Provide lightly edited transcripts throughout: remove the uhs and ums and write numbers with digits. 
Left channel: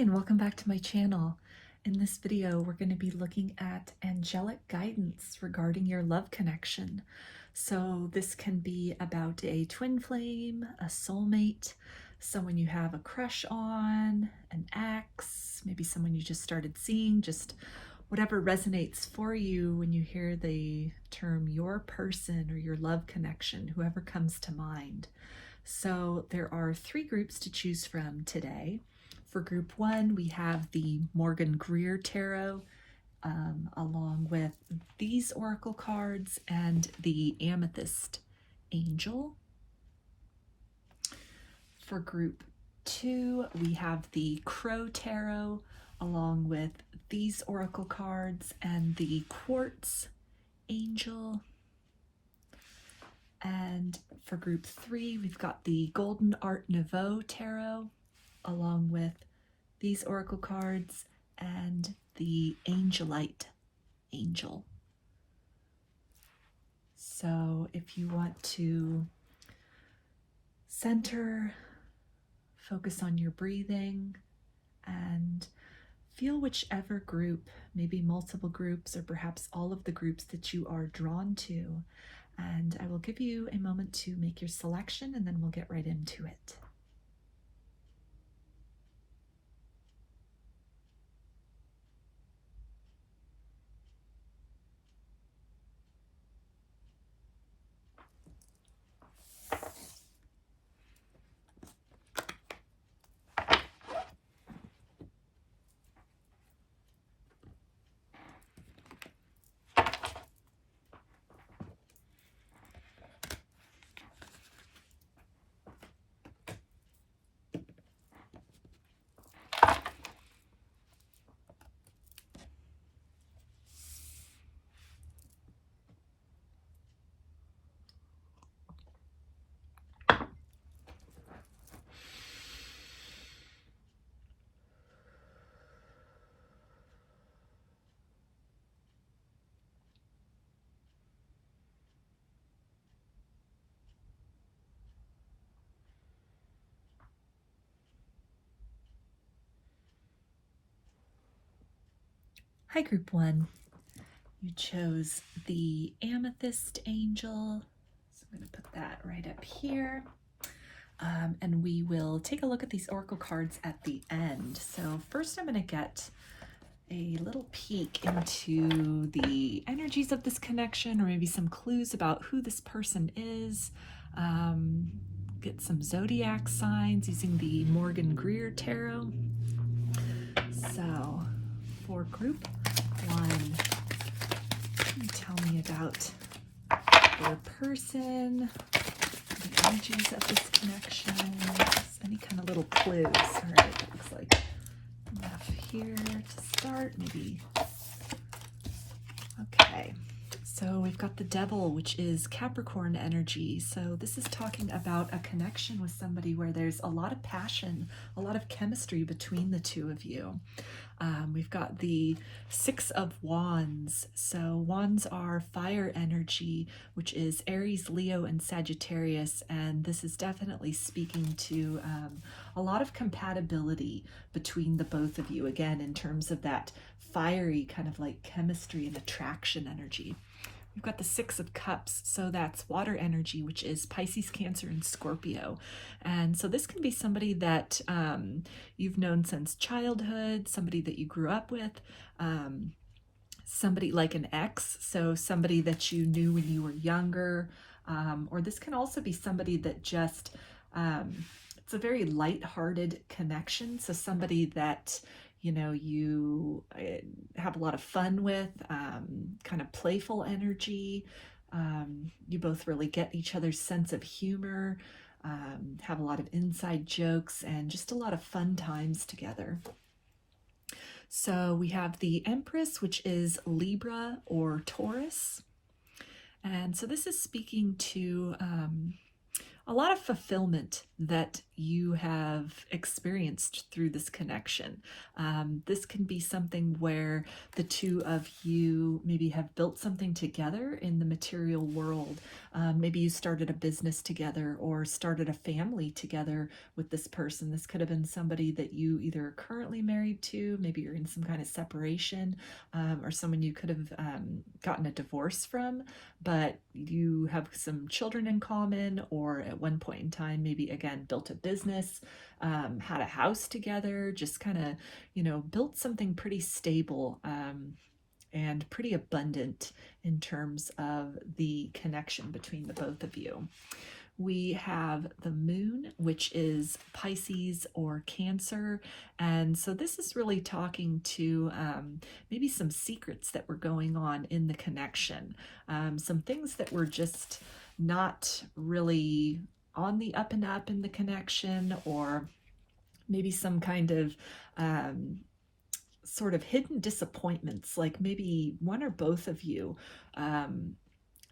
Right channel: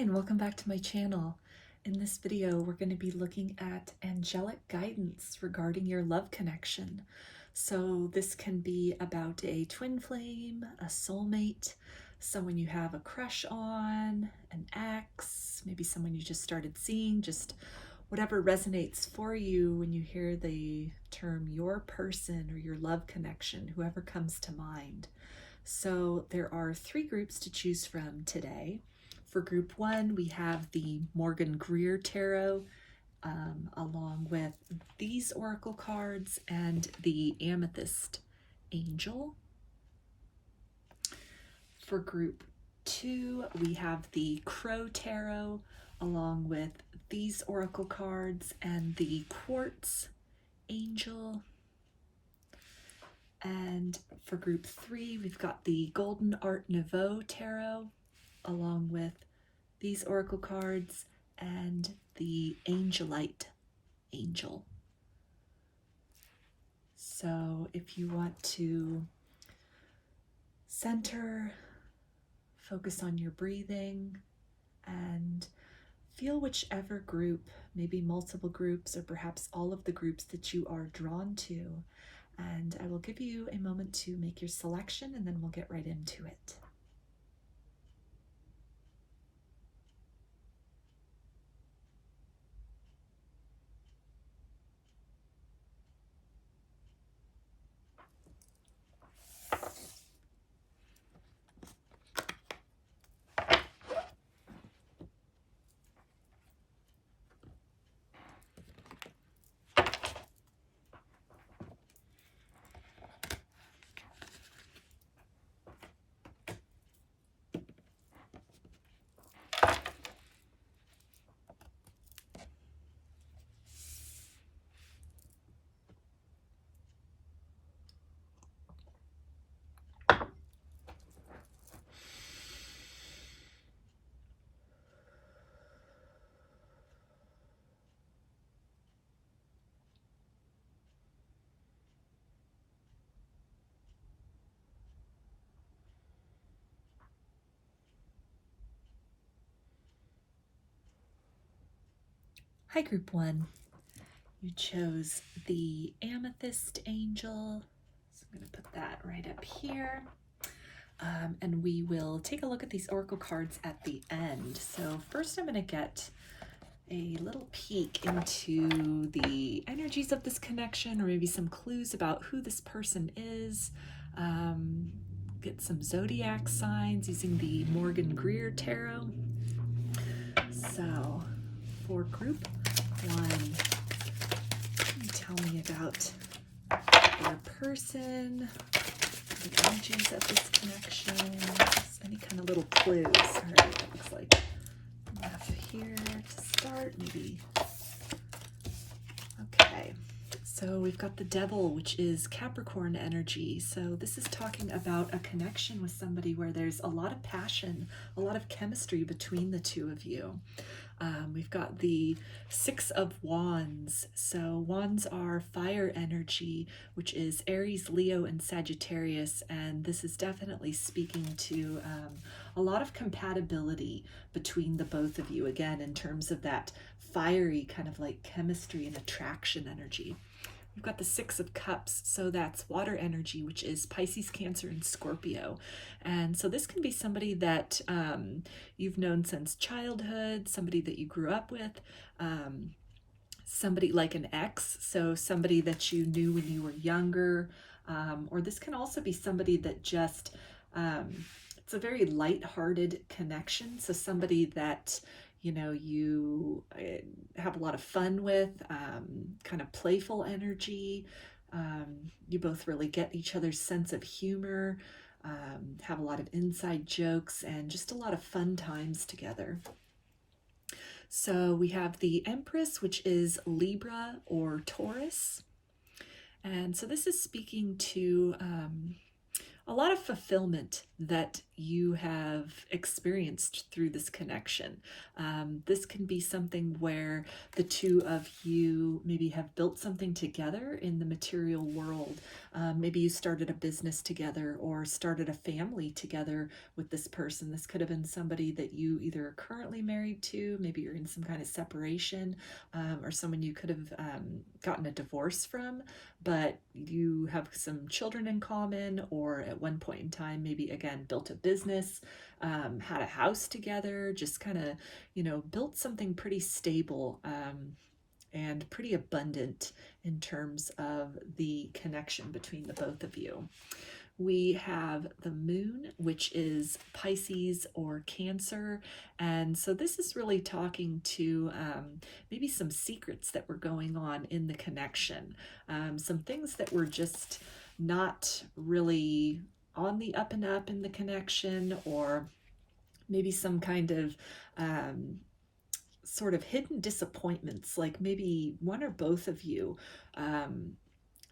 and welcome back to my channel. In this video, we're going to be looking at angelic guidance regarding your love connection. So this can be about a twin flame, a soulmate, someone you have a crush on, an ex, maybe someone you just started seeing, just whatever resonates for you when you hear the term your person or your love connection, whoever comes to mind. So there are three groups to choose from today. For group one, we have the Morgan-Greer tarot, along with these oracle cards and the Amethyst angel. For group two, we have the Crow tarot, along with these oracle cards and the Quartz angel. And for group three, we've got the Golden Art Nouveau tarot, along with these oracle cards and the Angelite angel. So if you want to center, focus on your breathing, and feel whichever group, maybe multiple groups or perhaps all of the groups that you are drawn to. And I will give you a moment to make your selection, and then we'll get right into it. Hi, group one. You chose the Amethyst angel. So I'm going to put that right up here. And we will take a look at these oracle cards at the end. So first I'm going to get a little peek into the energies of this connection, or maybe some clues about who this person is. Get some zodiac signs using the Morgan-Greer tarot. So for group one, tell me about your person, the energies of this connection, any kind of little clues. All right, it looks like enough here to start, maybe. Okay, so we've got the Devil, which is Capricorn energy. So this is talking about a connection with somebody where there's a lot of passion, a lot of chemistry between the two of you. We've got the Six of Wands. So wands are fire energy, which is Aries, Leo, and Sagittarius. And this is definitely speaking to a lot of compatibility between the both of you, again, in terms of that fiery kind of like chemistry and attraction energy. We've got the Six of Cups, so that's water energy, which is Pisces, Cancer, and Scorpio. And so this can be somebody that you've known since childhood, somebody that you grew up with, somebody like an ex, so somebody that you knew when you were younger, or this can also be somebody that just, it's a very light-hearted connection, so somebody that you know, you have a lot of fun with, kind of playful energy. You both really get each other's sense of humor, have a lot of inside jokes, and just a lot of fun times together. So we have the Empress, which is Libra or Taurus. And so this is speaking to a lot of fulfillment that you have experienced through this connection. This can be something where the two of you maybe have built something together in the material world. Maybe you started a business together or started a family together with this person. This could have been somebody that you either are currently married to, maybe you're in some kind of separation, or someone you could have gotten a divorce from, but you have some children in common, or at one point in time, maybe again, built a business, had a house together, just kind of, built something pretty stable, and pretty abundant in terms of the connection between the both of you. We have the moon, which is Pisces or Cancer. And so this is really talking to maybe some secrets that were going on in the connection. Some things that were just not really on the up and up in the connection, or maybe some kind of sort of hidden disappointments, like maybe one or both of you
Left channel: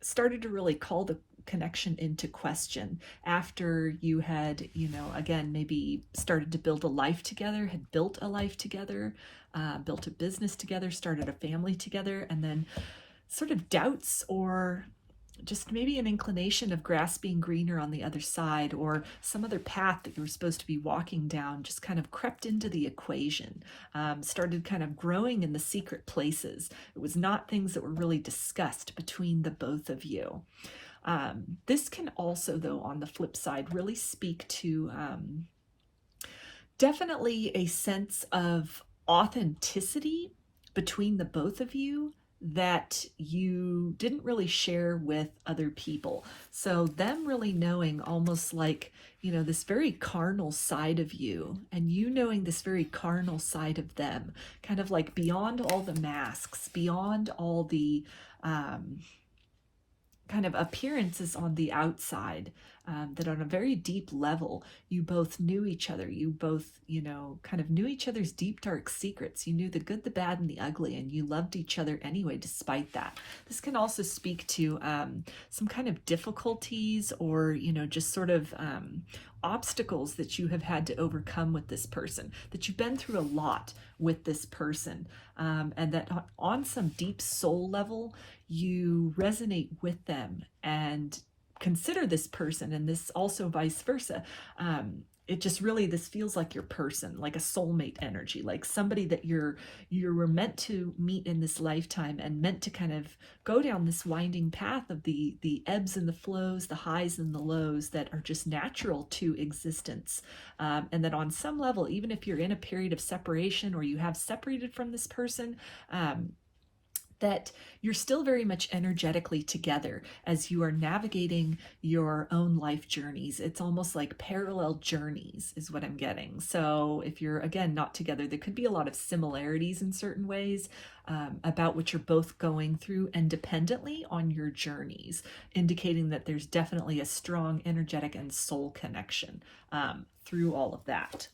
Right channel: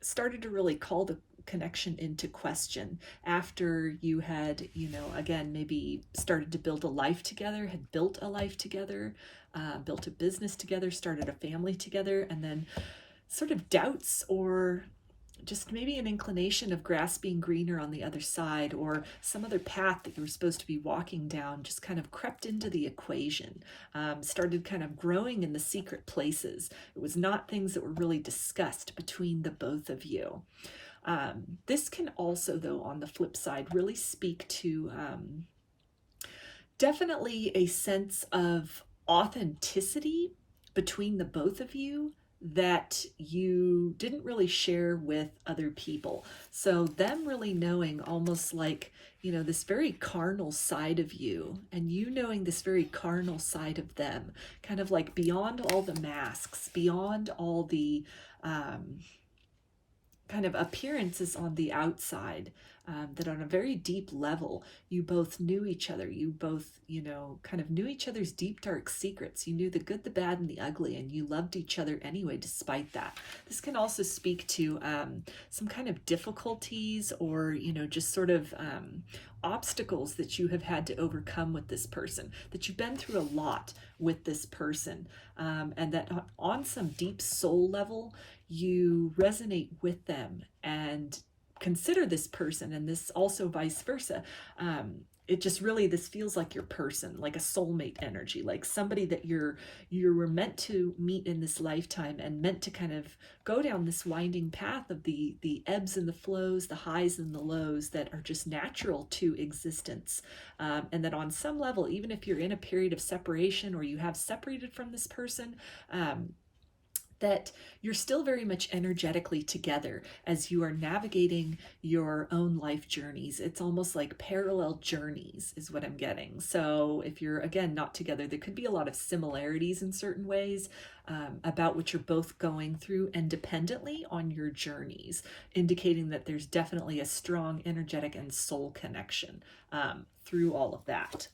started to really call the connection into question after you had, again, maybe started to build a life together, had built a life together, built a business together, started a family together, and then sort of doubts or just maybe an inclination of grass being greener on the other side, or some other path that you were supposed to be walking down just kind of crept into the equation, started kind of growing in the secret places. It was not things that were really discussed between the both of you. This can also, though, on the flip side, really speak to definitely a sense of authenticity between the both of you that you didn't really share with other people. So them really knowing almost like, this very carnal side of you, and you knowing this very carnal side of them, kind of like beyond all the masks, beyond all the kind of appearances on the outside, that on a very deep level, you both knew each other. You both, kind of knew each other's deep, dark secrets. You knew the good, the bad, and the ugly, and you loved each other anyway, despite that. This can also speak to some kind of difficulties, or, just sort of obstacles that you have had to overcome with this person, that you've been through a lot with this person, and that on some deep soul level, you resonate with them and consider this person, and this also vice versa. It just really, this feels like your person, like a soulmate energy, like somebody that you were meant to meet in this lifetime, and meant to kind of go down this winding path of the ebbs and the flows, the highs and the lows that are just natural to existence. And that on some level, even if you're in a period of separation, or you have separated from this person, that you're still very much energetically together as you are navigating your own life journeys. It's almost like parallel journeys is what I'm getting. So if you're, again, not together, there could be a lot of similarities in certain ways about what you're both going through independently on your journeys, indicating that there's definitely a strong energetic and soul connection through all of that.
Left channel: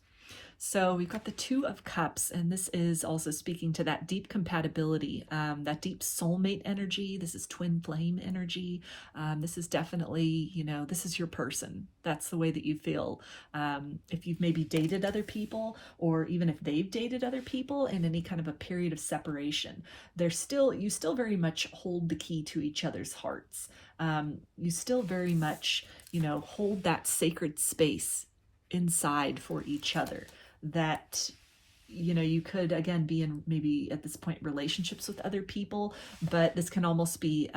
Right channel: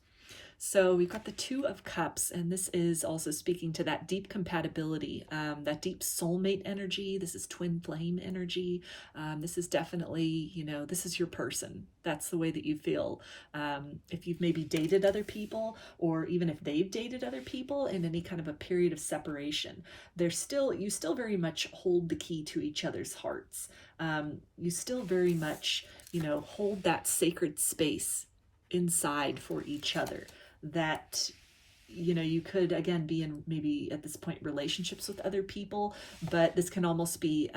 So we've got the Two of Cups, and this is also speaking to that deep compatibility, that deep soulmate energy. This is twin flame energy. This is definitely, this is your person. That's the way that you feel. If you've maybe dated other people, or even if they've dated other people in any kind of a period of separation, you still very much hold the key to each other's hearts. You still very much, hold that sacred space inside for each other. That you could, again, be in maybe at this point relationships with other people, but this can almost be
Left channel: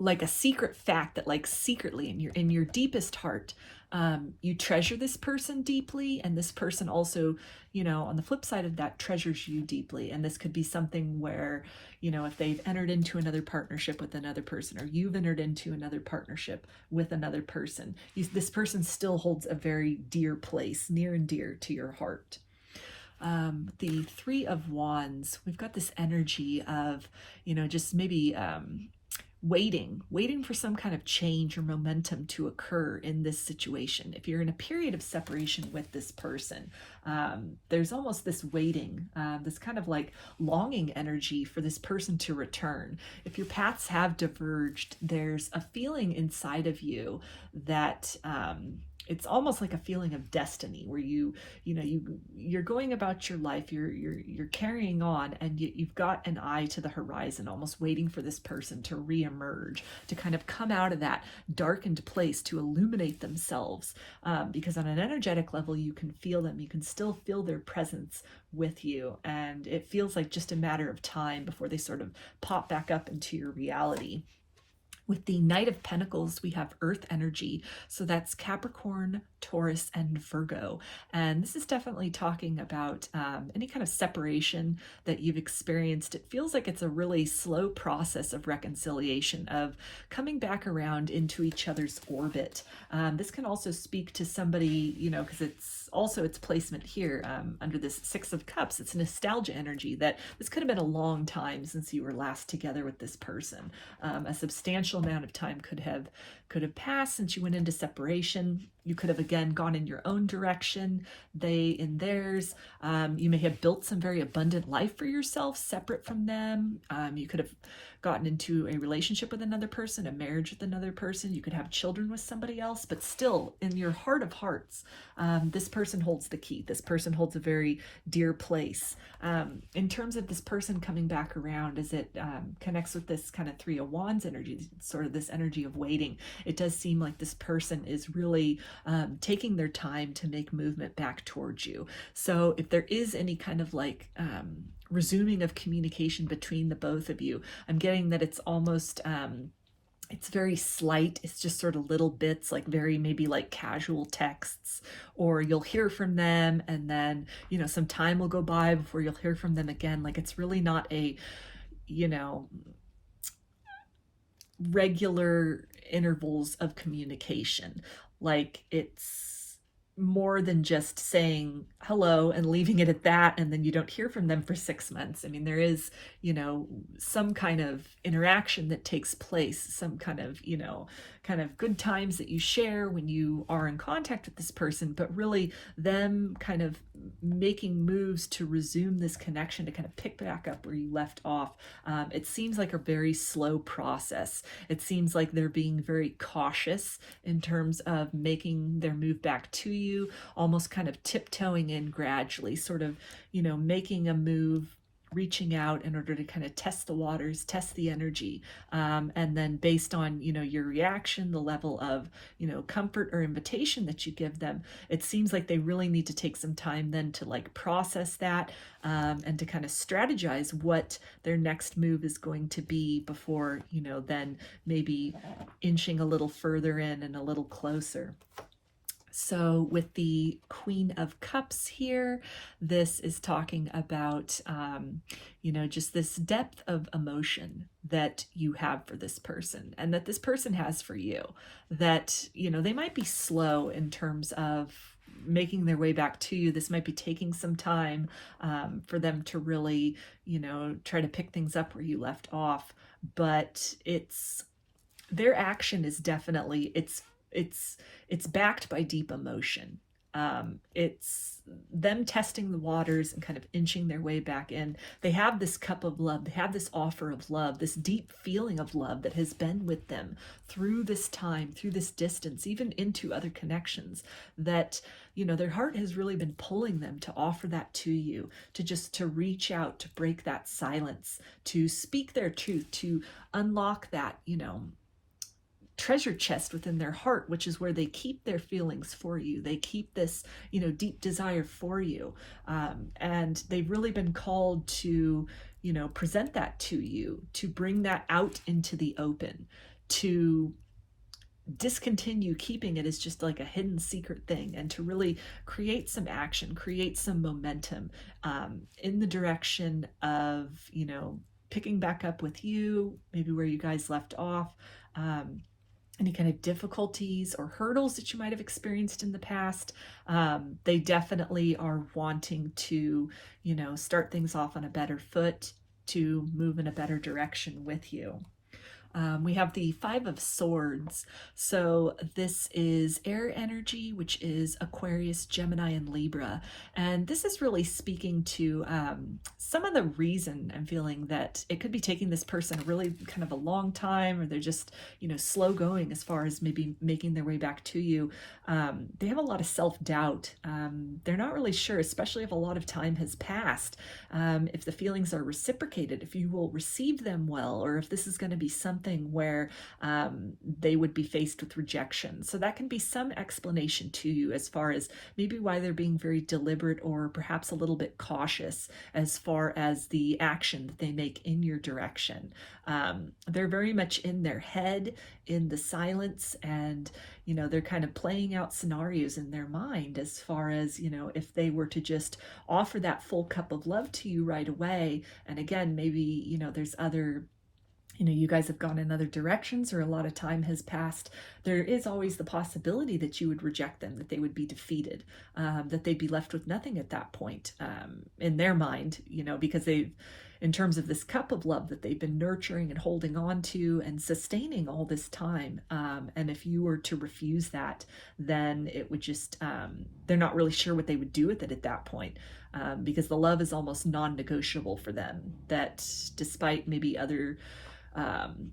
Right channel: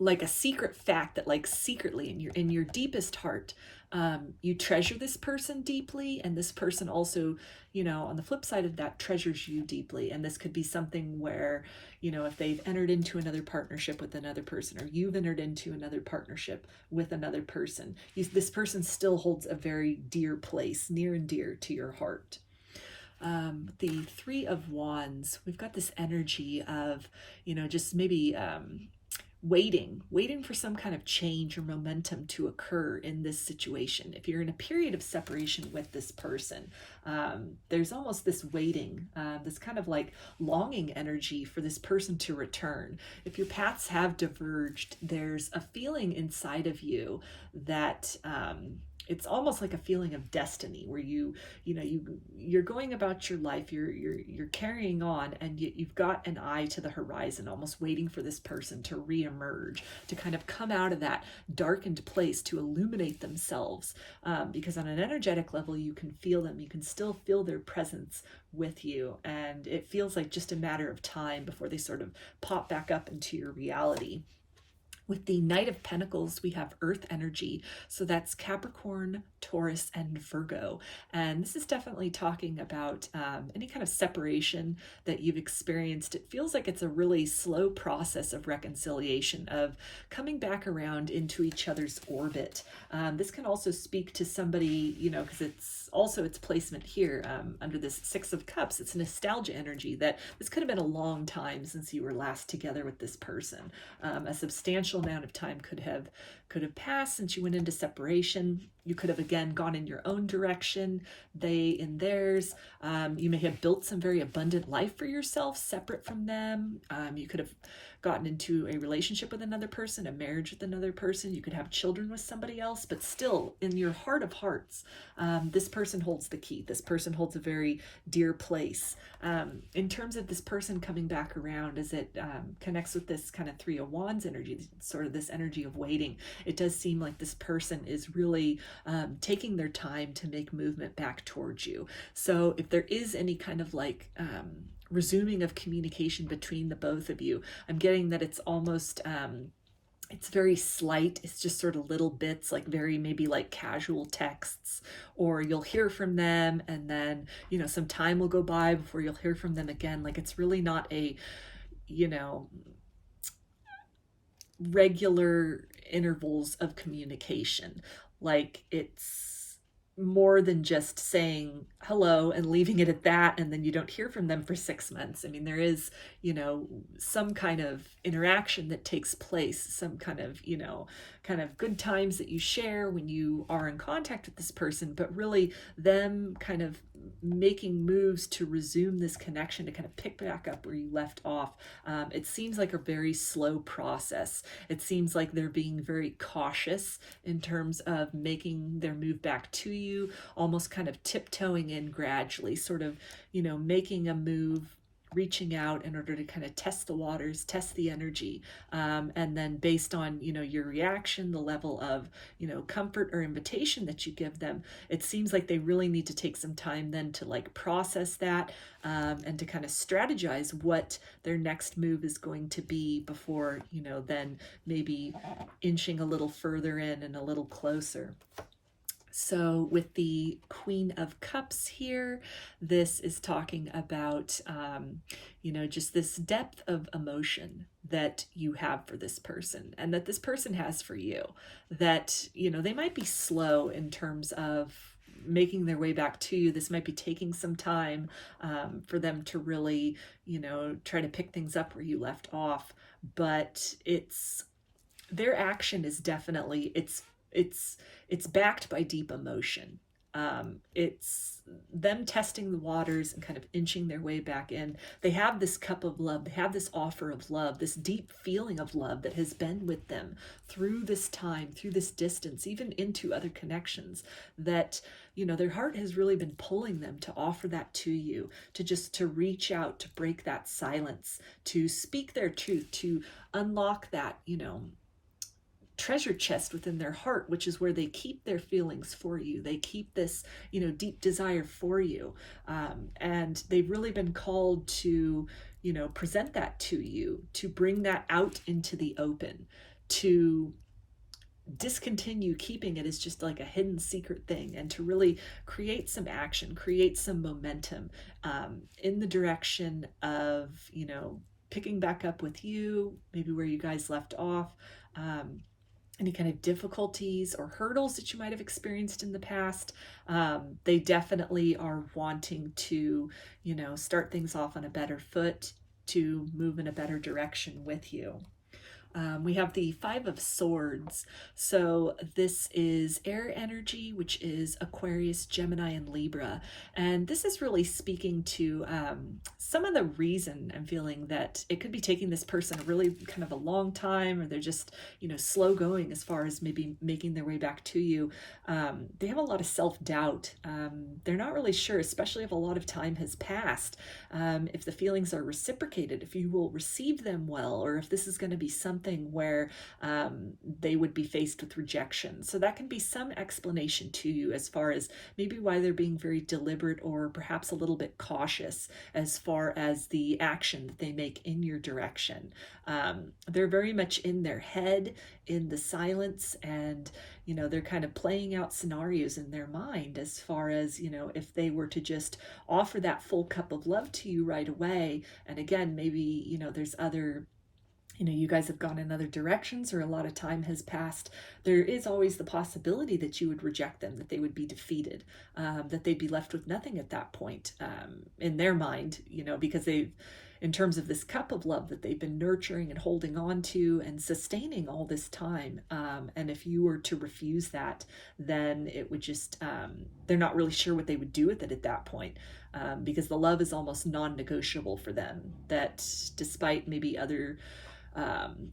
like a secret fact that, like, secretly in your deepest heart, you treasure this person deeply, and this person also, on the flip side of that, treasures you deeply. And this could be something where, if they've entered into another partnership with another person, or you've entered into another partnership with another person, this person still holds a very dear place, near and dear to your heart. The Three of Wands, we've got this energy of, just maybe waiting for some kind of change or momentum to occur in this situation. If you're in a period of separation with this person, there's almost this waiting, this kind of like longing energy for this person to return. If your paths have diverged, there's a feeling inside of you that it's almost like a feeling of destiny, where you're going about your life, you're carrying on, and you've got an eye to the horizon, almost waiting for this person to reemerge, to kind of come out of that darkened place, to illuminate themselves, because on an energetic level you can feel them, you can still feel their presence with you, and it feels like just a matter of time before they sort of pop back up into your reality. With the Knight of Pentacles, we have Earth energy. So that's Capricorn, Taurus, and Virgo. And this is definitely talking about any kind of separation that you've experienced. It feels like it's a really slow process of reconciliation, of coming back around into each other's orbit. This can also speak to somebody, because its placement here under this Six of Cups. It's nostalgia energy, that this could have been a long time since you were last together with this person. A substantial amount of time could have passed since you went into separation. You could have again gone in your own direction, they in theirs. You may have built some very abundant life for yourself separate from them. You could have gotten into a relationship with another person, a marriage with another person. You could have children with somebody else, but still in your heart of hearts, this person holds the key. This person holds a very dear place. In terms of this person coming back around, as it connects with this kind of Three of Wands energy, sort of this energy of waiting, it does seem like this person is really taking their time to make movement back towards you. So if there is any kind of like resuming of communication between the both of you, I'm getting that it's almost it's very slight. It's just sort of little bits, like very maybe like casual texts, or you'll hear from them and then some time will go by before you'll hear from them again. Like it's really not a regular intervals of communication. Like it's more than just saying hello and leaving it at that, and then you don't hear from them for 6 months. I mean, there is, some kind of interaction that takes place, some kind of good times that you share when you are in contact with this person, but really them kind of making moves to resume this connection, to kind of pick back up where you left off. It seems like a very slow process. It seems like they're being very cautious in terms of making their move back to you, almost kind of tiptoeing in gradually, sort of, making a move, reaching out in order to kind of test the waters, test the energy. And then based on, your reaction, the level of, comfort or invitation that you give them, it seems like they really need to take some time then to like process that, and to kind of strategize what their next move is going to be before, then maybe inching a little further in and a little closer. So with the Queen of Cups here, this is talking about, just this depth of emotion that you have for this person, and that this person has for you, that, they might be slow in terms of making their way back to you. This might be taking some time for them to really, try to pick things up where you left off, but their action is definitely, it's backed by deep emotion. It's them testing the waters and kind of inching their way back in. They have this cup of love. They have this offer of love, this deep feeling of love that has been with them through this time, through this distance, even into other connections, that, their heart has really been pulling them to offer that to you, to reach out, to break that silence, to speak their truth, to unlock that, treasure chest within their heart, which is where they keep their feelings for you. They keep this, deep desire for you. And they've really been called to, present that to you, to bring that out into the open, to discontinue keeping it as just like a hidden secret thing, and to really create some action, create some momentum in the direction of, picking back up with you, maybe where you guys left off. Any kind of difficulties or hurdles that you might have experienced in the past. They definitely are wanting to, start things off on a better foot, to move in a better direction with you. We have the Five of Swords. So this is air energy, which is Aquarius, Gemini, and Libra. And this is really speaking to some of the reason I'm feeling that it could be taking this person really kind of a long time, or they're just, slow going as far as maybe making their way back to you. They have a lot of self-doubt. They're not really sure, especially if a lot of time has passed, if the feelings are reciprocated, if you will receive them well, or if this is going to be something where they would be faced with rejection. So that can be some explanation to you as far as maybe why they're being very deliberate or perhaps a little bit cautious as far as the action that they make in your direction. They're very much in their head, in the silence, and they're kind of playing out scenarios in their mind as far as, if they were to just offer that full cup of love to you right away. And again, maybe, there's other, you guys have gone in other directions, or a lot of time has passed. There is always the possibility that you would reject them, that they would be defeated, that they'd be left with nothing at that point, in their mind, because they've, in terms of this cup of love that they've been nurturing and holding on to and sustaining all this time. And if you were to refuse that, then it would just, they're not really sure what they would do with it at that point, because the love is almost non-negotiable for them, that despite maybe other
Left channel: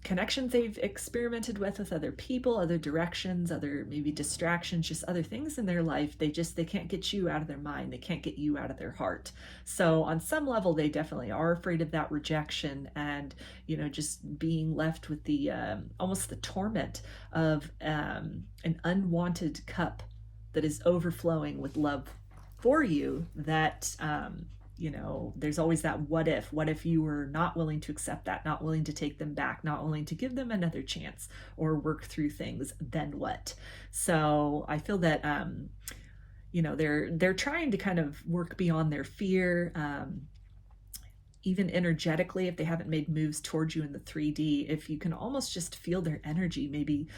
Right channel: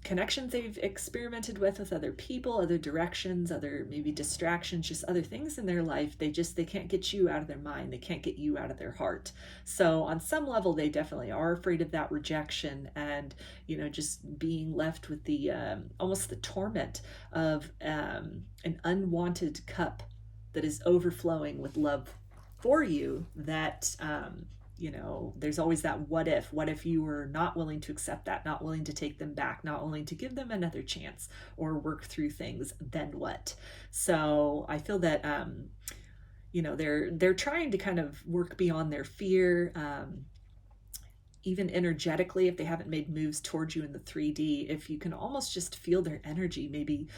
connections they've experimented with other people, other directions, other maybe distractions, just other things in their life, they can't get you out of their mind. They can't get you out of their heart. So on some level, they definitely are afraid of that rejection, and just being left with the almost the torment of an unwanted cup that is overflowing with love for you, that there's always that what if you were not willing to accept that, not willing to take them back, not willing to give them another chance or work through things, then what? So I feel that they're trying to kind of work beyond their fear, even energetically, if they haven't made moves towards you in the 3D, if you can almost just feel their energy, maybe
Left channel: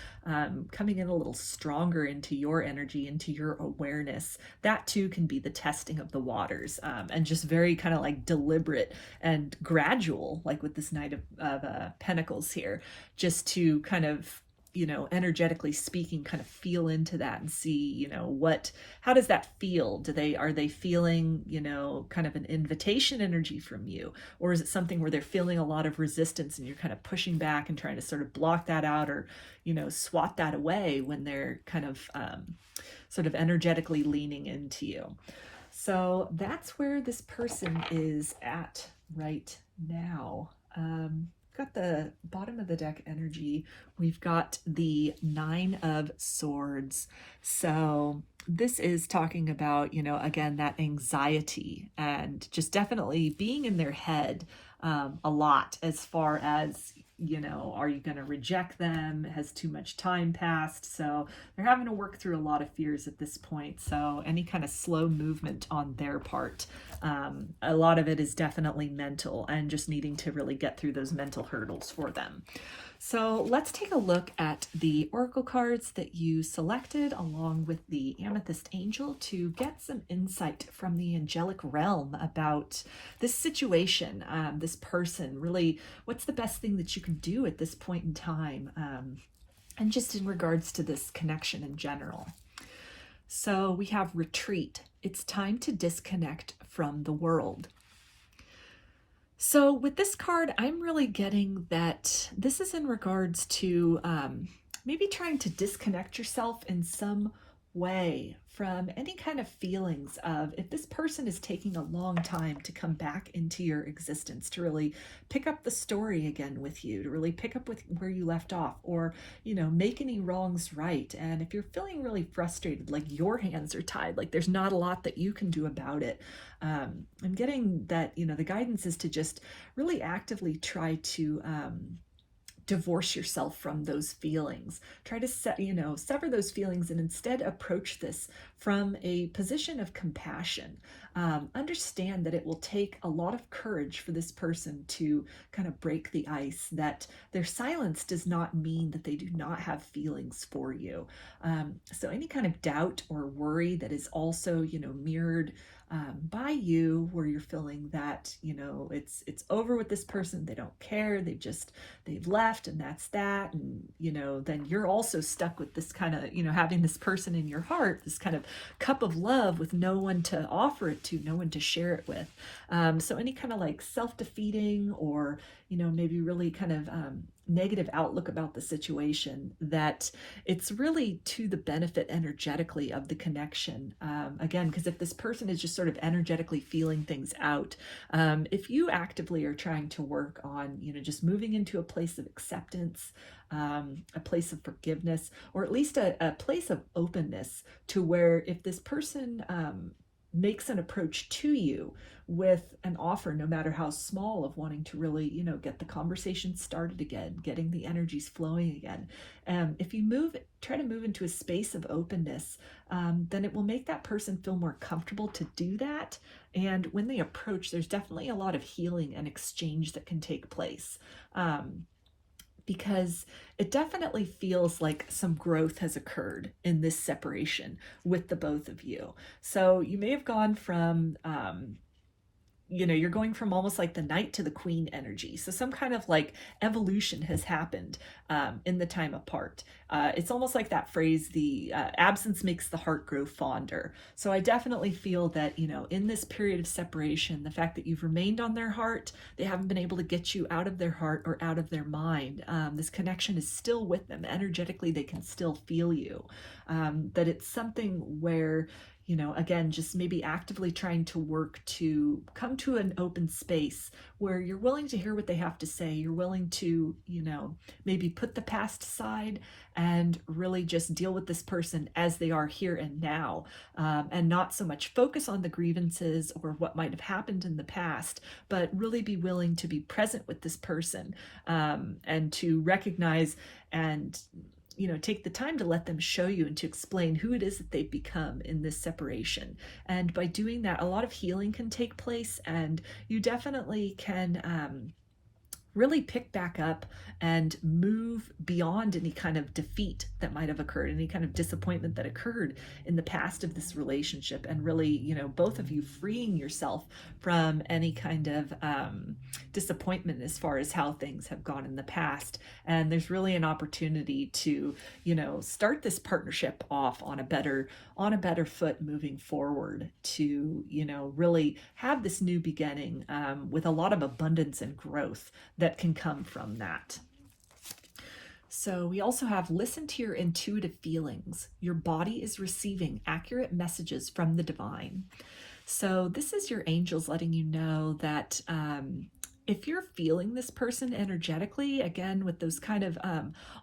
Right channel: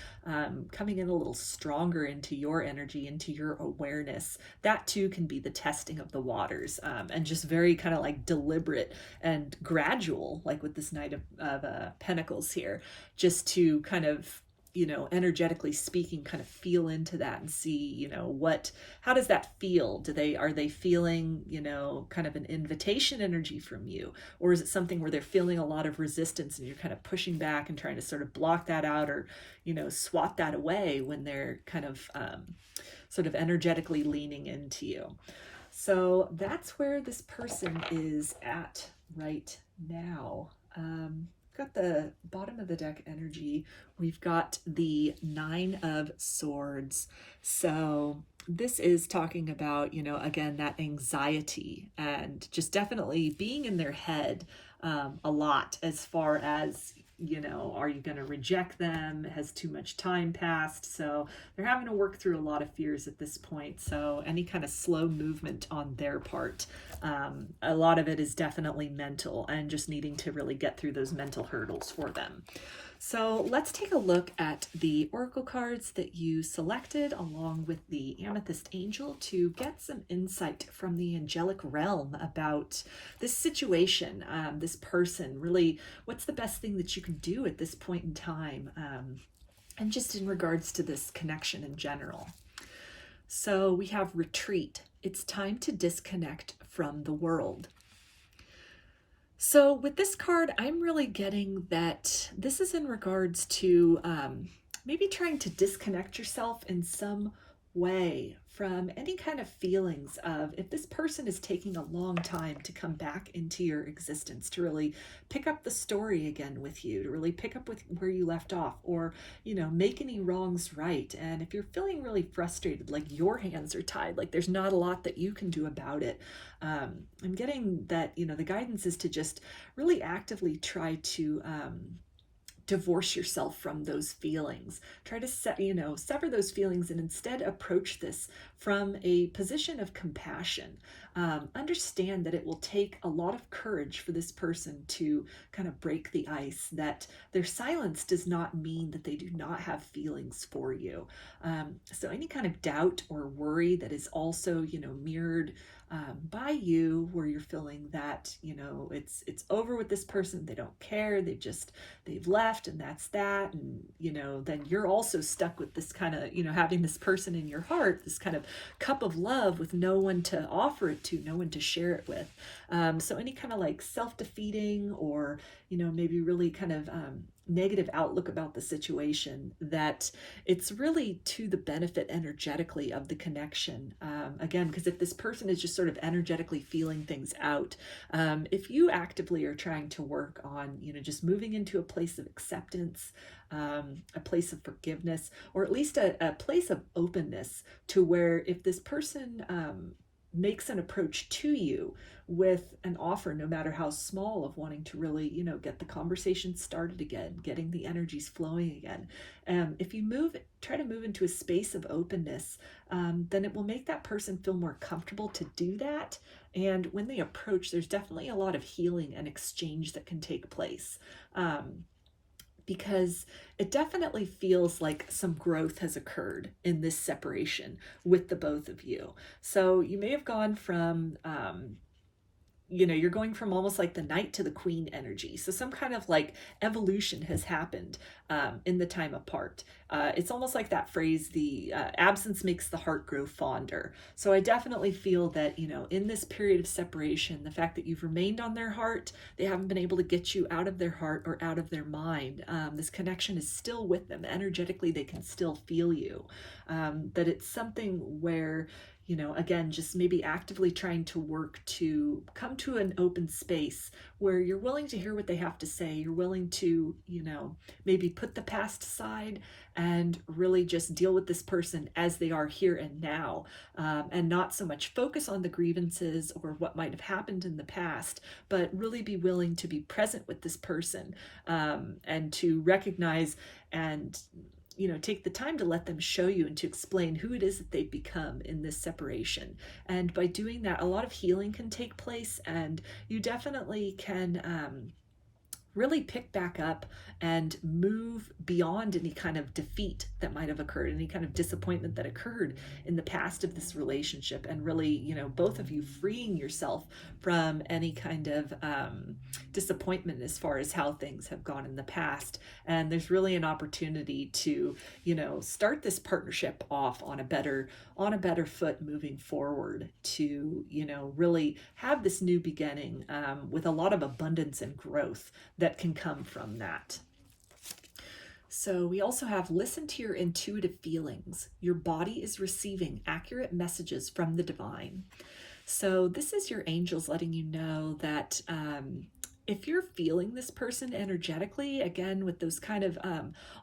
coming in a little stronger into your energy, into your awareness, that too can be the testing of the waters, and just very kind of like deliberate and gradual, like with this Knight of Pentacles here, just to kind of, energetically speaking, kind of feel into that and see, how does that feel? Are they feeling, kind of an invitation energy from you? Or is it something where they're feeling a lot of resistance and you're kind of pushing back and trying to sort of block that out, or, swat that away when they're kind of sort of energetically leaning into you? So that's where this person is at right now. Got the bottom of the deck energy. We've got the Nine of Swords. So this is talking about, again, that anxiety and just definitely being in their head a lot as far as, are you going to reject them? Has too much time passed? So they're having to work through a lot of fears at this point. So any kind of slow movement on their part, a lot of it is definitely mental and just needing to really get through those mental hurdles for them. So let's take a look at the oracle cards that you selected along with the Amethyst Angel to get some insight from the Angelic Realm about this situation, this person, really what's the best thing that you can do at this point in time, and just in regards to this connection in general. So we have retreat. It's time to disconnect from the world. So with this card, I'm really getting that this is in regards to maybe trying to disconnect yourself in some way from any kind of feelings of, if this person is taking a long time to come back into your existence, to really pick up the story again with you, to really pick up with where you left off, or, make any wrongs right. And if you're feeling really frustrated, like your hands are tied, like there's not a lot that you can do about it, I'm getting that, the guidance is to just really actively try to divorce yourself from those feelings. Try to sever those feelings and instead approach this from a position of compassion. Understand that it will take a lot of courage for this person to kind of break the ice, that their silence does not mean that they do not have feelings for you. So any kind of doubt or worry that is also, mirrored by you, where you're feeling that, it's over with this person, they don't care, they've left, and that's that. And, then you're also stuck with this kind of, having this person in your heart, this kind of cup of love with no one to offer it to, no one to share it with. So any kind of like self-defeating or, maybe really kind of negative outlook about the situation, that it's really to the benefit energetically of the connection. Again, because if this person is just sort of energetically feeling things out, if you actively are trying to work on, just moving into a place of acceptance, a place of forgiveness, or at least a place of openness, to where if this person makes an approach to you with an offer, no matter how small, of wanting to really, get the conversation started again, getting the energies flowing again. If you try to move into a space of openness, then it will make that person feel more comfortable to do that. And when they approach, there's definitely a lot of healing and exchange that can take place. Because it definitely feels like some growth has occurred in this separation with the both of you. So you may have gone from, you're going from almost like the knight to the queen energy. So some kind of like evolution has happened in the time apart. It's almost like that phrase, the absence makes the heart grow fonder. So I definitely feel that, in this period of separation, the fact that you've remained on their heart, they haven't been able to get you out of their heart or out of their mind. This connection is still with them. Energetically, they can still feel you. That it's something where, again, just maybe actively trying to work to come to an open space where you're willing to hear what they have to say. You're willing to, maybe put the past aside and really just deal with this person as they are here and now, and not so much focus on the grievances or what might have happened in the past, but really be willing to be present with this person, and to recognize and take the time to let them show you and to explain who it is that they've become in this separation. And by doing that, a lot of healing can take place, and you definitely can really pick back up and move beyond any kind of defeat that might have occurred, any kind of disappointment that occurred in the past of this relationship, and really, both of you freeing yourself from any kind of disappointment as far as how things have gone in the past. And there's really an opportunity to, start this partnership off on a better foot moving forward, to, really have this new beginning with a lot of abundance and growth that can come from that. So we also have, listen to your intuitive feelings. Your body is receiving accurate messages from the divine. So this is your angels letting you know that if you're feeling this person energetically, again, with those kind of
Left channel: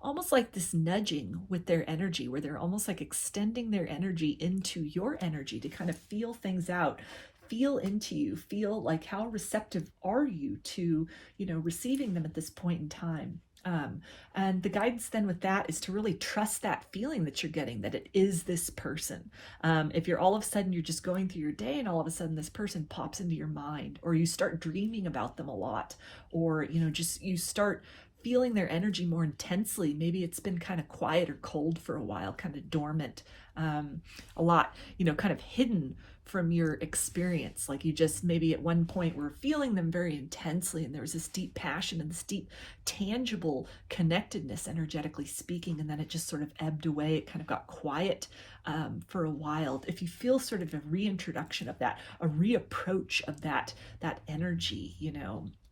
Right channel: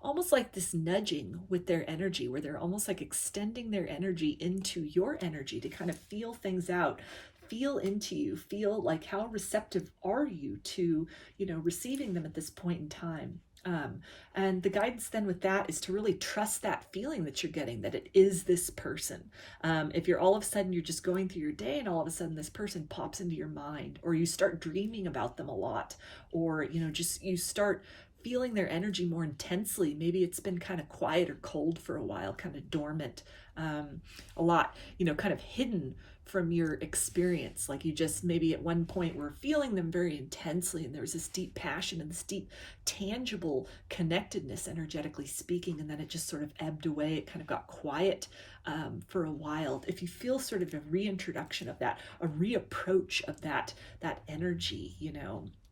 almost like this nudging with their energy, where they're almost like extending their energy into your energy to kind of feel things out, feel into you, feel like how receptive are you to, receiving them at this point in time. And the guidance then with that is to really trust that feeling that you're getting, that it is this person. If you're all of a sudden, you're just going through your day and all of a sudden this person pops into your mind, or you start dreaming about them a lot, or, just you start feeling their energy more intensely. Maybe it's been kind of quiet or cold for a while, kind of dormant, a lot, kind of hidden from your experience. Like you just maybe at one point were feeling them very intensely, and there was this deep passion and this deep tangible connectedness, energetically speaking, and then it just sort of ebbed away. It kind of got quiet for a while. If you feel sort of a reintroduction of that, a reapproach of that energy,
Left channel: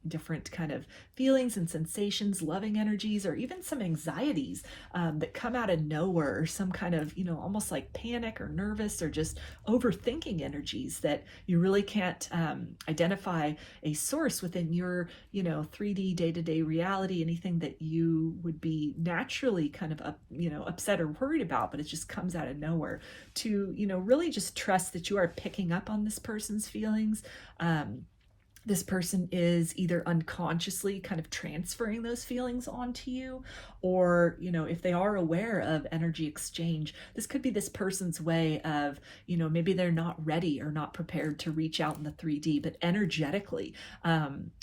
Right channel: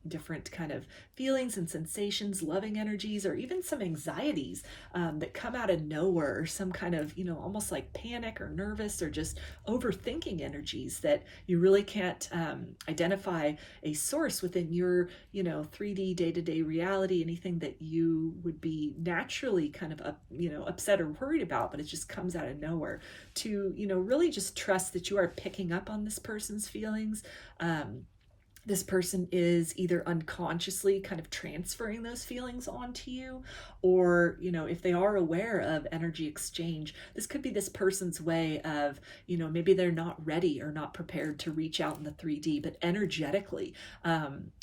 different kind of feelings and sensations, loving energies, or even some anxieties that come out of nowhere, or some kind of, almost like panic or nervous or just overthinking energies that you really can't identify a source within your, 3D day-to-day reality, anything that you would be naturally kind of upset or worried about, but it just comes out of nowhere. To, really just trust that you are picking up on this person's feelings. This person is either unconsciously kind of transferring those feelings onto you, or, you know, if they are aware of energy exchange, this could be this person's way of, you know, maybe they're not ready or not prepared to reach out in the 3D, but energetically,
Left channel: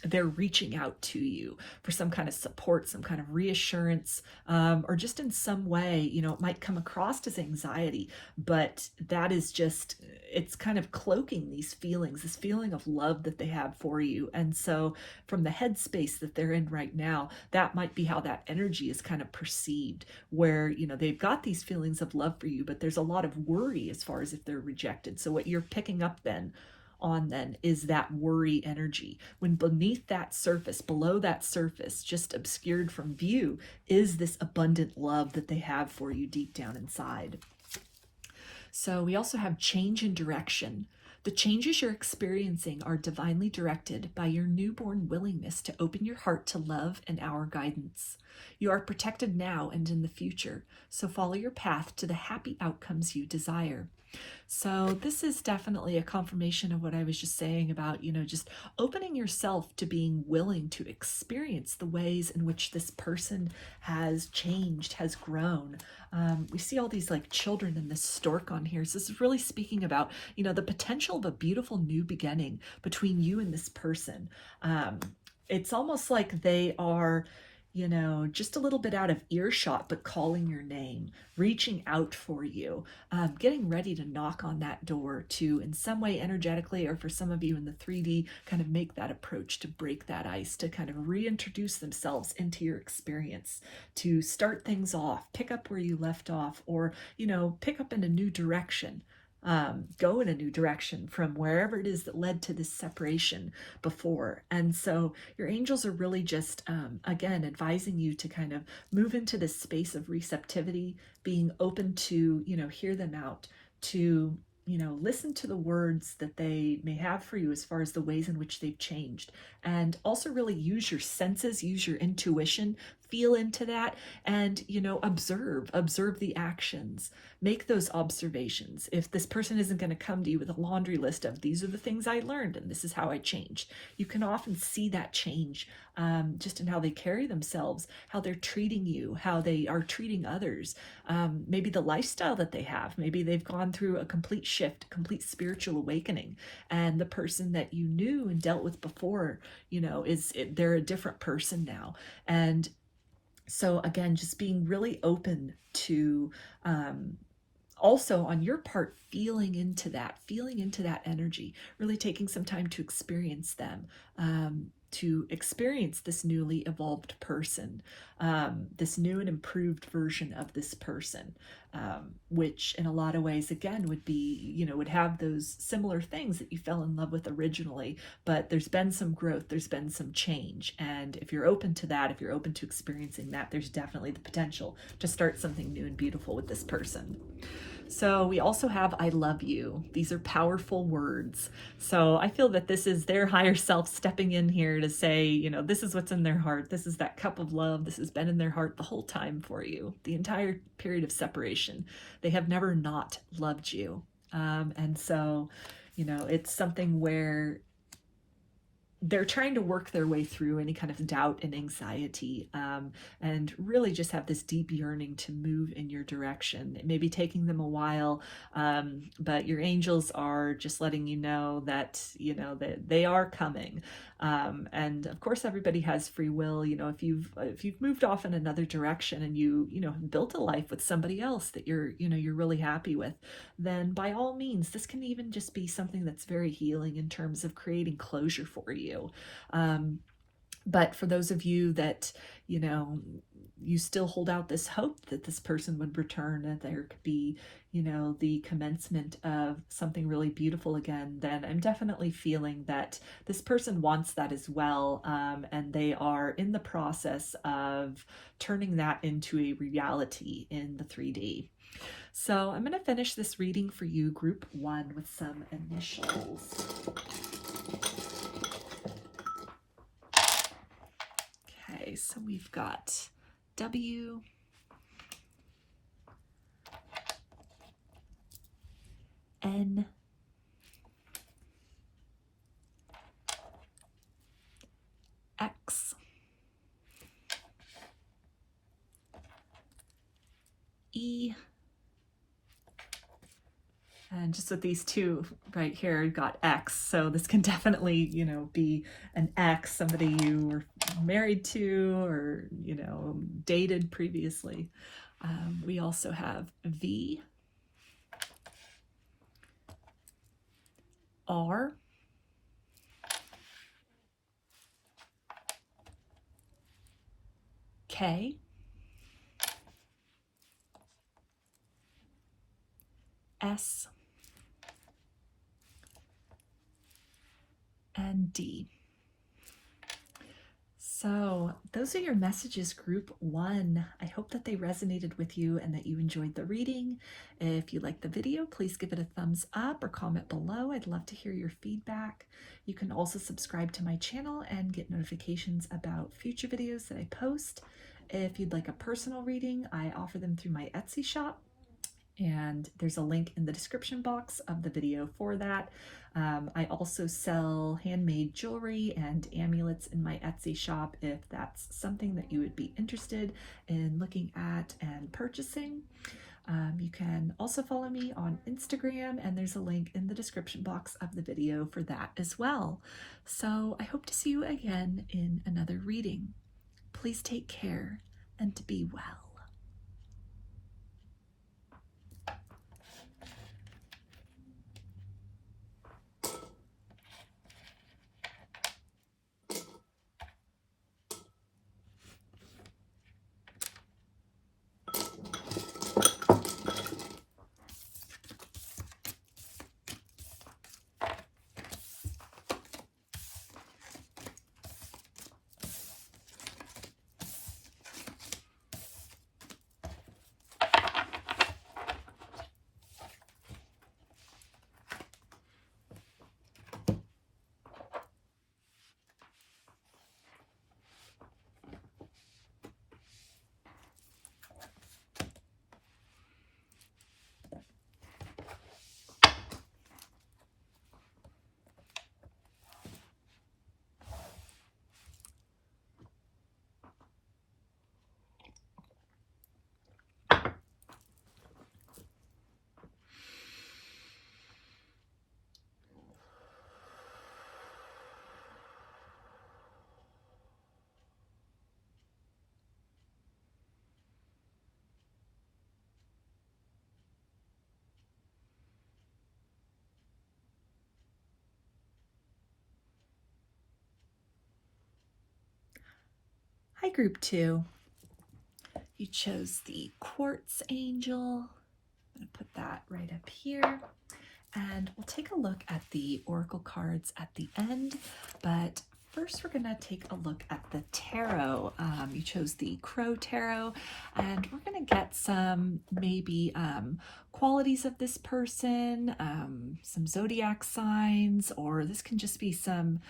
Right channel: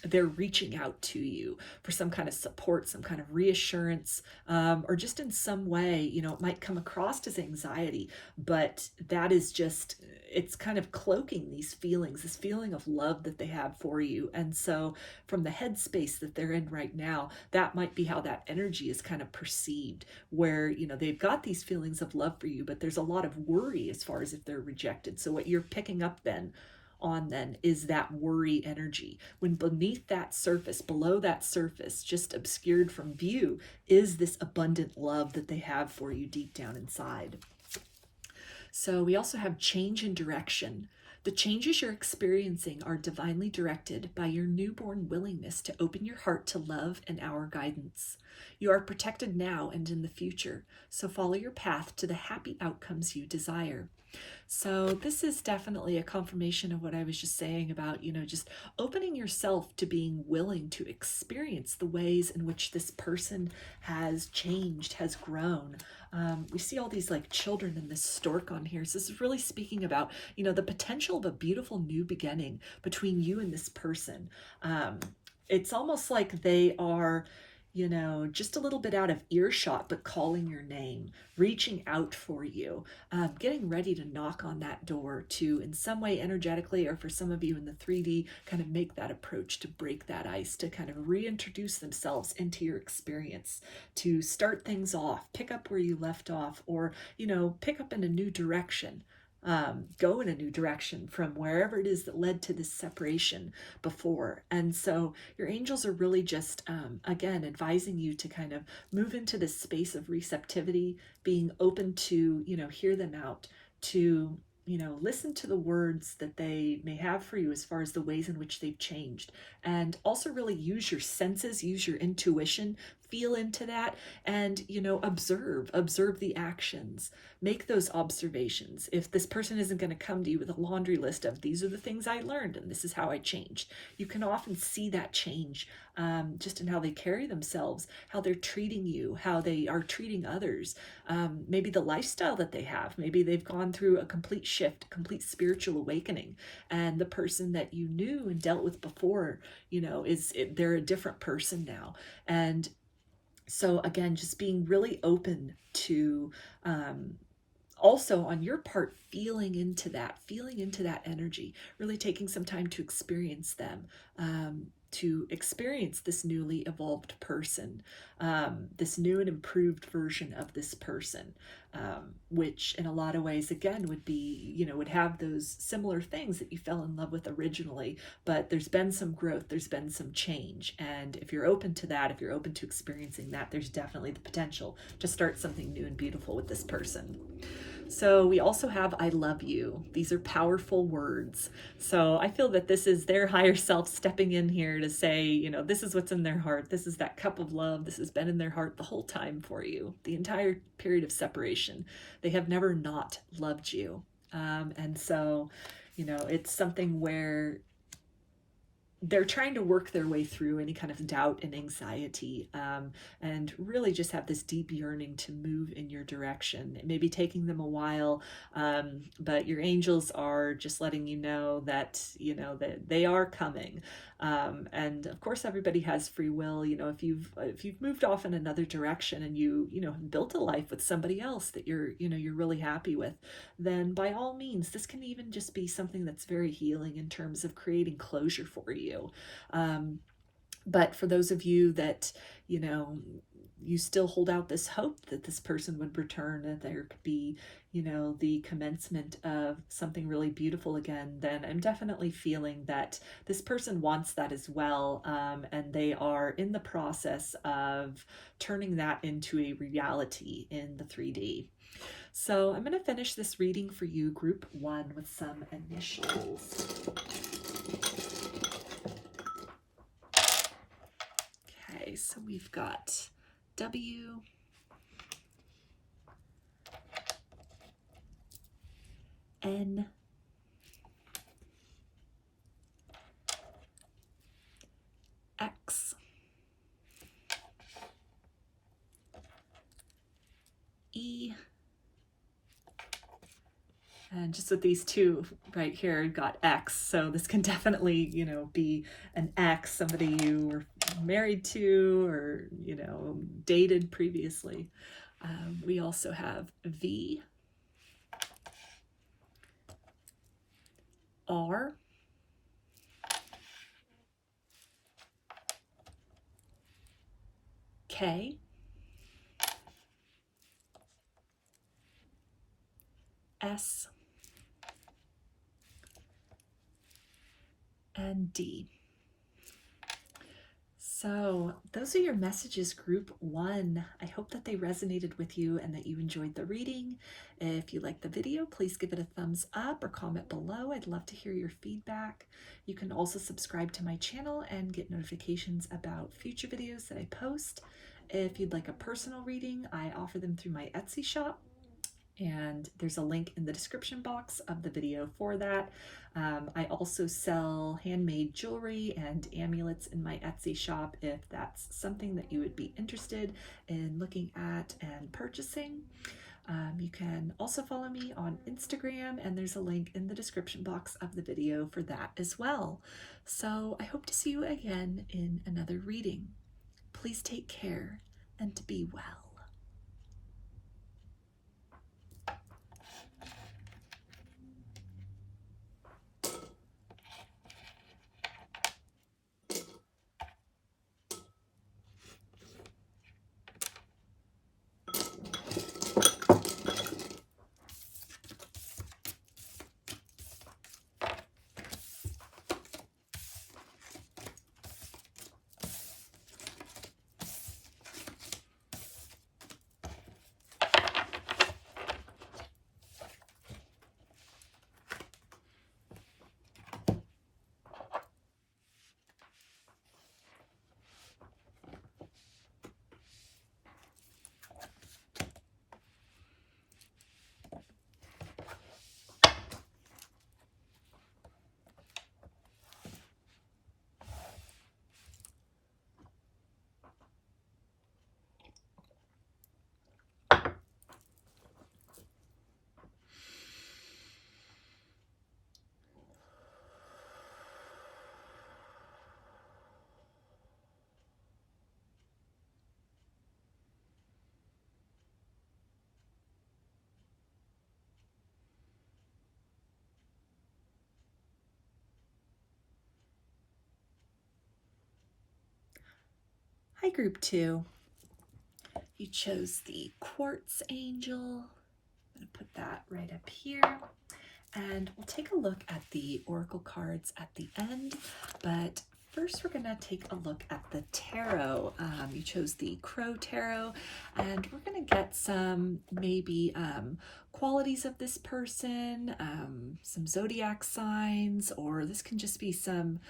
they're reaching out to you for some kind of support, some kind of reassurance, or just in some way, you know, it might come across as anxiety, but that is just, it's kind of cloaking these feelings, this feeling of love that they have for you. And so from the headspace that they're in right now, that might be how that energy is kind of perceived, where, you know, they've got these feelings of love for you, but there's a lot of worry as far as if they're rejected. So what you're picking up then is that worry energy, when beneath that surface, below that surface, just obscured from view, is this abundant love that they have for you deep down inside. So we also have change in direction. The changes you're experiencing are divinely directed by your newborn willingness to open your heart to love and our guidance. You are protected now and in the future, so follow your path to the happy outcomes you desire. So this is definitely a confirmation of what I was just saying about, you know, just opening yourself to being willing to experience the ways in which this person has changed, has grown. We see all these like children and this stork on here. So this is really speaking about, you know, the potential of a beautiful new beginning between you and this person. It's almost like they are, you know, just a little bit out of earshot, but calling your name, reaching out for you, getting ready to knock on that door to, in some way energetically, or for some of you in the 3D, kind of make that approach to break that ice, to kind of reintroduce themselves into your experience, to start things off, pick up where you left off, or, you know, pick up in a new direction. Go in a new direction from wherever it is that led to this separation before. And so your angels are really just, again, advising you to kind of move into this space of receptivity, being open to, you know, hear them out, to, you know, listen to the words that they may have for you as far as the ways in which they've changed. And also really use your senses, use your intuition, feel into that, and, you know, observe the actions, make those observations. If this person isn't going to come to you with a laundry list of these are the things I learned and this is how I changed, you can often see that change just in how they carry themselves, how they're treating you, how they are treating others, maybe the lifestyle that they have. Maybe they've gone through a complete shift, complete spiritual awakening, and the person that you knew and dealt with before, you know, they're a different person now. And so again, just being really open to also on your part, feeling into that energy, really taking some time to experience them, to experience this newly evolved person, this new and improved version of this person, which in a lot of ways, again, would be, you know, would have those similar things that you fell in love with originally, but there's been some growth, there's been some change. And if you're open to that, if you're open to experiencing that, there's definitely the potential to start something new and beautiful with this person. So we also have I love you. These are powerful words. So I feel that this is their higher self stepping in here to say, you know, this is what's in their heart. This is that cup of love. This has been in their heart the whole time for you, the entire period of separation. They have never not loved you. And so, you know, it's something where they're trying to work their way through any kind of doubt and anxiety, and really just have this deep yearning to move in your direction. It may be taking them a while, but your angels are just letting you know that, you know, that they are coming. And of course, everybody has free will. You know, if you've moved off in another direction and you know, have built a life with somebody else that you're really happy with, then by all means, this can even just be something that's very healing in terms of creating closure for you. But for those of you that, you know, you still hold out this hope that this person would return, that there could be, you know, the commencement of something really beautiful again, then I'm definitely feeling that this person wants that as well. And they are in the process of turning that into a reality in the 3D. So I'm going to finish this reading for you, group 1, with some initials. Okay, so we've got W, N, X, And just with these two right here, got X. So this can definitely, you know, be an ex, somebody you were married to or, you know, dated previously. We also have V, R, K, S, and D. So those are your messages, group 1. I hope that they resonated with you and that you enjoyed the reading. If you liked the video, please give it a thumbs up or comment below. I'd love to hear your feedback. You can also subscribe to my channel and get notifications about future videos that I post. If you'd like a personal reading, I offer them through my Etsy shop, and there's a link in the description box of the video for that. I also sell handmade jewelry and amulets in my Etsy shop if that's something that you would be interested in looking at and purchasing. You can also follow me on Instagram, and there's a link in the description box of the video for that as well. So I hope to see you again in another reading. Please take care and to be well. Hi, group 2. You chose the Quartz Angel. I'm going to put that right up here. And we'll take a look at the Oracle cards at the end. But first, we're going to take a look at the tarot. You chose the Crow Tarot. And we're going to get some maybe qualities of this person, some zodiac signs, or this can just be some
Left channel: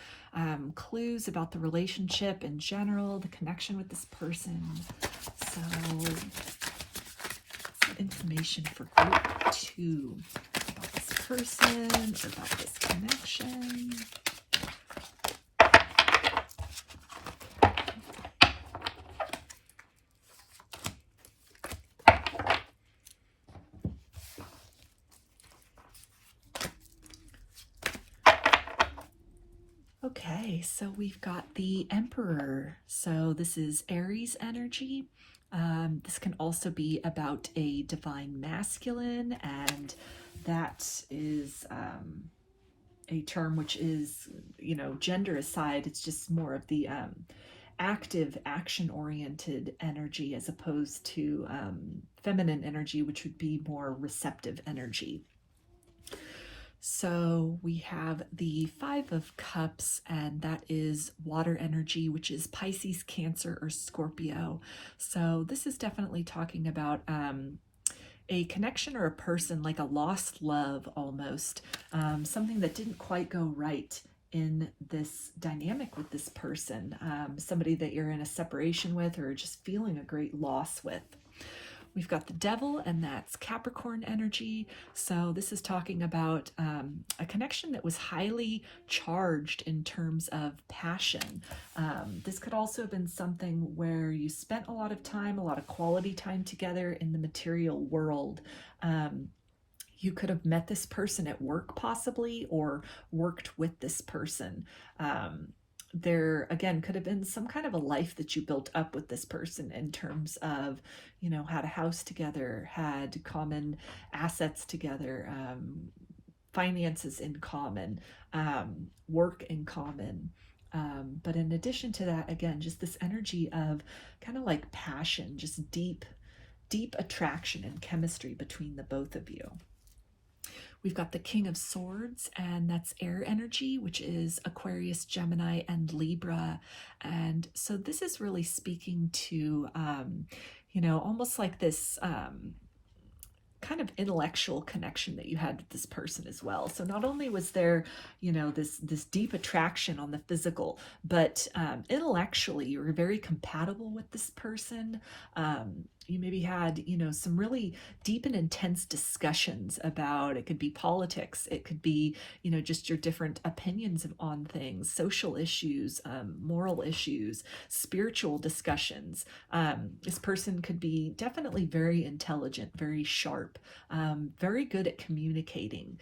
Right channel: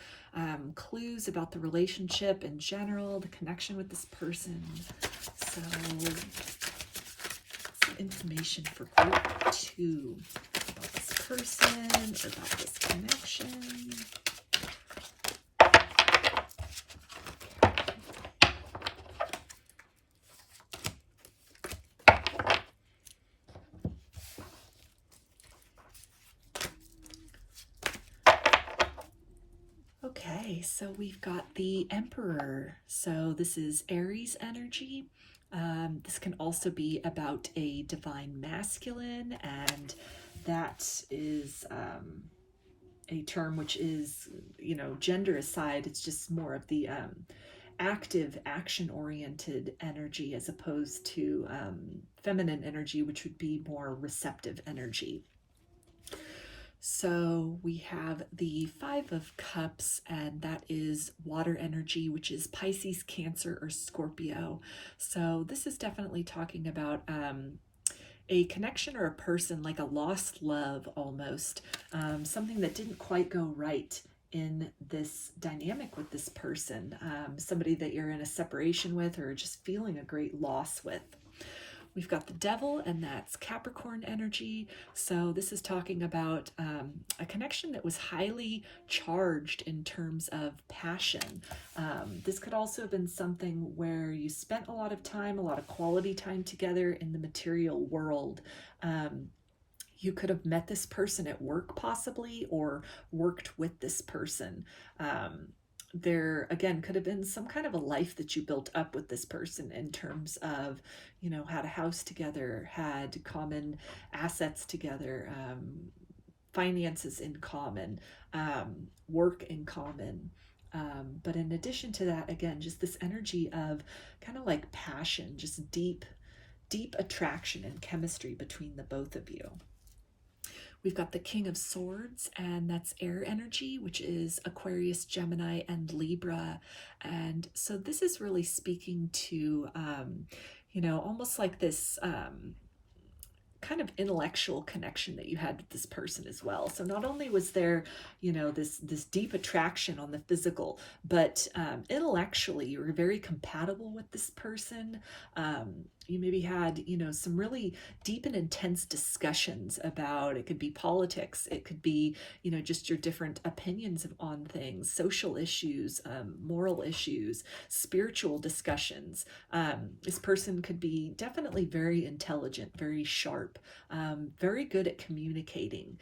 clues about the relationship in general, the connection with this person. So, some information for group 2 about this person, or about this connection. Okay, so we've got the Emperor. So this is Aries energy. This can also be about a divine masculine, and that is a term which is, you know, gender aside, it's just more of the active, action-oriented energy as opposed to feminine energy, which would be more receptive energy. So we have the 5 of Cups, and that is water energy, which is Pisces, Cancer, or Scorpio. So this is definitely talking about a connection or a person, like a lost love almost, something that didn't quite go right in this dynamic with this person, somebody that you're in a separation with or just feeling a great loss with. We've got the Devil, and that's Capricorn energy. So this is talking about a connection that was highly charged in terms of passion. This could also have been something where you spent a lot of time, a lot of quality time together in the material world. You could have met this person at work possibly, or worked with this person. There again could have been some kind of a life that you built up with this person in terms of, had a house together, had common assets together, finances in common, work in common. But in addition to that, again, just this energy of kind of like passion, just deep attraction and chemistry between the both of you. We've got the King of Swords, and that's air energy, which is Aquarius, Gemini, and Libra. And so this is really speaking to, almost like this kind of intellectual connection that you had with this person as well. So not only was there, this deep attraction on the physical, but intellectually you were very compatible with this person. You maybe had, some really deep and intense discussions about, it could be politics, it could be, just your different opinions on things, social issues, moral issues, spiritual discussions. This person could be definitely very intelligent, very sharp, very good at communicating,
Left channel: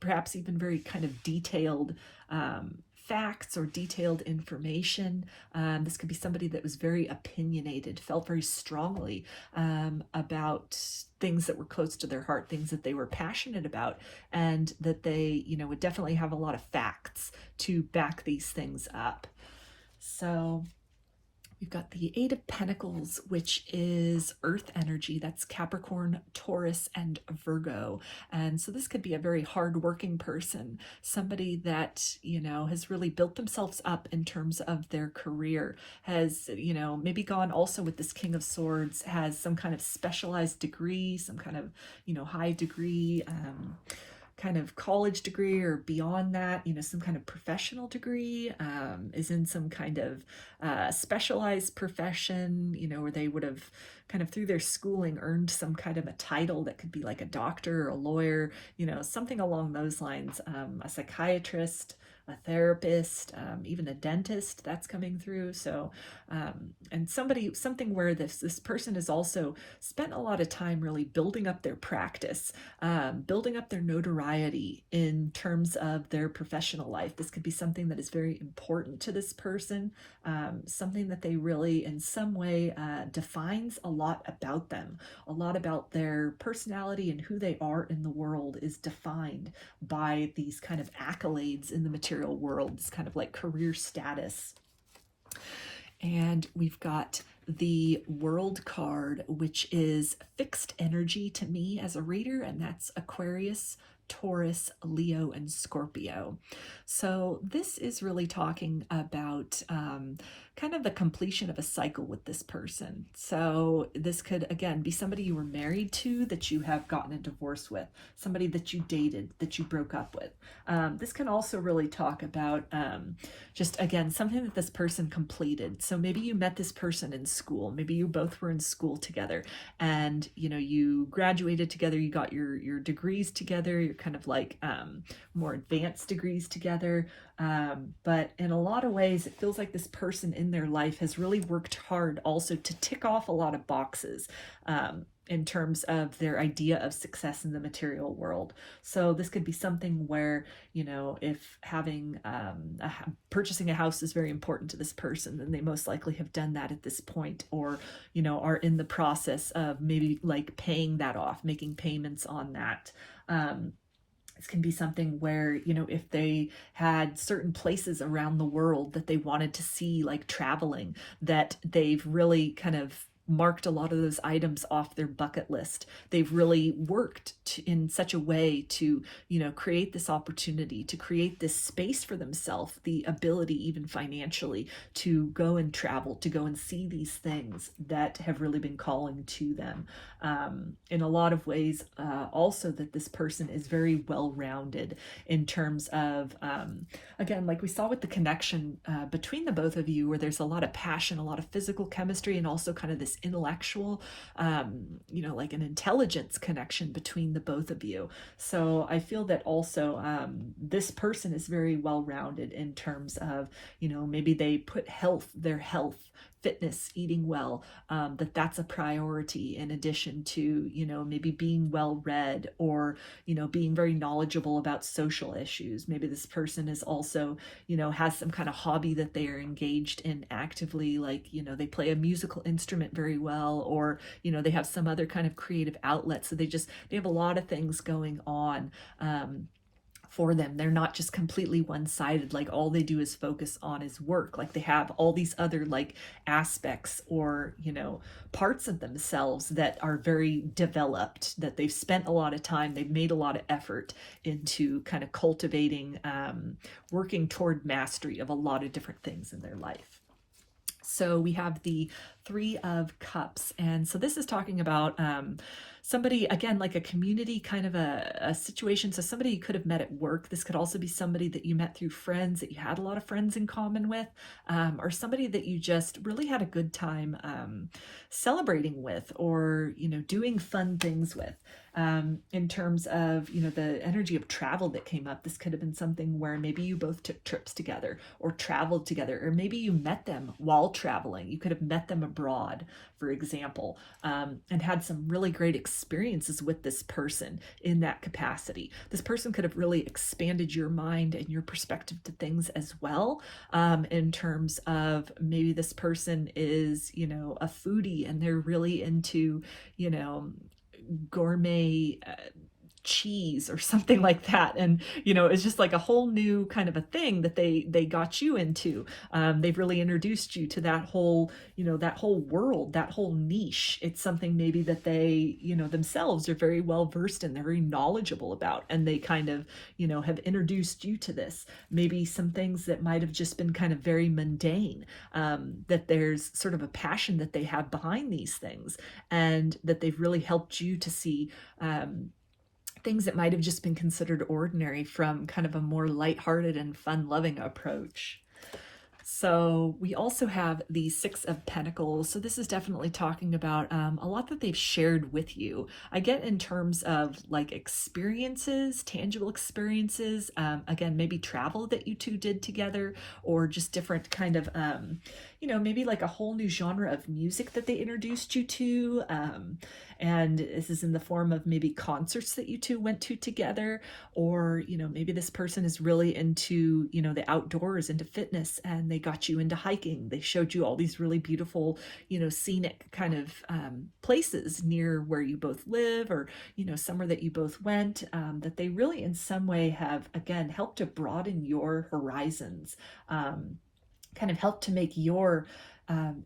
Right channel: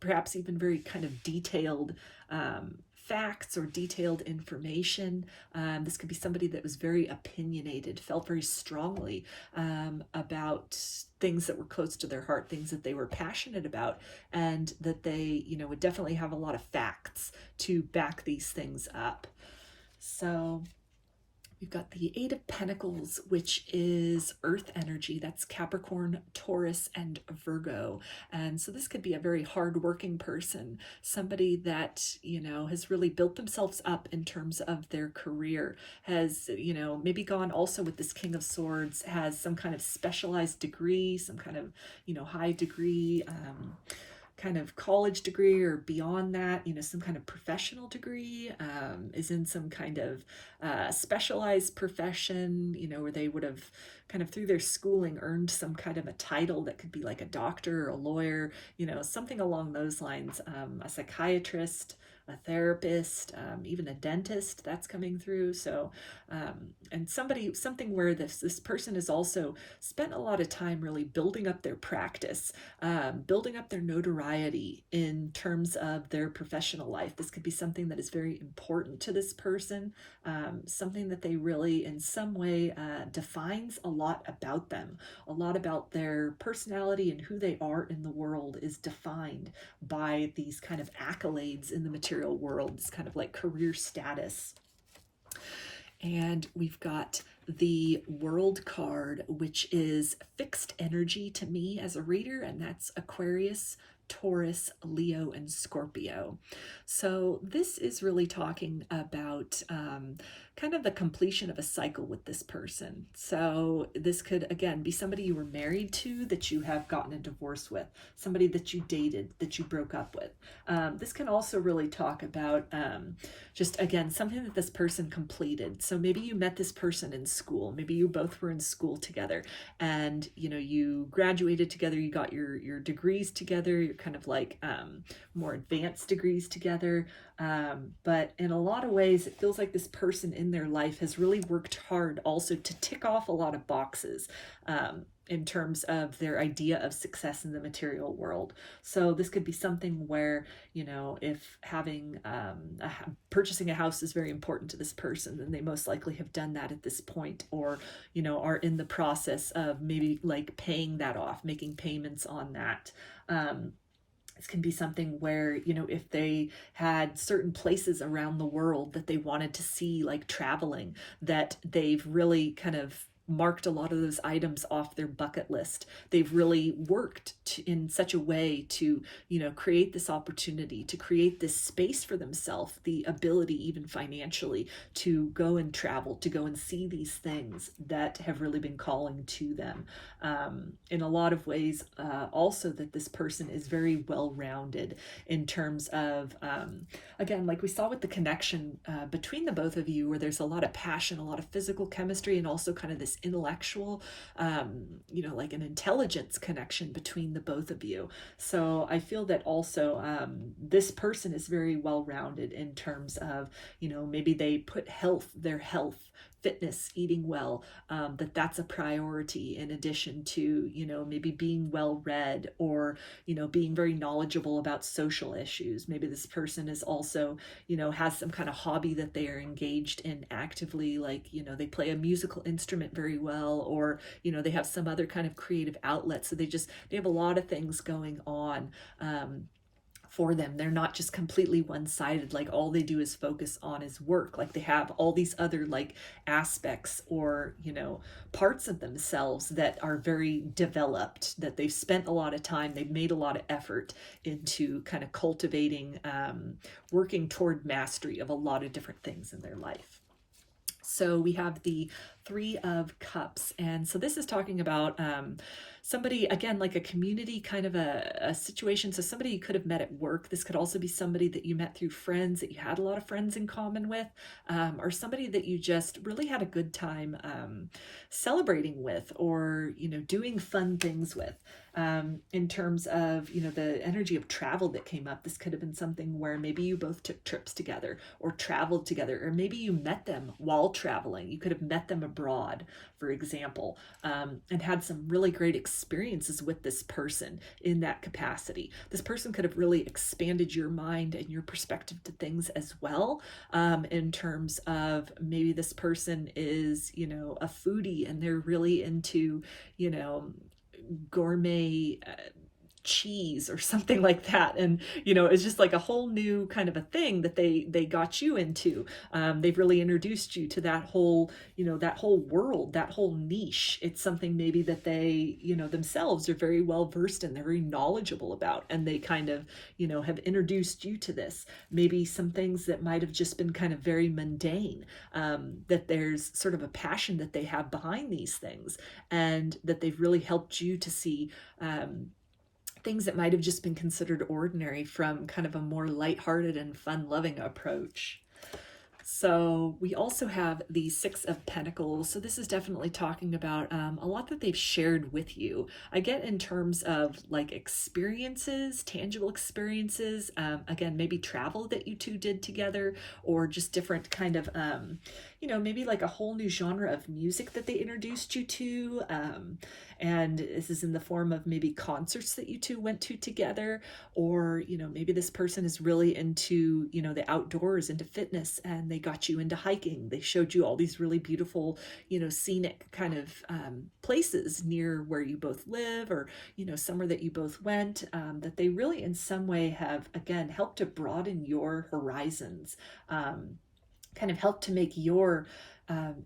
perhaps even very kind of detailed facts or detailed information. This could be somebody that was very opinionated, felt very strongly about things that were close to their heart, things that they were passionate about, and that they, would definitely have a lot of facts to back these things up. So we've got the Eight of Pentacles, which is earth energy. That's Capricorn, Taurus, and Virgo. And so this could be a very hardworking person, somebody that, has really built themselves up in terms of their career, has, maybe gone also with this King of Swords, has some kind of specialized degree, some kind of, high degree, kind of college degree or beyond that, some kind of professional degree, is in some kind of specialized profession, where they would have kind of through their schooling earned some kind of a title that could be like a doctor or a lawyer, something along those lines, a psychiatrist, a therapist, even a dentist, that's coming through. So, and something where this person has also spent a lot of time really building up their practice, building up their notoriety in terms of their professional life. This could be something that is very important to this person, something that they really in some way defines a lot about them. A lot about their personality and who they are in the world is defined by these kind of accolades in the material world. It's kind of like career status. And we've got the World card, which is fixed energy to me as a reader, and that's Aquarius, Taurus, Leo, and Scorpio. So this is really talking about kind of the completion of a cycle with this person. So this could, again, be somebody you were married to that you have gotten a divorce with, somebody that you dated that you broke up with. This can also really talk about just, again, something that this person completed. So maybe you met this person in school. Maybe you both were in school together and, you graduated together, you got your degrees together, you're kind of like more advanced degrees together. But in a lot of ways, it feels like this person in their life has really worked hard also to tick off a lot of boxes in terms of their idea of success in the material world. So this could be something where, if having purchasing a house is very important to this person, then they most likely have done that at this point, or, are in the process of maybe like paying that off, making payments on that. This can be something where, if they had certain places around the world that they wanted to see, like traveling, that they've really kind of marked a lot of those items off their bucket list. They've really worked in such a way to, create this opportunity, to create this space for themselves, the ability, even financially, to go and travel, to go and see these things that have really been calling to them. In a lot of ways, also that this person is very well-rounded in terms of, again, like we saw with the connection between the both of you, where there's a lot of passion, a lot of physical chemistry, and also kind of this intellectual, like an intelligence connection between the both of you. So I feel that also this person is very well-rounded in terms of, maybe they put their health fitness, eating well, that's a priority, in addition to, maybe being well read, or, being very knowledgeable about social issues. Maybe this person is also, has some kind of hobby that they are engaged in actively, like, they play a musical instrument very well, or, they have some other kind of creative outlet. So they have a lot of things going on for them. They're not just completely one-sided, like all they do is focus on is work. Like they have all these other like aspects, or parts of themselves that are very developed, that they've spent a lot of time, they've made a lot of effort into kind of cultivating, working toward mastery of a lot of different things in their life. So we have the Three of Cups, and so this is talking about somebody, again, like a community kind of a situation. So somebody you could have met at work. This could also be somebody that you met through friends, that you had a lot of friends in common with, or somebody that you just really had a good time celebrating with, or, doing fun things with. In terms of, the energy of travel that came up, this could have been something where maybe you both took trips together or traveled together, or maybe you met them while traveling. You could have met them abroad, for example, and had some really great experiences with this person in that capacity. This person could have really expanded your mind and your perspective to things as well, in terms of maybe this person is, a foodie, and they're really into, gourmet cheese or something like that, and it's just like a whole new kind of a thing that they got you into. They've really introduced you to that whole that whole world, that whole niche. It's something maybe that they themselves are very well versed in, they're very knowledgeable about, and they kind of have introduced you to this. Maybe some things that might have just been kind of very mundane, that there's sort of a passion that they have behind these things, and that they've really helped you to see things that might have just been considered ordinary from kind of a more lighthearted and fun-loving approach. So we also have the Six of Pentacles. So this is definitely talking about a lot that they've shared with you. I get in terms of like experiences, tangible experiences, again, maybe travel that you two did together, or just different kind of, maybe like a whole new genre of music that they introduced you to. And this is in the form of maybe concerts that you two went to together, or, maybe this person is really into, the outdoors, into fitness, and they got you into hiking. They showed you all these really beautiful, scenic kind of places near where you both live, or, somewhere that you both went, that they really in some way have, again, helped to broaden your horizons, kind of helped to make your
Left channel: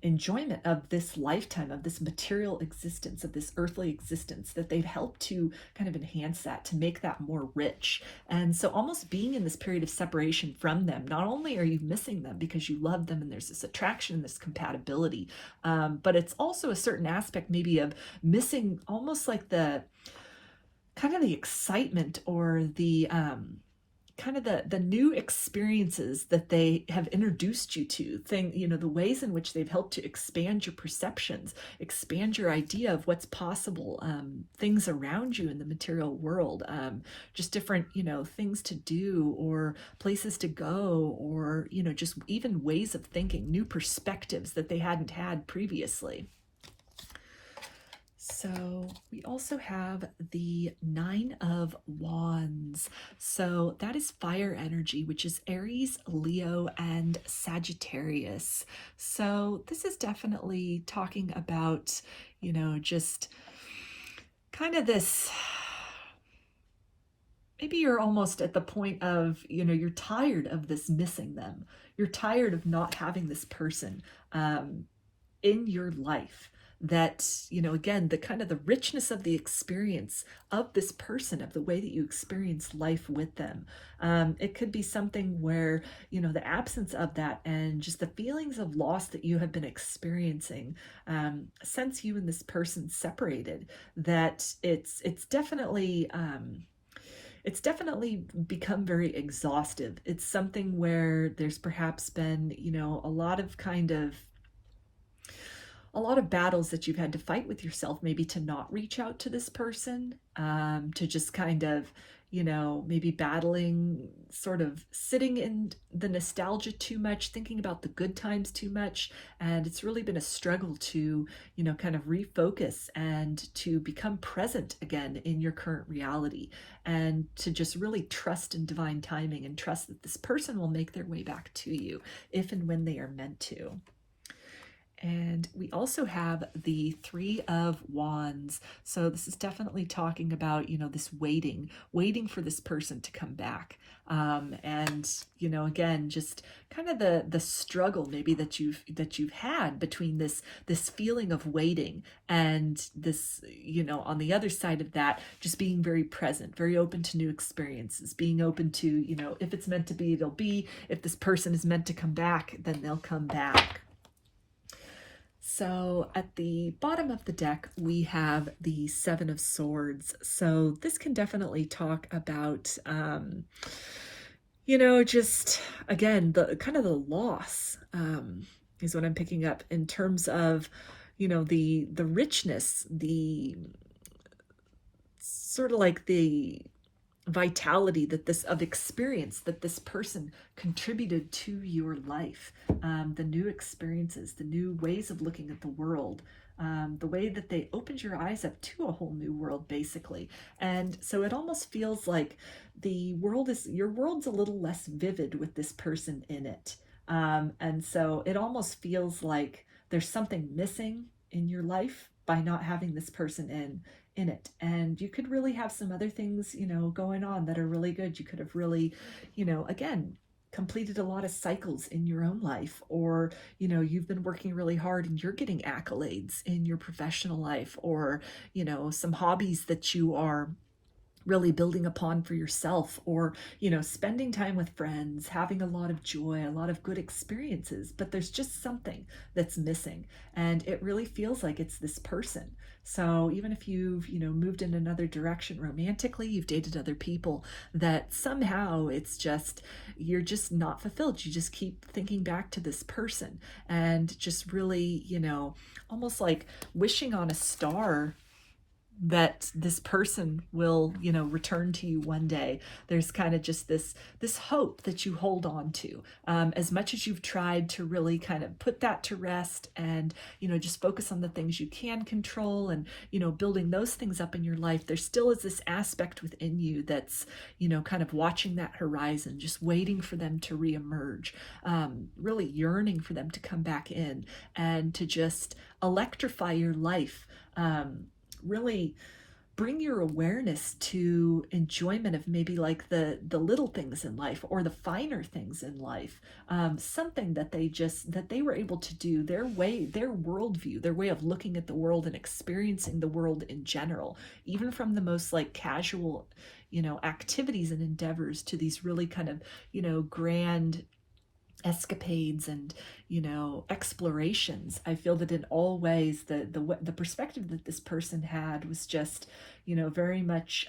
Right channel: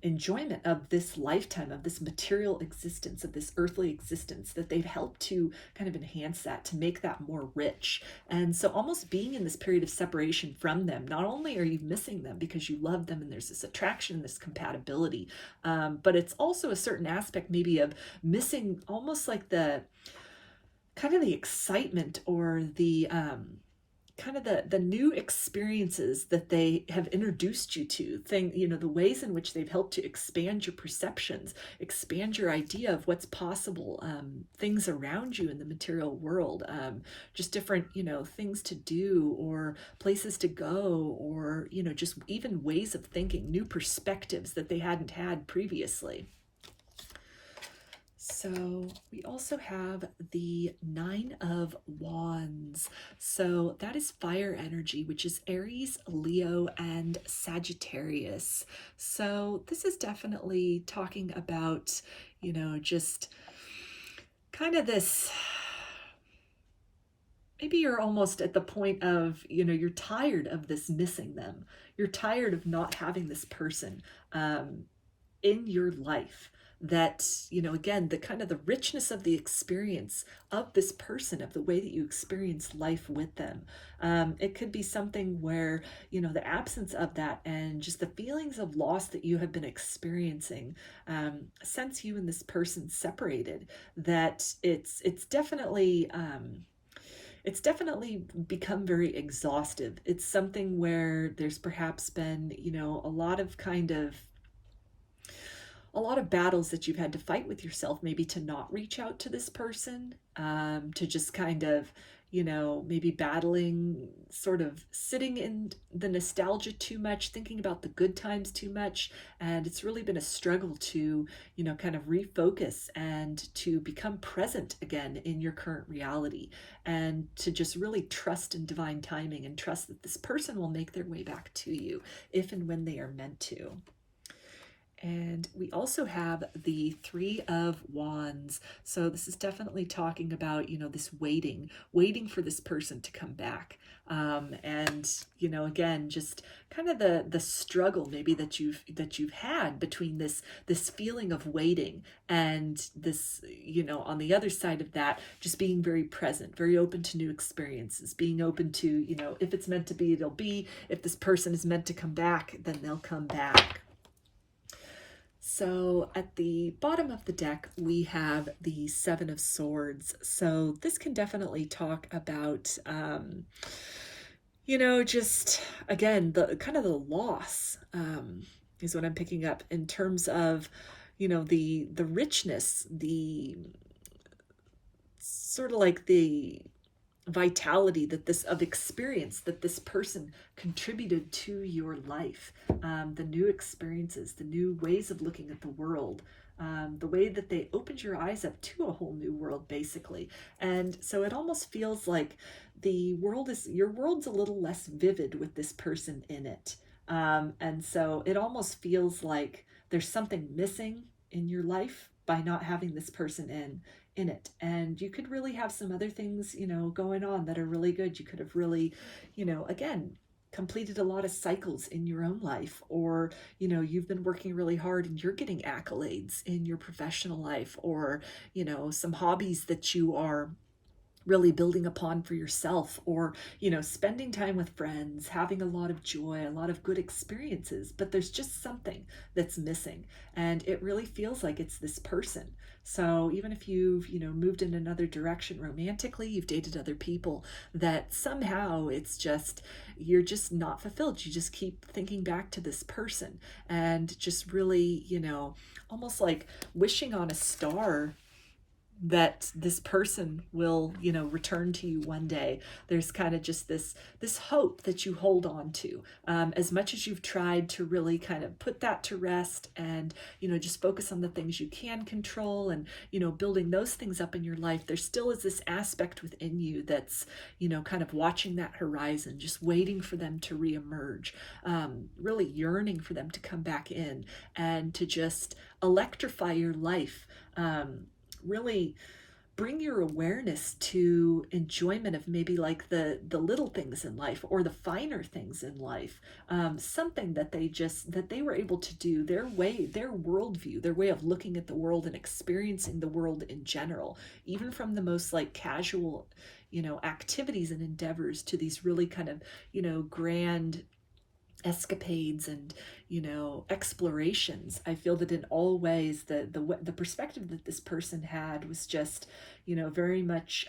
enjoyment of this lifetime, of this material existence, of this earthly existence, that they've helped to kind of enhance that, to make that more rich. And so almost being in this period of separation from them, not only are you missing them because you love them and there's this attraction, this compatibility, but it's also a certain aspect maybe of missing almost like the kind of the excitement, or the kind of the new experiences that they have introduced you to, the ways in which they've helped to expand your perceptions, expand your idea of what's possible, things around you in the material world, just different, things to do, or places to go, or, just even ways of thinking, new perspectives that they hadn't had previously. So we also have the Nine of Wands. So that is fire energy, which is Aries, Leo, and Sagittarius. So this is definitely talking about, just kind of this, maybe you're almost at the point of, you're tired of this missing them. You're tired of not having this person in your life. That, again, the kind of the richness of the experience of this person, of the way that you experience life with them. It could be something where, the absence of that and just the feelings of loss that you have been experiencing since you and this person separated, that it's definitely become very exhaustive. It's something where there's perhaps been, a lot of battles that you've had to fight with yourself, maybe to not reach out to this person, to just kind of, maybe battling, sort of sitting in the nostalgia too much, thinking about the good times too much. And it's really been a struggle to, kind of refocus and to become present again in your current reality, and to just really trust in divine timing and trust that this person will make their way back to you if and when they are meant to. And we also have the Three of Wands. So this is definitely talking about, this waiting for this person to come back. And, again, just kind of the struggle maybe that you've had between this feeling of waiting and this, on the other side of that, just being very present, very open to new experiences, being open to, if it's meant to be, it'll be. If this person is meant to come back, then they'll come back. So at the bottom of the deck, we have the Seven of Swords. So this can definitely talk about, just, again, the kind of the loss is what I'm picking up in terms of, the richness, the sort of like the vitality of experience that this person contributed to your life, the new experiences, the new ways of looking at the world, the way that they opened your eyes up to a whole new world, basically. And so it almost feels like your world's a little less vivid with this person in it. And so it almost feels like there's something missing in your life by not having this person in it. And you could really have some other things, going on that are really good. You could have really, again, completed a lot of cycles in your own life, or, you've been working really hard and you're getting accolades in your professional life, or, some hobbies that you are really building upon for yourself, or, spending time with friends, having a lot of joy, a lot of good experiences, but there's just something that's missing. And it really feels like it's this person. So even if you've, moved in another direction romantically, you've dated other people, that somehow you're just not fulfilled. You just keep thinking back to this person and just really, almost like wishing on a star that this person will, return to you one day. There's kind of just this hope that you hold on to, as much as you've tried to really kind of put that to rest and, just focus on the things you can control and, building those things up in your life. There still is this aspect within you that's, kind of watching that horizon, just waiting for them to reemerge, really yearning for them to come back in and to just electrify your life. Really bring your awareness to enjoyment of maybe like the little things in life, or the finer things in life, something that they were able to do, their worldview, their way of looking at the world and experiencing the world in general, even from the most like casual, activities and endeavors to these really kind of, grand escapades and explorations. I feel that in all ways the perspective that this person had was just very much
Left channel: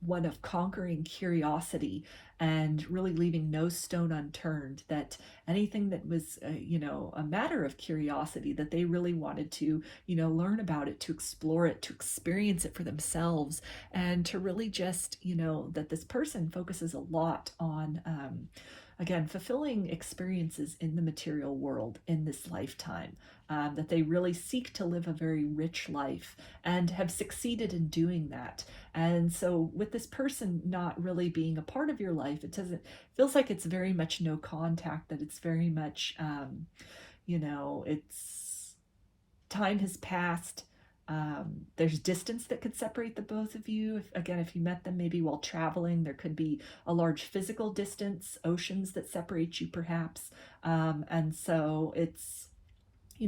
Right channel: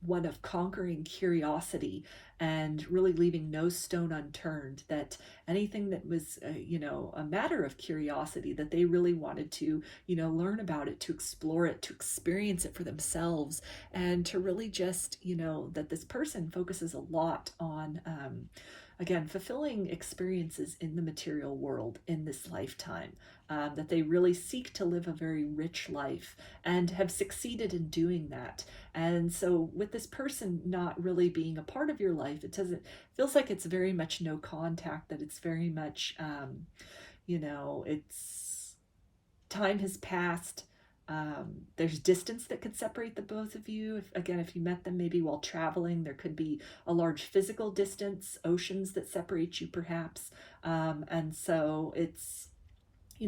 one of conquering curiosity and really leaving no stone unturned, that anything that was a matter of curiosity, that they really wanted to learn about it, to explore it, to experience it for themselves, and to really just that this person focuses a lot on again, fulfilling experiences in the material world in this lifetime, that they really seek to live a very rich life and have succeeded in doing that. And so with this person not really being a part of your life, feels like it's very much no contact, that it's very much, it's time has passed. There's distance that could separate the both of you. If you met them maybe while traveling, there could be a large physical distance, oceans that separate you perhaps. And so it's,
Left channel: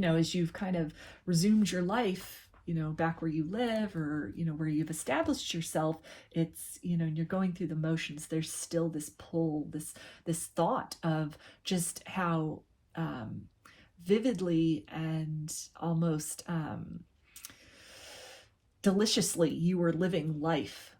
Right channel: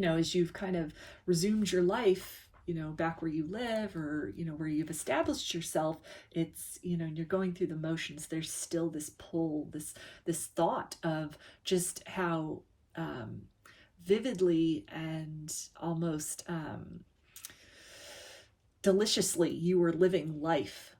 as you've kind of resumed your life, back where you live, or, where you've established yourself, it's, you're going through the motions. There's still this pull, this thought of just how vividly and almost deliciously you were living life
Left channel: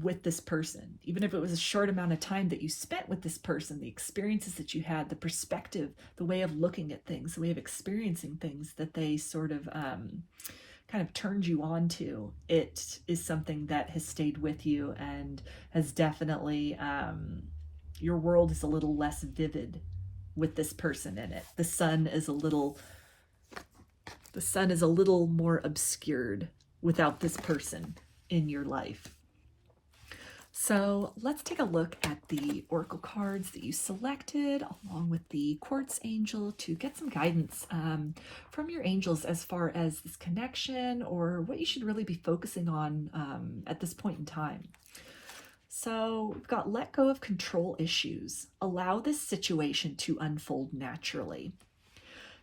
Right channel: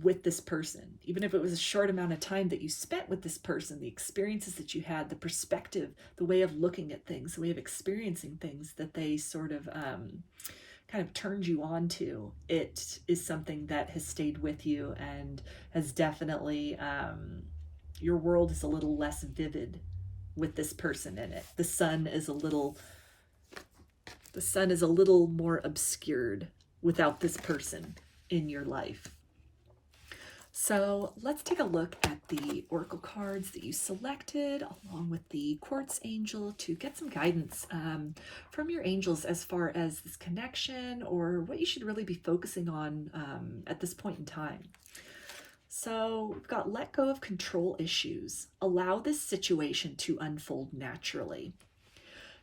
with this person, even if it was a short amount of time that you spent with this person, the experiences that you had, the perspective, the way of looking at things, the way of experiencing things that they sort of kind of turned you on to, it is something that has stayed with you and has definitely, your world is a little less vivid with this person in it. The sun is a little more obscured without this person in your life. So let's take a look at the oracle cards that you selected along with the quartz angel to get some guidance from your angels as far as this connection or what you should really be focusing on at this point in time. So we've got let go of control issues. Allow this situation to unfold naturally.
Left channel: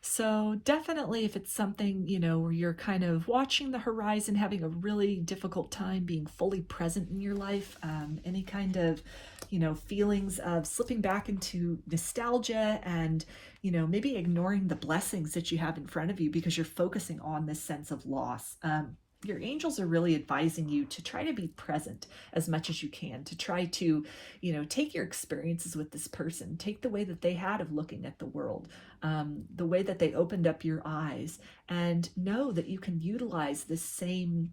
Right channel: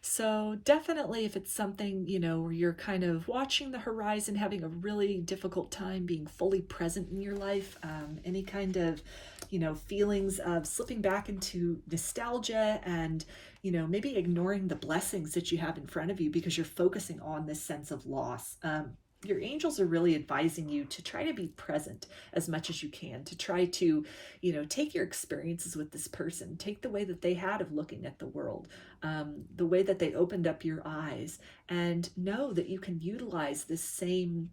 So definitely if it's something, where you're kind of watching the horizon, having a really difficult time being fully present in your life, any kind of, feelings of slipping back into nostalgia and, maybe ignoring the blessings that you have in front of you because you're focusing on this sense of loss. Your angels are really advising you to try to be present as much as you can, to try to, take your experiences with this person, take the way that they had of looking at the world, the way that they opened up your eyes, and know that you can utilize this same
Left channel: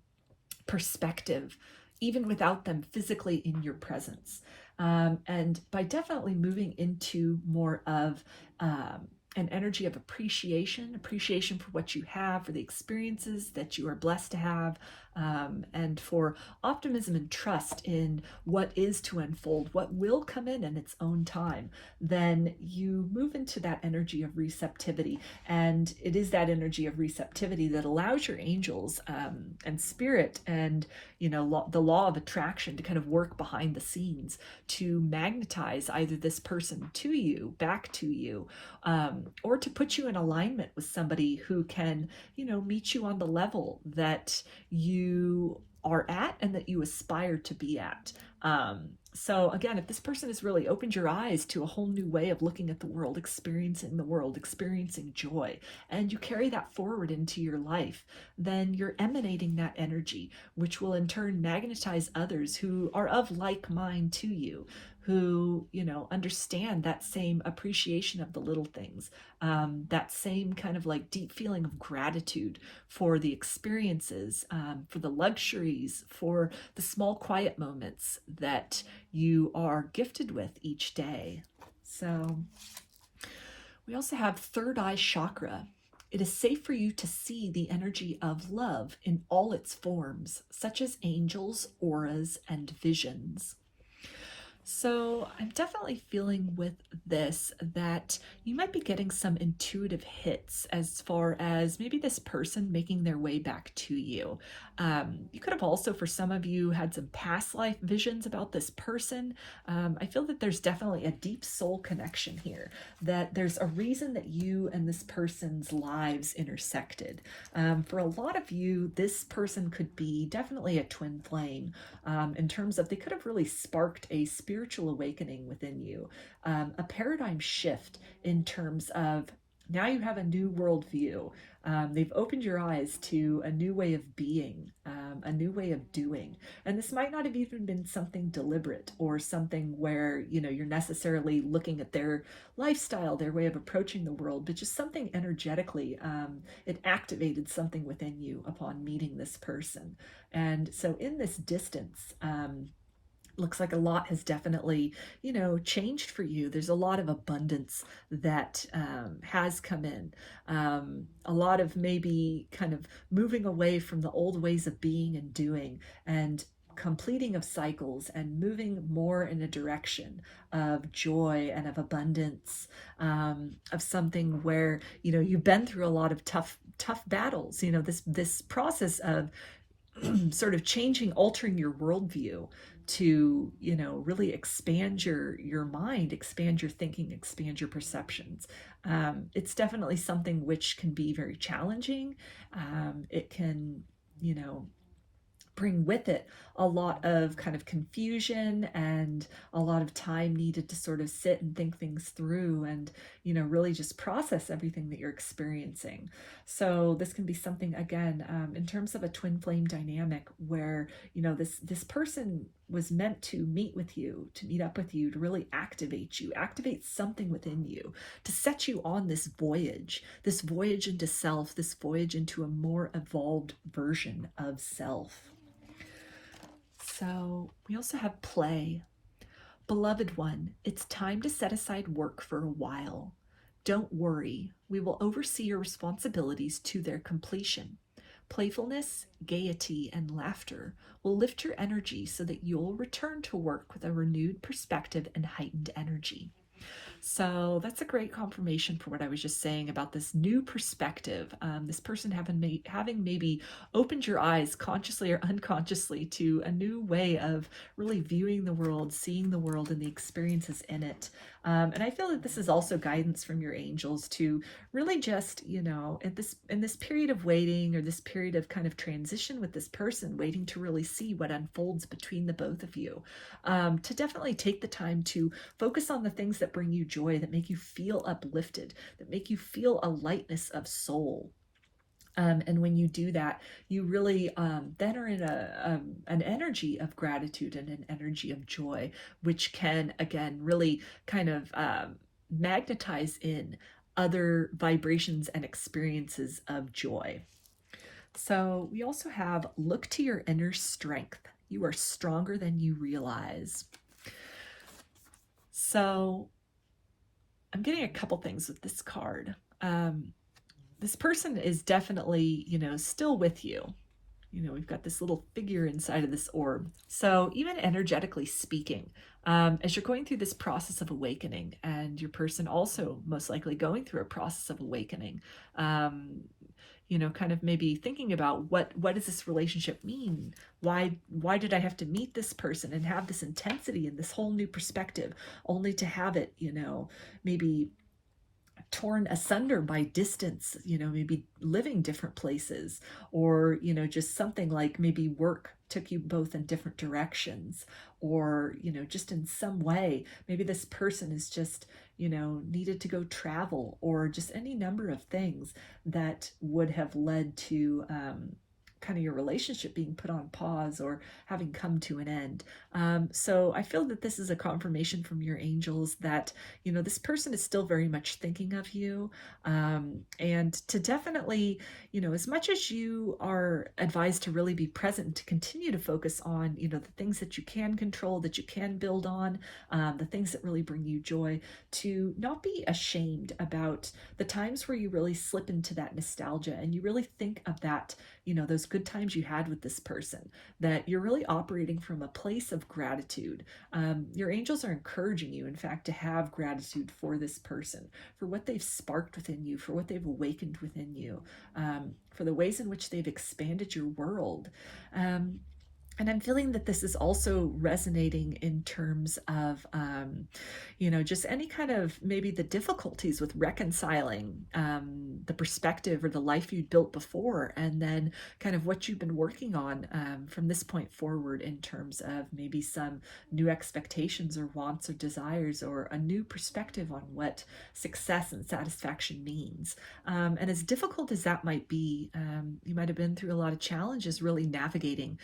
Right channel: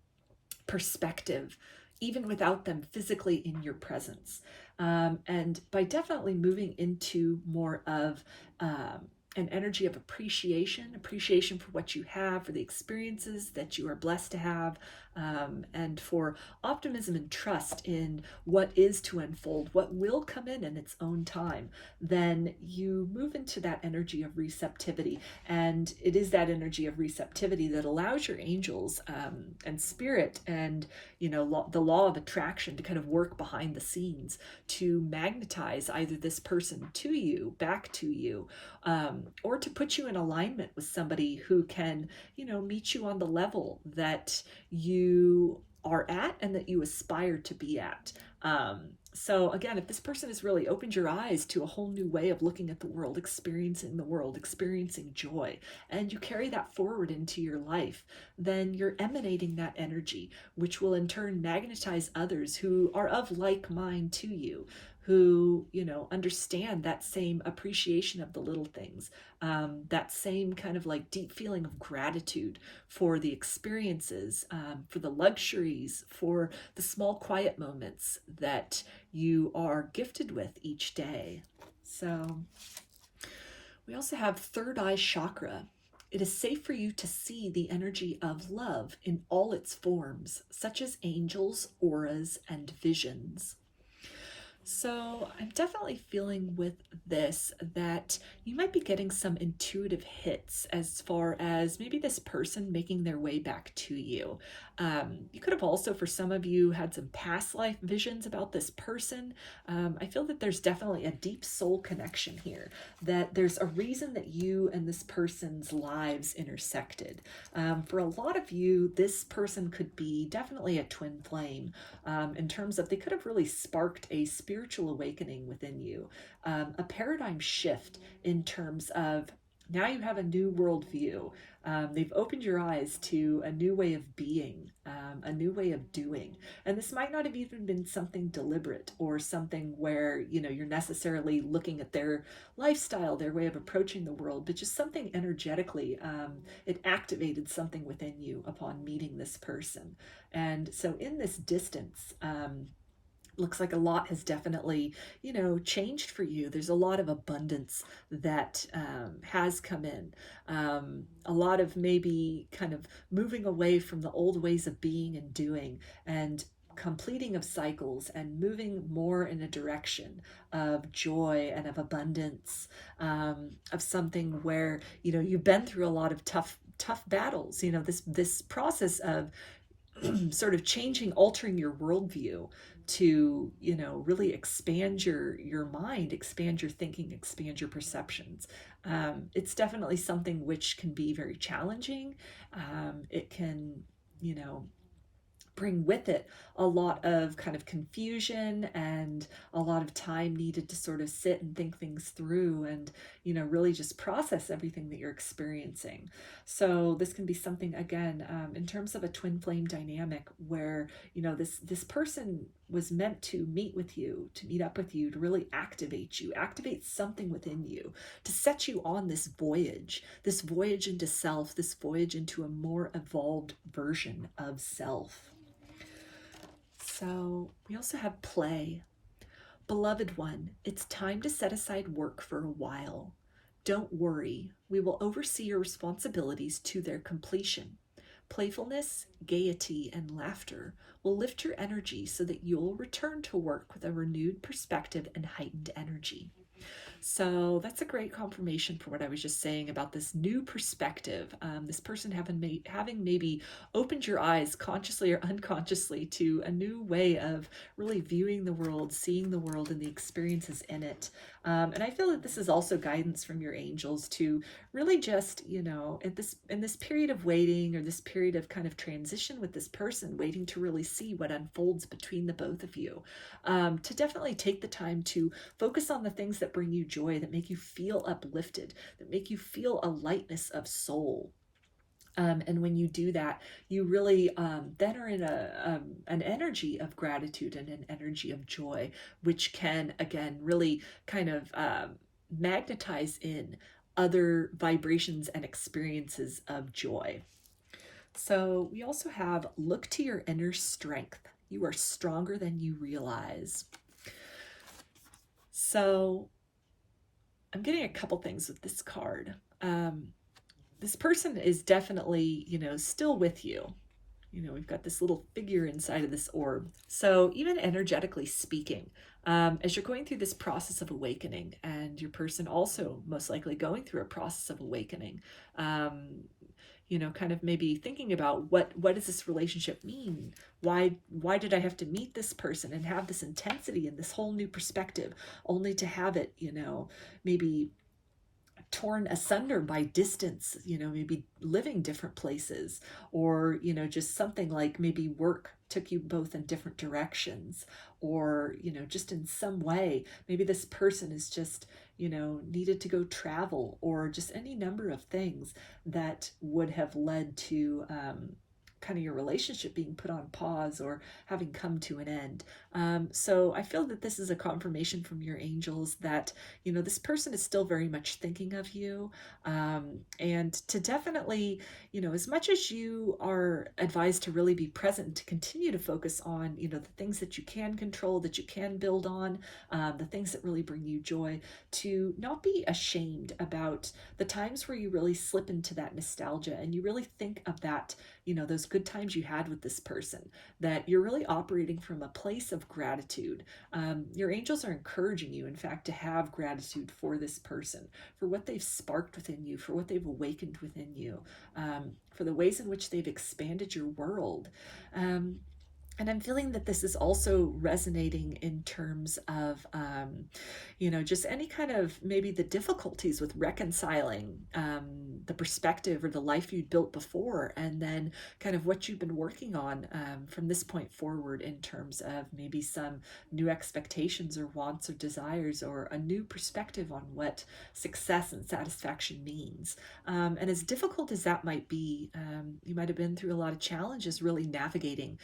perspective even without them physically in your presence. And by definitely moving into more of an energy of appreciation for what you have, for the experiences that you are blessed to have, and for optimism and trust in what is to unfold, what will come in its own time, then you move into that energy of receptivity. And it is that energy of receptivity that allows your angels and spirit and, the law of attraction to kind of work behind the scenes to magnetize either this person to you, back to you, or to put you in alignment with somebody who can, meet you on the level that you are at and that you aspire to be at. So again, if this person has really opened your eyes to a whole new way of looking at the world, experiencing joy, and you carry that forward into your life, then you're emanating that energy, which will in turn magnetize others who are of like mind to you, who, understand that same appreciation of the little things, that same kind of like deep feeling of gratitude for the experiences, for the luxuries, for the small quiet moments that you are gifted with each day. So we also have third eye chakra. It is safe for you to see the energy of love in all its forms, such as angels, auras, and visions. So I'm definitely feeling with this that you might be getting some intuitive hits as far as maybe this person making their way back to you. You could have also, for some of you, had some past life visions about this person. I feel that there's definitely a deep soul connection here, that there's a reason that you and this person's lives intersected. For a lot of you, this person could be definitely a twin flame, in terms of they could have really sparked a spiritual awakening within you, a paradigm shift in terms of now you have a new worldview. They've opened your eyes to a new way of being, a new way of doing. And this might not have even been something deliberate or something where, you're necessarily looking at their lifestyle, their way of approaching the world, but just something energetically. It activated something within you upon meeting this person. And so in this distance, looks like a lot has definitely, changed for you. There's a lot of abundance that has come in. A lot of maybe kind of moving away from the old ways of being and doing and completing of cycles and moving more in a direction of joy and of abundance, of something where, you've been through a lot of tough battles, this process of sort of changing, altering your worldview to, really expand your mind, expand your thinking, expand your perceptions. It's definitely something which can be very challenging. It can, bring with it a lot of kind of confusion and a lot of time needed to sort of sit and think things through and, really just process everything that you're experiencing. So this can be something, again, in terms of a twin flame dynamic where, this person was meant to meet with you, to meet up with you, to really activate you, activate something within you, to set you on this voyage into self, this voyage into a more evolved version of self. So we also have play. Beloved one, it's time to set aside work for a while. Don't worry, we will oversee your responsibilities to their completion. Playfulness, gaiety, and laughter will lift your energy so that you'll return to work with a renewed perspective and heightened energy. So that's a great confirmation for what I was just saying about this new perspective. This person having maybe opened your eyes consciously or unconsciously to a new way of really viewing the world, seeing the world and the experiences in it. And I feel that this is also guidance from your angels to really just, in this period of waiting, or this period of kind of transition with this person, waiting to really see what unfolds between the both of you, to definitely take the time to focus on the things that bring you joy, that make you feel uplifted, that make you feel a lightness of soul. And when you do that, you really then are in an energy of gratitude and an energy of joy, which can, again, really kind of magnetize in other vibrations and experiences of joy. So we also have look to your inner strength. You are stronger than you realize. So I'm getting a couple things with this card. This person is definitely, still with you. We've got this little figure inside of this orb. So even energetically speaking, as you're going through this process of awakening, and your person also most likely going through a process of awakening, kind of maybe thinking about what does this relationship mean? Why did I have to meet this person and have this intensity and this whole new perspective, only to have it, maybe torn asunder by distance, maybe living different places, or, just something like maybe work took you both in different directions, or, just in some way, maybe this person is just, needed to go travel, or just any number of things that would have led to kind of your relationship being put on pause or having come to an end. So I feel that this is a confirmation from your angels that, this person is still very much thinking of you. And to definitely, as much as you are advised to really be present, to continue to focus on, the things that you can control, that you can build on, the things that really bring you joy, to not be ashamed about the times where you really slip into that nostalgia and you really think of that, those good times you had with this person, that you're really operating from a place of gratitude. Your angels are encouraging you, in fact, to have gratitude for this person, for what they've sparked within you, for what they've awakened within you, for the ways in which they've expanded your world. And I'm feeling that this is also resonating in terms of, just any kind of maybe the difficulties with reconciling the perspective or the life you'd built before, and then kind of what you've been working on from this point forward, in terms of maybe some new expectations or wants or desires, or a new perspective on what success and satisfaction means. And as difficult as that might be, you might have been through a lot of challenges really navigating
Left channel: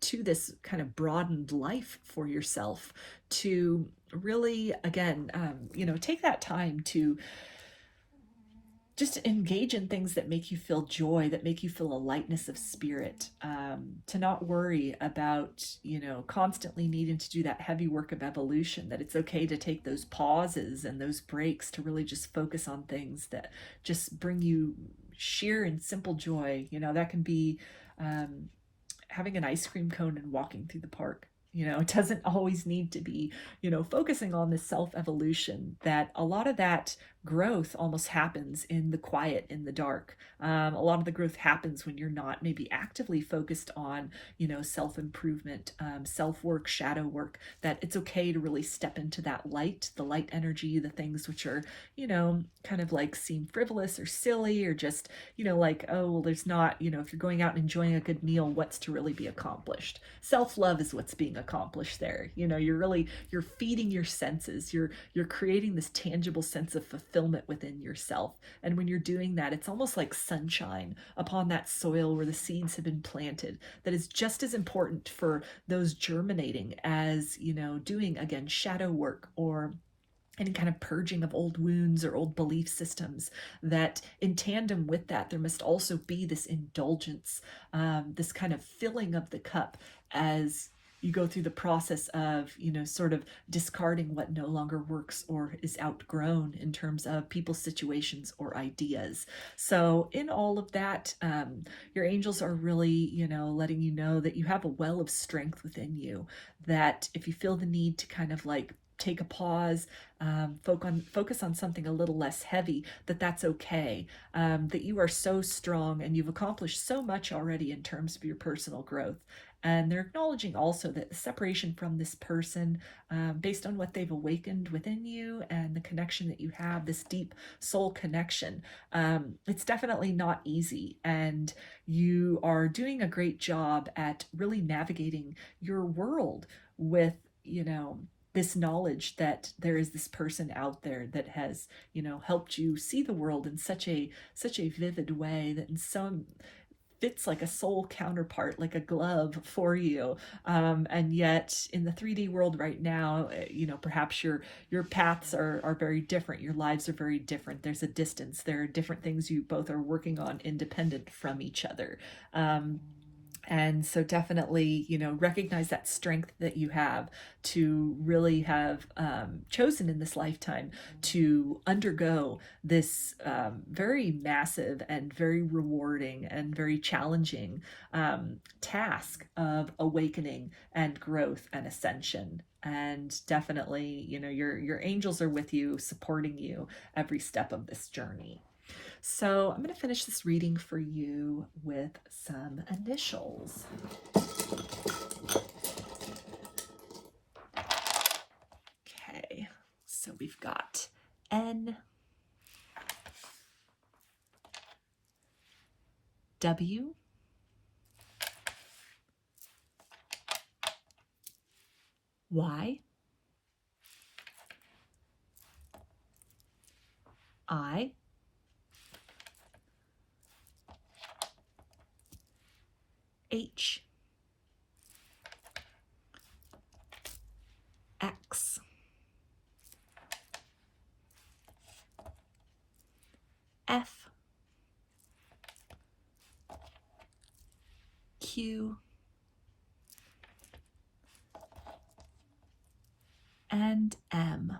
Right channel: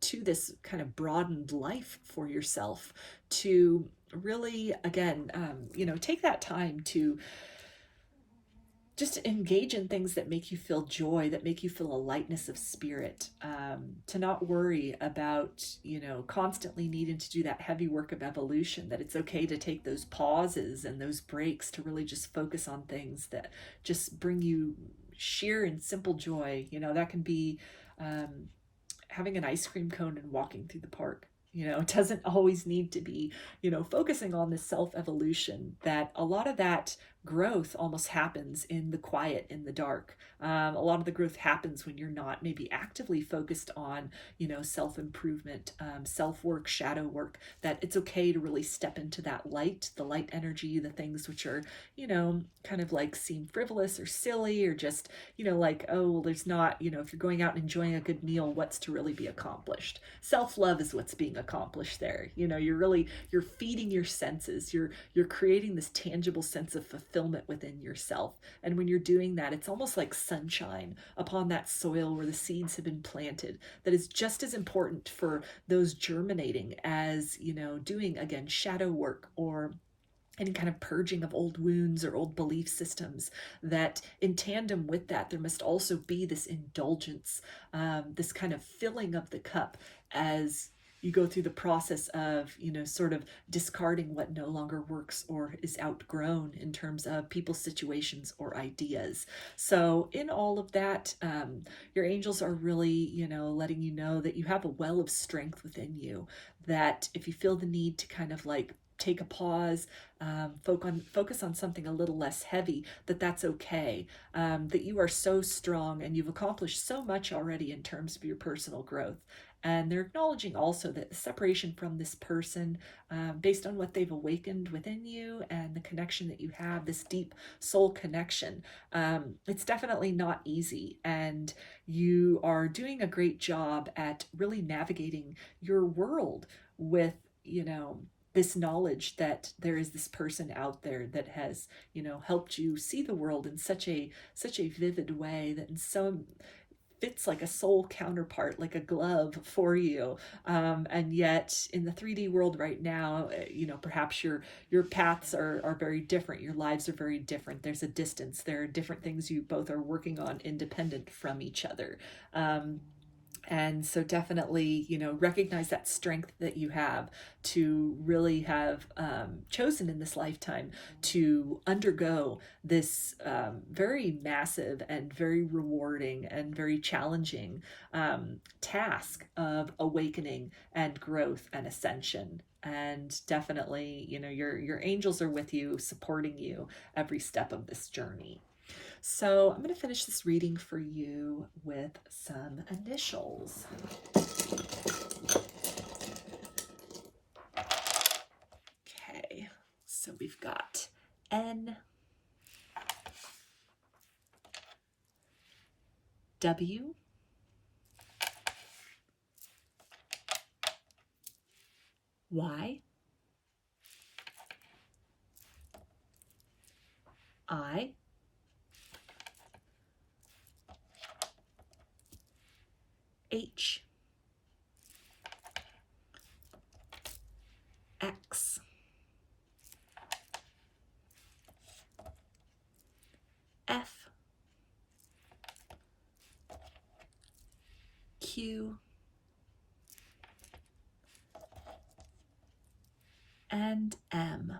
to this kind of broadened life for yourself, to really, again, take that time to just engage in things that make you feel joy, that make you feel a lightness of spirit, to not worry about, constantly needing to do that heavy work of evolution, that it's okay to take those pauses and those breaks to really just focus on things that just bring you sheer and simple joy. That can be having an ice cream cone and walking through the park. It doesn't always need to be, focusing on this self-evolution, that a lot of that growth almost happens in the quiet, in the dark. A lot of the growth happens when you're not maybe actively focused on, self-improvement, self-work, shadow work, that it's okay to really step into that light, the light energy, the things which are, kind of like seem frivolous or silly, or just, like, oh, well, there's not, if you're going out and enjoying a good meal, what's to really be accomplished? Self-love is what's being accomplish there. You know, you're feeding your senses. You're creating this tangible sense of fulfillment within yourself. And when you're doing that, it's almost like sunshine upon that soil where the seeds have been planted. That is just as important for those germinating as, you know, doing, again, shadow work or any kind of purging of old wounds or old belief systems. That in tandem with that, there must also be this indulgence, this kind of filling of the cup as you go through the process of, you know, sort of discarding what no longer works or is outgrown in terms of people, situations, or ideas. So in all of that, your angels are really, you know, letting you know that you have a well of strength within you, that if you feel the need to kind of like take a pause, focus on something a little less heavy, that's okay, that you are so strong and you've accomplished so much already in terms of your personal growth. And they're acknowledging also that the separation from this person, based on what they've awakened within you and the connection that you have, this deep soul connection, it's definitely not easy. And you are doing a great job at really navigating your world with, you know, this knowledge that there is this person out there that has, you know, helped you see the world in such a vivid way, that in so fits like a soul counterpart, like a glove for you. And yet in the 3D world right now, you know, perhaps your paths are very different. Your lives are very different. There's a distance. There are different things you both are working on independent from each other. And so definitely, you know, recognize that strength that you have to really have chosen in this lifetime to undergo this very massive and very rewarding and very challenging task of awakening and growth and ascension. And definitely, you know, your angels are with you, supporting you every step of this journey. So I'm going to finish this reading for you with some initials. Okay, so we've got N, W, Y, I, H, X, F, Q, and M.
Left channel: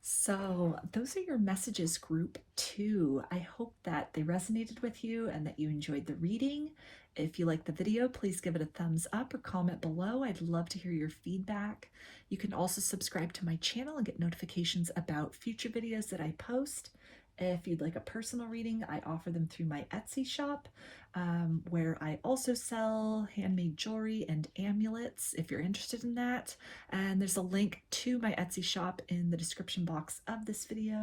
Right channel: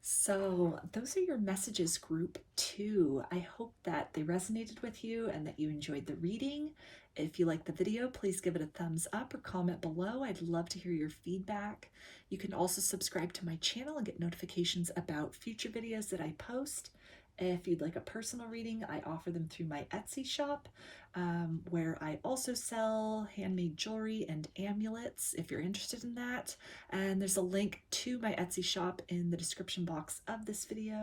So those are your messages, group 2. I hope that they resonated with you and that you enjoyed the reading. If you like the video, please give it a thumbs up or comment below. I'd love to hear your feedback. You can also subscribe to my channel and get notifications about future videos that I post. If you'd like a personal reading, I offer them through my Etsy shop, where I also sell handmade jewelry and amulets if you're interested in that. And there's a link to my Etsy shop in the description box of this video.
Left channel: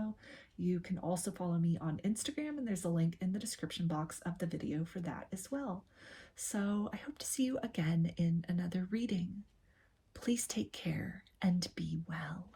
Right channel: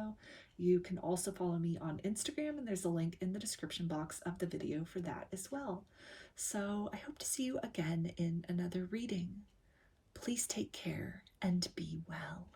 You can also follow me on Instagram, and there's a link in the description box of the video for that as well. So I hope to see you again in another reading. Please take care and be well.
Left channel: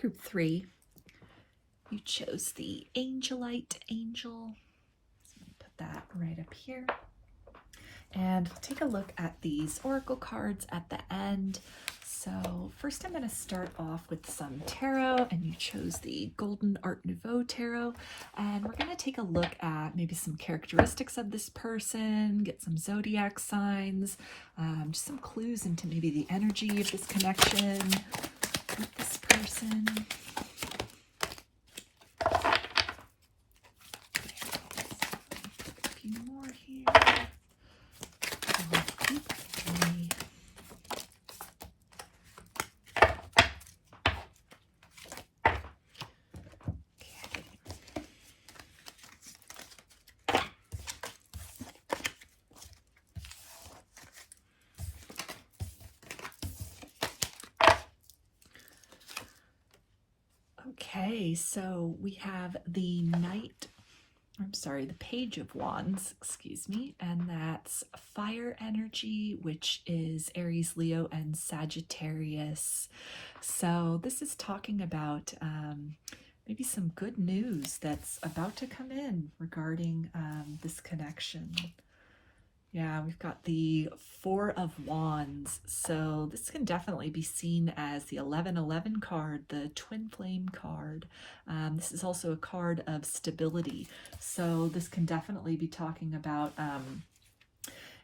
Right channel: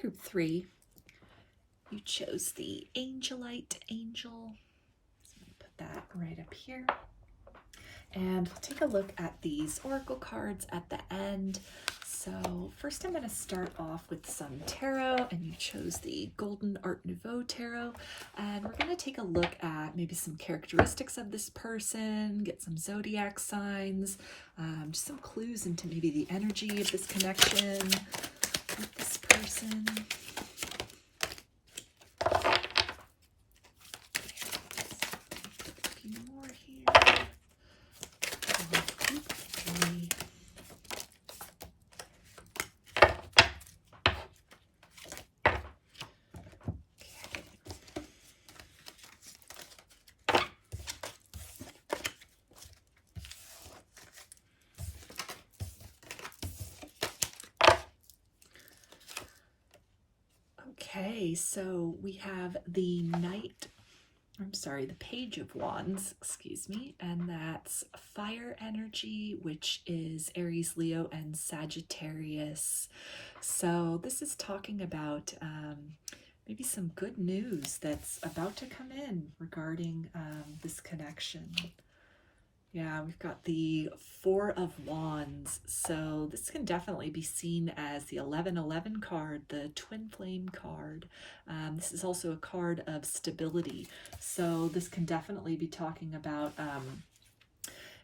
group 3, you chose the Angelite angel. So I'm going to put that right up here. And we'll take a look at these oracle cards at the end. So first I'm going to start off with some tarot, and you chose the Golden Art Nouveau tarot. And we're going to take a look at maybe some characteristics of this person, get some zodiac signs, just some clues into maybe the energy of this connection with this person. A few more here. Okay, so we have the Page of Wands, excuse me, and that's fire energy, which is Aries, Leo, and Sagittarius. So this is talking about maybe some good news that's about to come in regarding this connection. Yeah, we've got the Four of Wands, so this can definitely be seen as the 1111 card, the twin flame card. This is also a card of stability, so this can definitely be talking about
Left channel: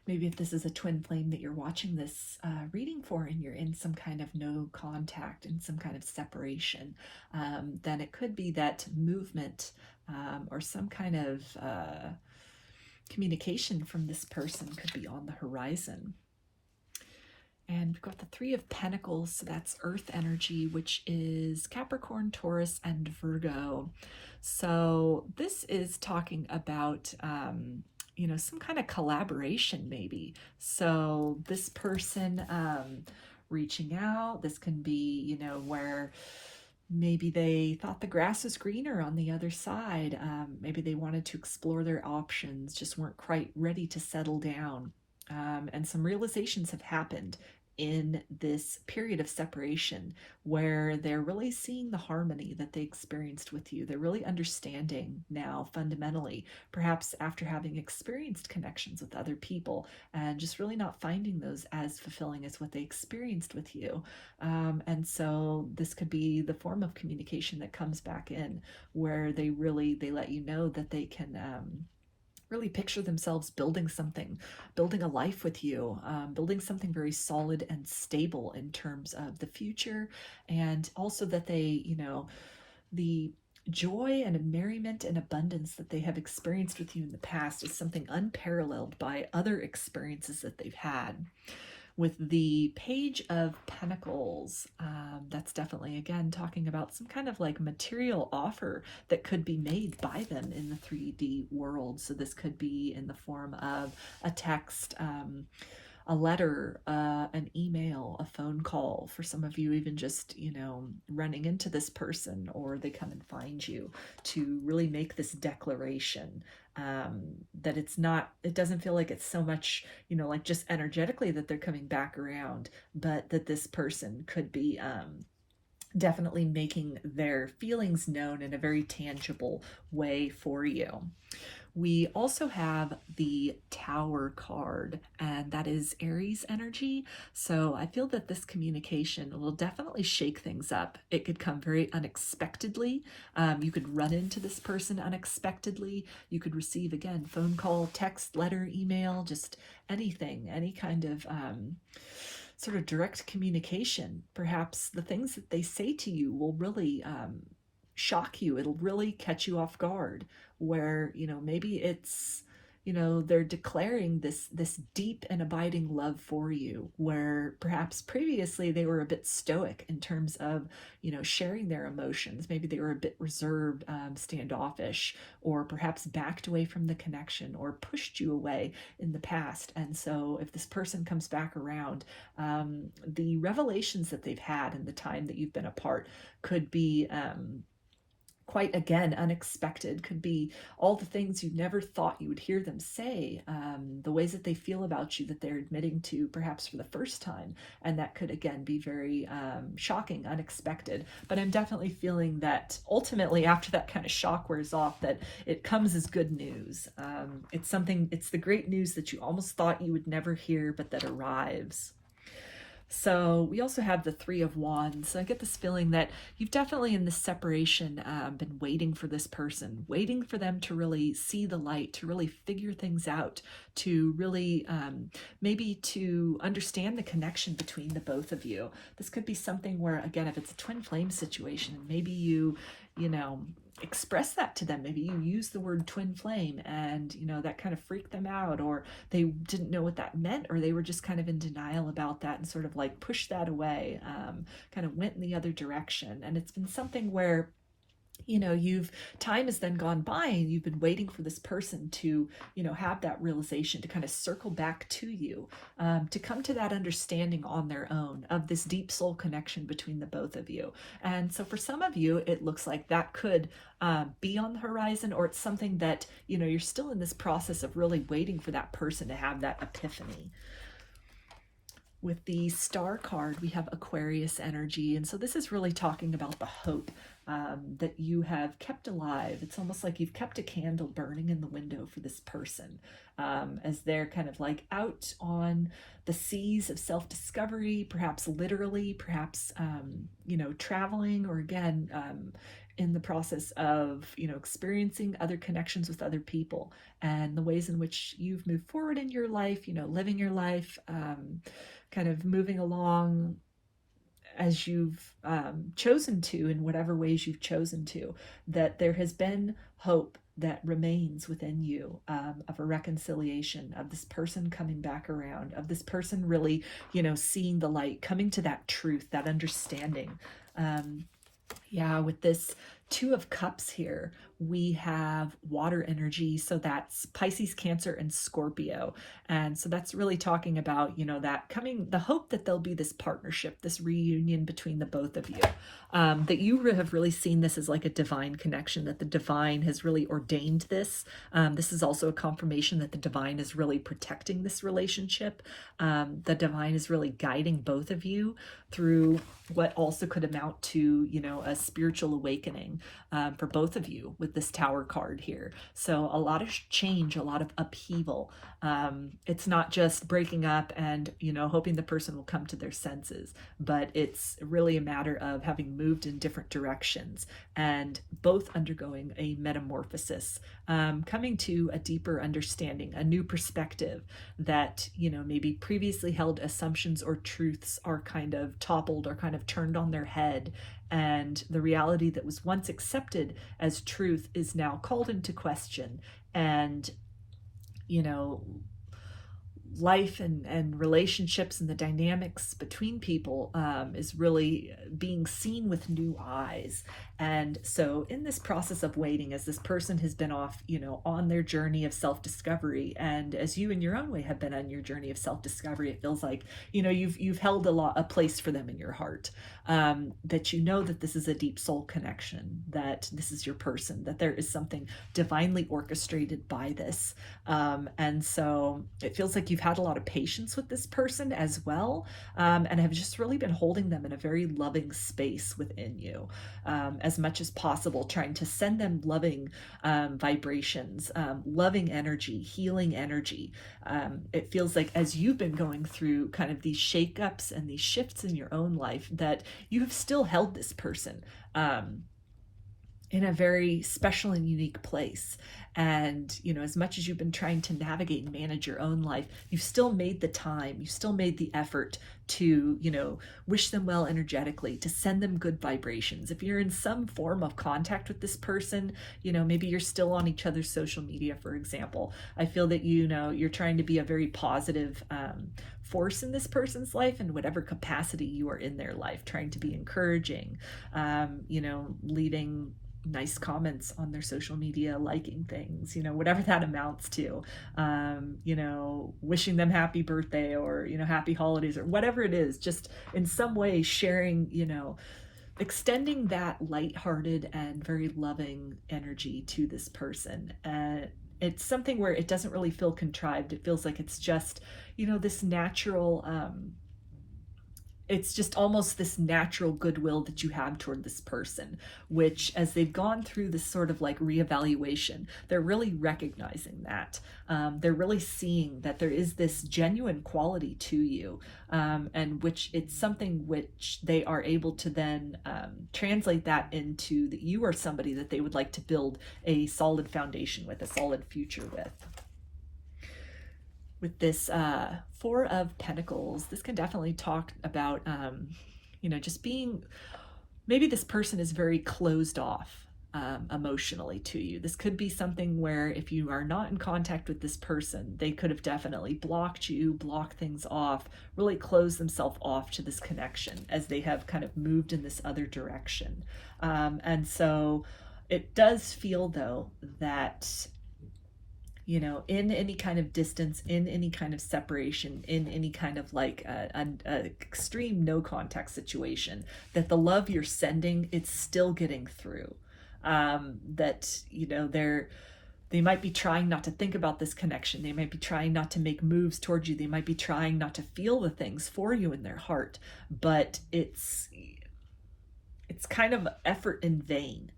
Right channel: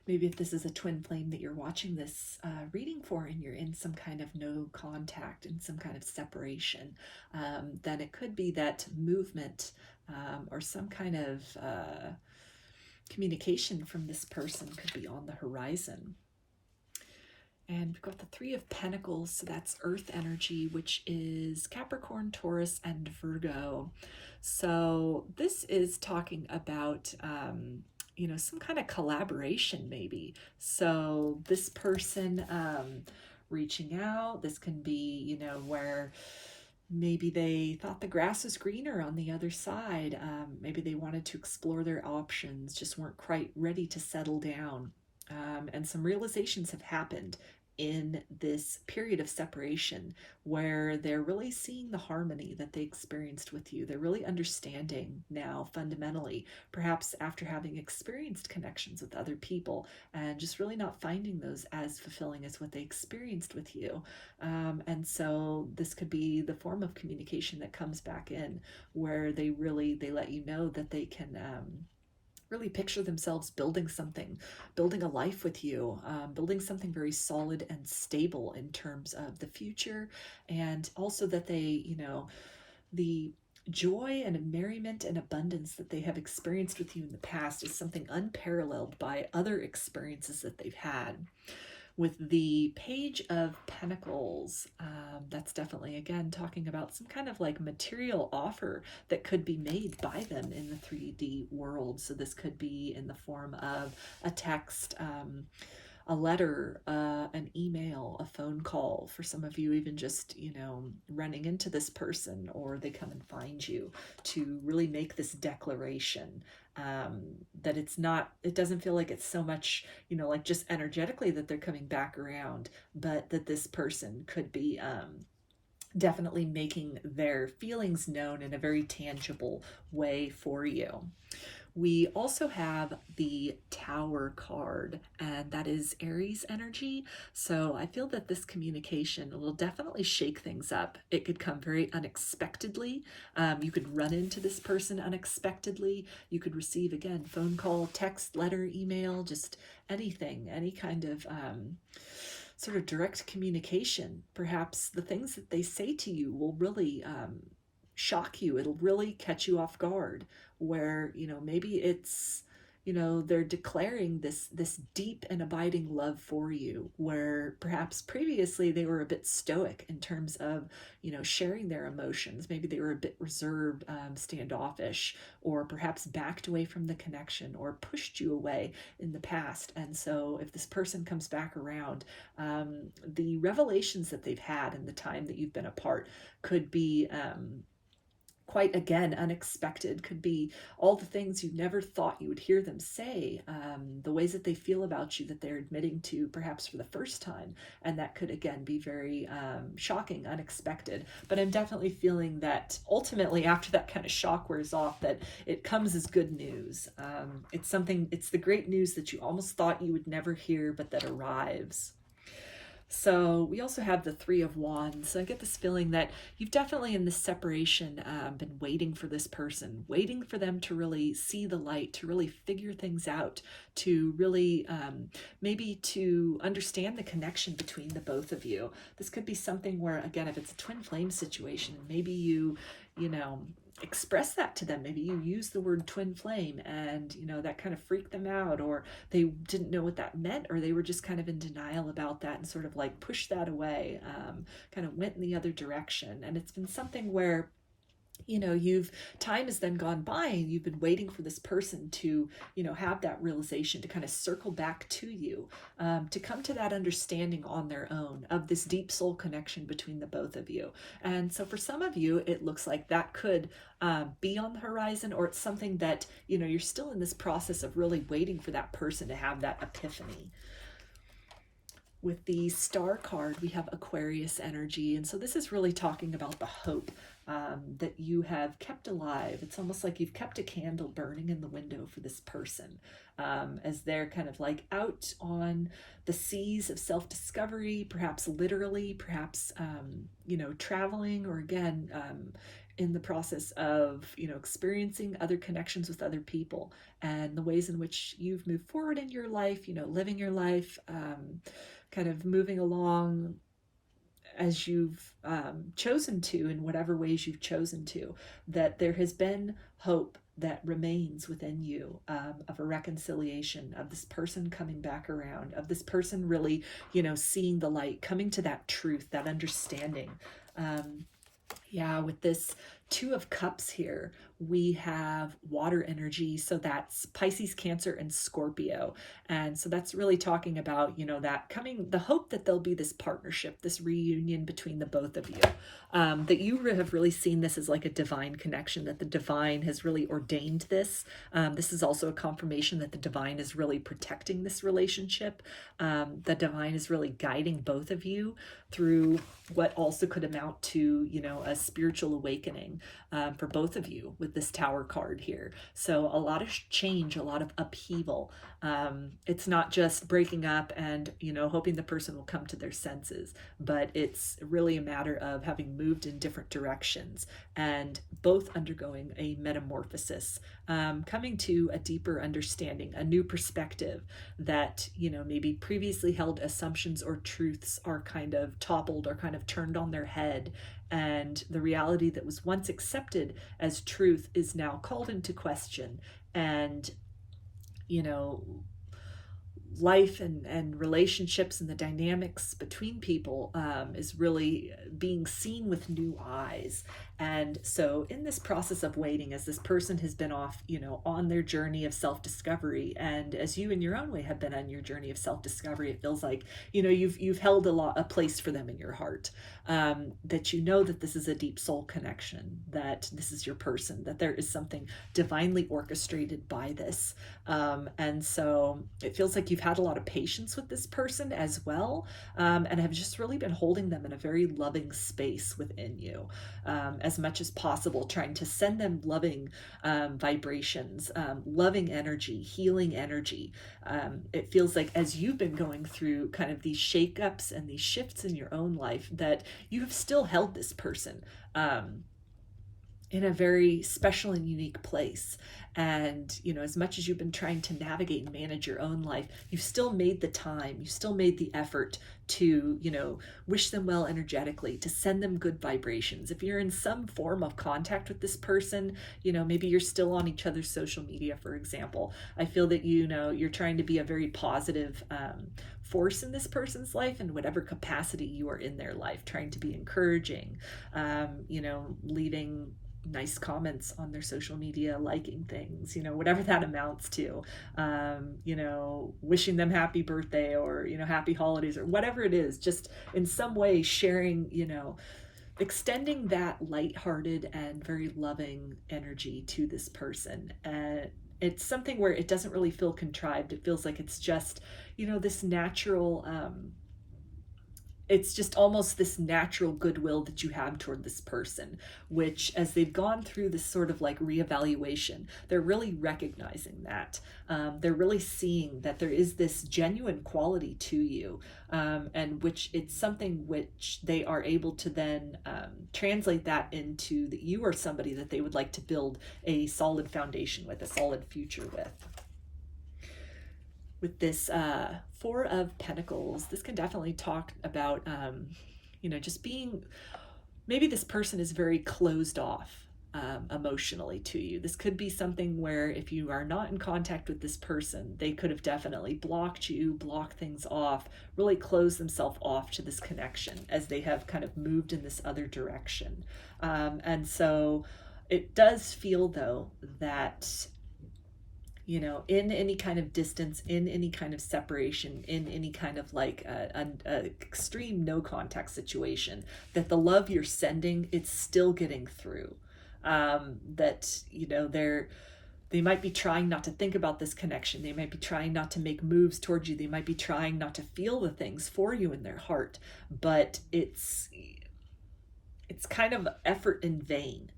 maybe if this is a twin flame that you're watching this reading for and you're in some kind of no contact and some kind of separation, then it could be that movement or some kind of communication from this person could be on the horizon. And we've got the Three of Pentacles, so that's earth energy, which is Capricorn, Taurus, and Virgo. So this is talking about some kind of collaboration maybe. So this person reaching out, this can be where maybe they thought the grass was greener on the other side. Maybe they wanted to explore their options, just weren't quite ready to settle down. And some realizations have happened in this period of separation where they're really seeing the harmony that they experienced with you. They're really understanding now fundamentally, perhaps after having experienced connections with other people and just really not finding those as fulfilling as what they experienced with you. And so this could be the form of communication that comes back in where they let you know that they can really picture themselves building something, building a life with you, building something very solid and stable in terms of the future. And also that they, the joy and merriment and abundance that they have experienced with you in the past is something unparalleled by other experiences that they've had. With the Page of Pentacles, that's definitely, again, talking about some kind of like material offer that could be made by them in the 3D world. So this could be in the form of a text, a letter, an email, a phone call. For some of you, even just, running into this person, or they come and find you to really make this declaration. That it doesn't feel like it's so much, like just energetically that they're coming back around, but that this person could be definitely making their feelings known in a very tangible way for you. We also have the Tower card, and that is Aries energy. So I feel that this communication will definitely shake things up. It could come very unexpectedly. You could run into this person unexpectedly. You could receive, again, phone call, text, letter, email, just anything, any kind of sort of direct communication. Perhaps the things that they say to you will really shock you. It'll really catch you off guard, where maybe it's they're declaring this deep and abiding love for you, where perhaps previously they were a bit stoic in terms of sharing their emotions. Maybe they were a bit reserved, standoffish, or perhaps backed away from the connection or pushed you away in the past. And so if this person comes back around, the revelations that they've had in the time that you've been apart could be quite, again, unexpected. Could be all the things you never thought you would hear them say, the ways that they feel about you that they're admitting to perhaps for the first time. And that could, again, be very shocking, unexpected. But I'm definitely feeling that ultimately, after that kind of shock wears off, that it comes as good news. It's the great news that you almost thought you would never hear, but that arrives. So we also have the Three of Wands. So I get this feeling that you've definitely in this separation been waiting for this person, waiting for them to really see the light, to really figure things out, to really maybe to understand the connection between the both of you. This could be something where, again, if it's a twin flame situation, maybe you express that to them. Maybe you use the word twin flame and that kind of freaked them out, or they didn't know what that meant, or they were just kind of in denial about that and sort of like pushed that away, kind of went in the other direction. And it's been something where time has then gone by and you've been waiting for this person to, have that realization, to kind of circle back to you, to come to that understanding on their own of this deep soul connection between the both of you. And so for some of you, it looks like that could be on the horizon, or it's something that, you're still in this process of really waiting for that person to have that epiphany. With the Star card, we have Aquarius energy. And so this is really talking about the hope that you have kept alive. It's almost like you've kept a candle burning in the window for this person as they're kind of like out on the seas of self-discovery, perhaps literally, perhaps, traveling, or again, in the process of, experiencing other connections with other people, and the ways in which you've moved forward in your life, living your life, kind of moving along as you've chosen to, in whatever ways you've chosen to, that there has been hope that remains within you, of a reconciliation, of this person coming back around, of this person really, seeing the light, coming to that truth, that understanding. With this Two of Cups here, we have water energy. So that's Pisces, Cancer, and Scorpio. And so that's really talking about, that coming, the hope that there'll be this partnership, this reunion between the both of you. That you have really seen this as like a divine connection, that the divine has really ordained this. This is also a confirmation that the divine is really protecting this relationship. The divine is really guiding both of you through what also could amount to, a spiritual awakening for both of you with this Tower card here. So a lot of change, a lot of upheaval. It's not just breaking up and, hoping the person will come to their senses, but it's really a matter of having moved in different directions and both undergoing a metamorphosis, coming to a deeper understanding, a new perspective that, maybe previously held assumptions or truths are kind of toppled or kind of turned on their head. And the reality that was once accepted as truth is now called into question. And, life and relationships and the dynamics between people is really being seen with new eyes. And so in this process of waiting, as this person has been off, on their journey of self-discovery, and as you in your own way have been on your journey of self-discovery, it feels like, you've held a place for them in your heart, that that this is a deep soul connection, that this is your person, that there is something divinely orchestrated by this. And so it feels like you've had a lot of patience with this person as well, and have just really been holding them in a very loving space within you, as much as possible, trying to send them loving vibrations, loving energy, healing energy. It feels like as you've been going through kind of these shakeups and these shifts in your own life, that you have still held this person in a very special and unique place. And, as much as you've been trying to navigate and manage your own life, you've still made the time, you've still made the effort to, wish them well energetically, to send them good vibrations. If you're in some form of contact with this person, maybe you're still on each other's social media, for example. I feel that, you're trying to be a very positive force in this person's life in whatever capacity you are in their life, trying to be encouraging, leaving nice comments on their social media, liking things, whatever that amounts to, wishing them happy birthday or, happy holidays or whatever it is, just in some way sharing, extending that lighthearted and very loving energy to this person. It's something where it doesn't really feel contrived. It feels like it's just, this natural, it's just almost this natural goodwill that you have toward this person, which as they've gone through this sort of like reevaluation, they're really recognizing that. They're really seeing that there is this genuine quality to you, and which it's something which they are able to then translate that into that you are somebody that they would like to build a solid foundation with, a solid future with. With this Four of Pentacles, this can definitely talk about, just being, maybe this person is very closed off emotionally to you. This could be something where if you are not in contact with this person, they could have definitely blocked you, blocked things off, really closed themselves off to this connection as they have kind of moved in this other direction. And so it does feel, though, that in any kind of distance, in any kind of separation, in any kind of like an extreme no contact situation, that the love you're sending, it's still getting through. That, they might be trying not to think about this connection. They might be trying not to make moves towards you. They might be trying not to feel the things for you in their heart, but it's kind of effort in vain.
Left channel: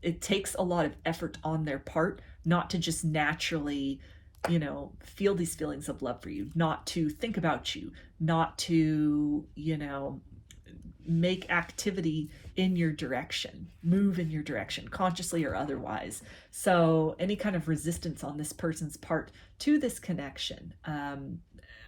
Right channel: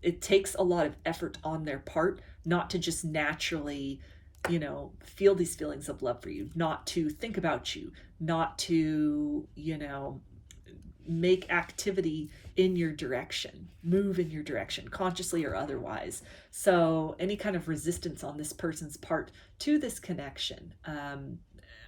It takes a lot of effort on their part not to just naturally, feel these feelings of love for you, not to think about you, not to, make activity in your direction, move in your direction, consciously or otherwise. So any kind of resistance on this person's part to this connection,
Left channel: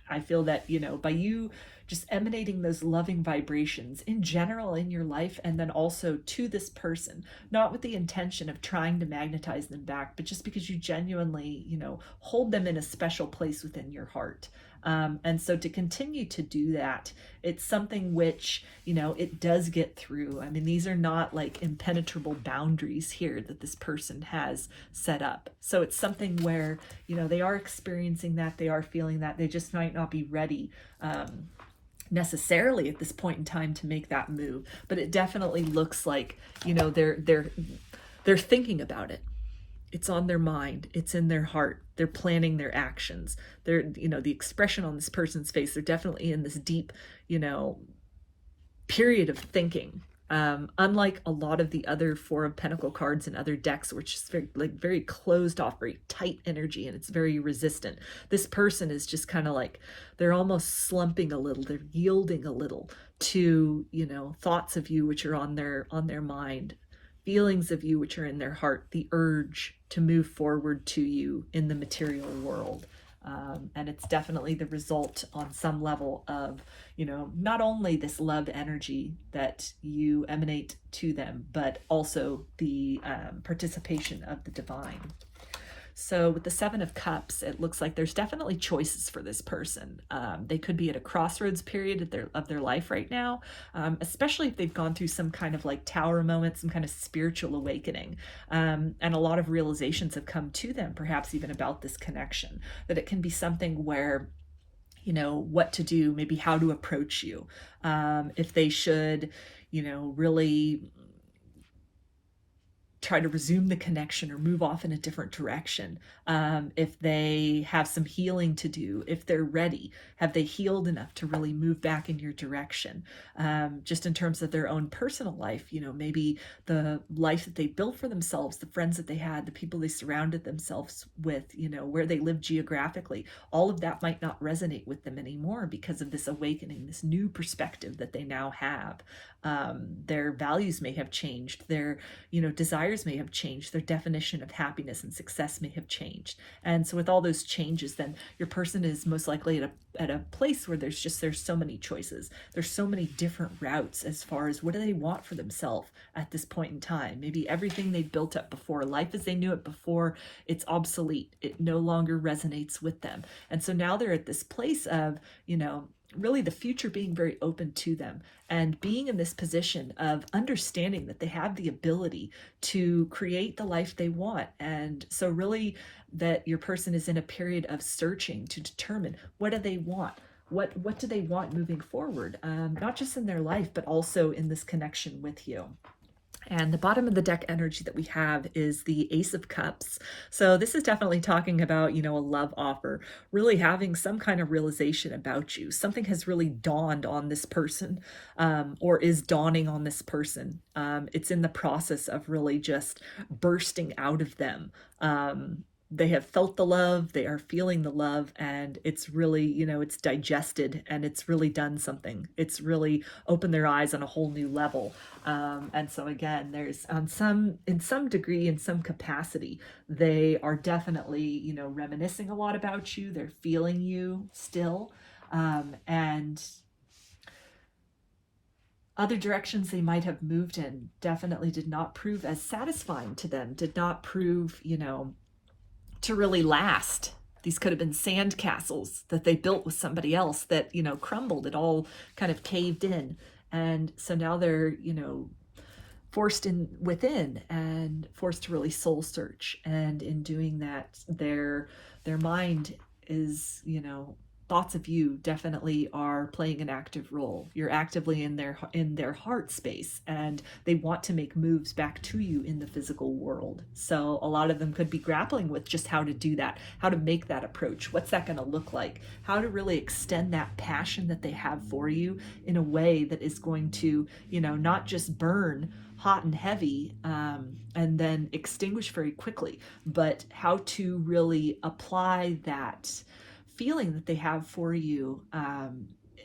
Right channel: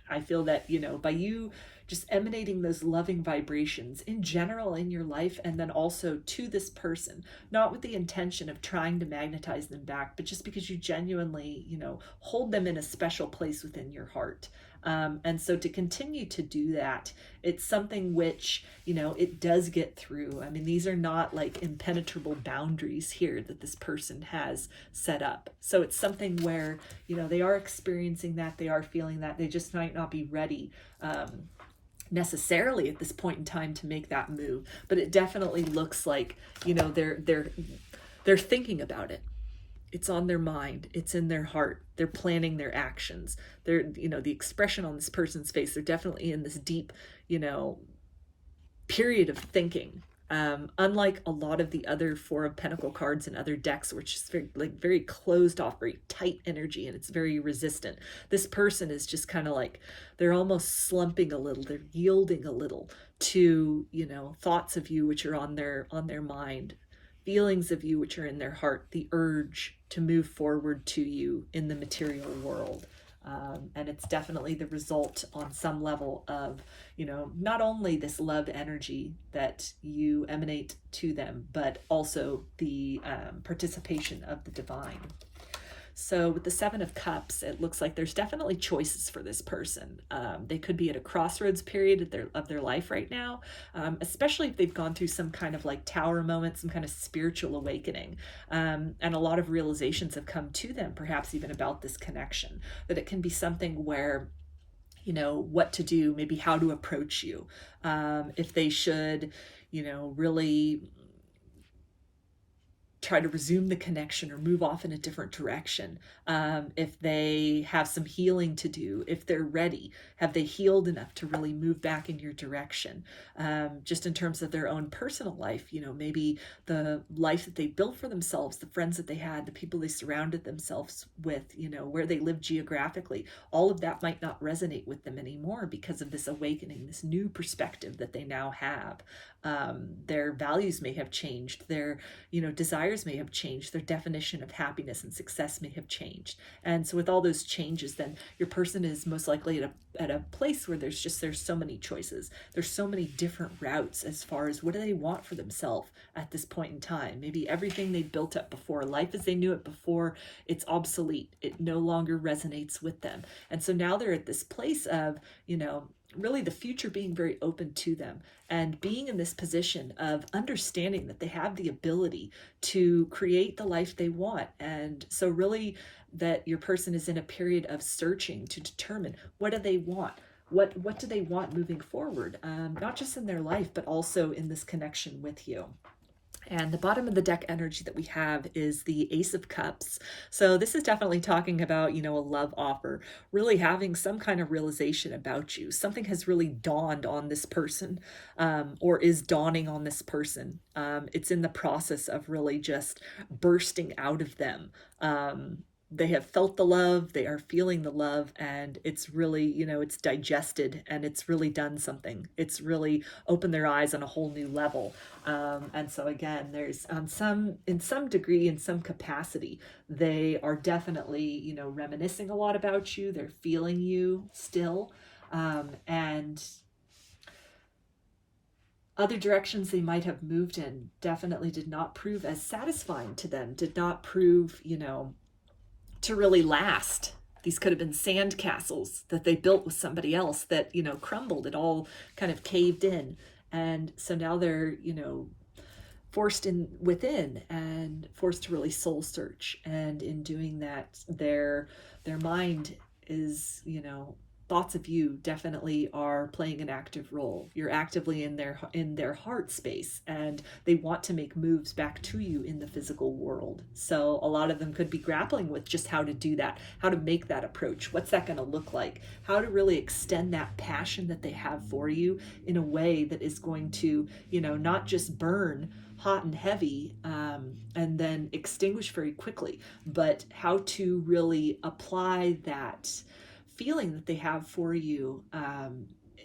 I feel that, by you just emanating those loving vibrations in general in your life, and then also to this person, not with the intention of trying to magnetize them back, but just because you genuinely, hold them in a special place within your heart. And so to continue to do that, it's something which, it does get through. I mean, these are not like impenetrable boundaries here that this person has set up. So it's something where, they are experiencing that, they are feeling that, they just might not be ready necessarily at this point in time to make that move. But it definitely looks like, they're thinking about it. It's on their mind. It's in their heart. They're planning their actions. They're, the expression on this person's face, they're definitely in this deep, period of thinking. Unlike a lot of the other Four of Pentacle cards and other decks, which is very closed off, very tight energy, and it's very resistant. This person is just kind of like, they're almost slumping a little. They're yielding a little to, thoughts of you which are on their mind, feelings of you which are in their heart, the urge to move forward to you in the material world. And it's definitely the result on some level of, not only this love energy that you emanate to them, but also the participation of the divine. So with the Seven of Cups, it looks like there's definitely choices for this person. They could be at a crossroads period of their life right now, especially if they've gone through some kind of like tower moment, some kind of spiritual awakening. And a lot of realizations have come to them, perhaps even about this connection, that it can be something where, what to do, maybe how to approach you, if they should, really try to resume the connection or move off in a different direction. If they have some healing to do, if they're ready, have they healed enough to really move back in your direction? Just in terms of their own personal life, maybe the life that they built for themselves, the friends that they had, the people they surrounded themselves with, where they live geographically, all of that might not resonate with them anymore because of this awakening, this new perspective that they now have. Their values may have changed, their desires may have changed, their definition of happiness and success may have changed. And so with all those changes, then your person is most likely at a place where there's so many choices, there's so many different routes as far as what do they want for themselves at this point in time. Maybe everything they built up before, life as they knew it before, it's obsolete, it no longer resonates with them. And so now they're at this place of really the future being very open to them, and being in this position of understanding that they have the ability to create the life they want. And so really that your person is in a period of searching to determine, what do they want? what do they want moving forward, not just in their life, but also in this connection with you. And the bottom of the deck energy that we have is the Ace of Cups. So this is definitely talking about, you know, a love offer, really having some kind of realization about you. Something has really dawned on this person, or is dawning on this person. It's in the process of really just bursting out of them. They have felt the love, they are feeling the love, and it's really, you know, it's digested and it's really done something. It's really opened their eyes on a whole new level. And so again, there's in some degree, in some capacity, they are definitely, you know, reminiscing a lot about you. They're feeling you still. And other directions they might have moved in definitely did not prove as satisfying to them, did not prove, you know, to really last. These could have been sand castles that they built with somebody else that, you know, crumbled. It all kind of caved in. And so now they're, you know, forced in within and forced to really soul search. And in doing that, their mind is, you know, thoughts of you definitely are playing an active role. You're actively in their heart space, and they want to make moves back to you in the physical world. So a lot of them could be grappling with just how to do that, how to make that approach. What's that going to look like? How to really extend that passion that they have for you in a way that is going to, you know, not just burn hot and heavy and then extinguish very quickly, but how to really apply that feeling that they have for you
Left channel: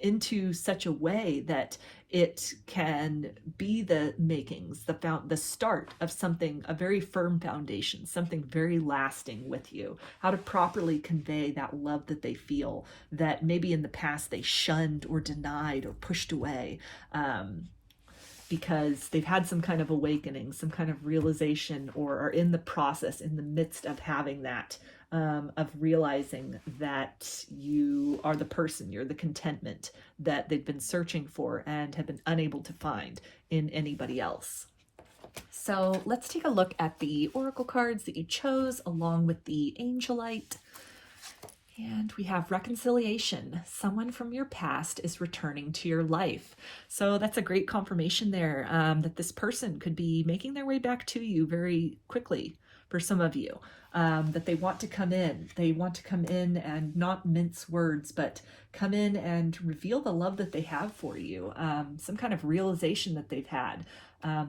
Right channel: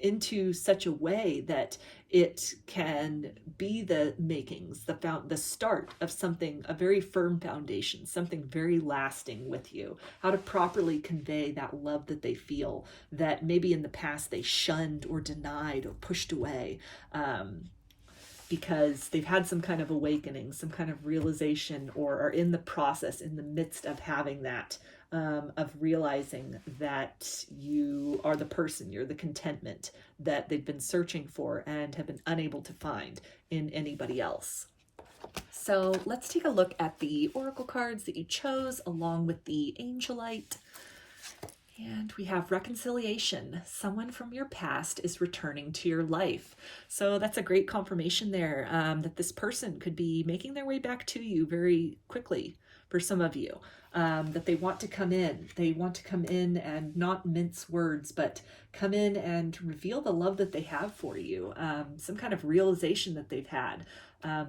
into such a way that it can be the makings, the start of something, a very firm foundation, something very lasting with you. How to properly convey that love that they feel that maybe in the past they shunned or denied or pushed away, because they've had some kind of awakening, some kind of realization, or are in the process, in the midst of having that, of realizing that you are the person, you're the contentment that they've been searching for and have been unable to find in anybody else. So let's take a look at the oracle cards that you chose along with the Angelite. And we have reconciliation. Someone from your past is returning to your life. So that's a great confirmation there, that this person could be making their way back to you very quickly for some of you. That they want to come in. They want to come in and not mince words, but come in and reveal the love that they have for you. Some kind of realization that they've had,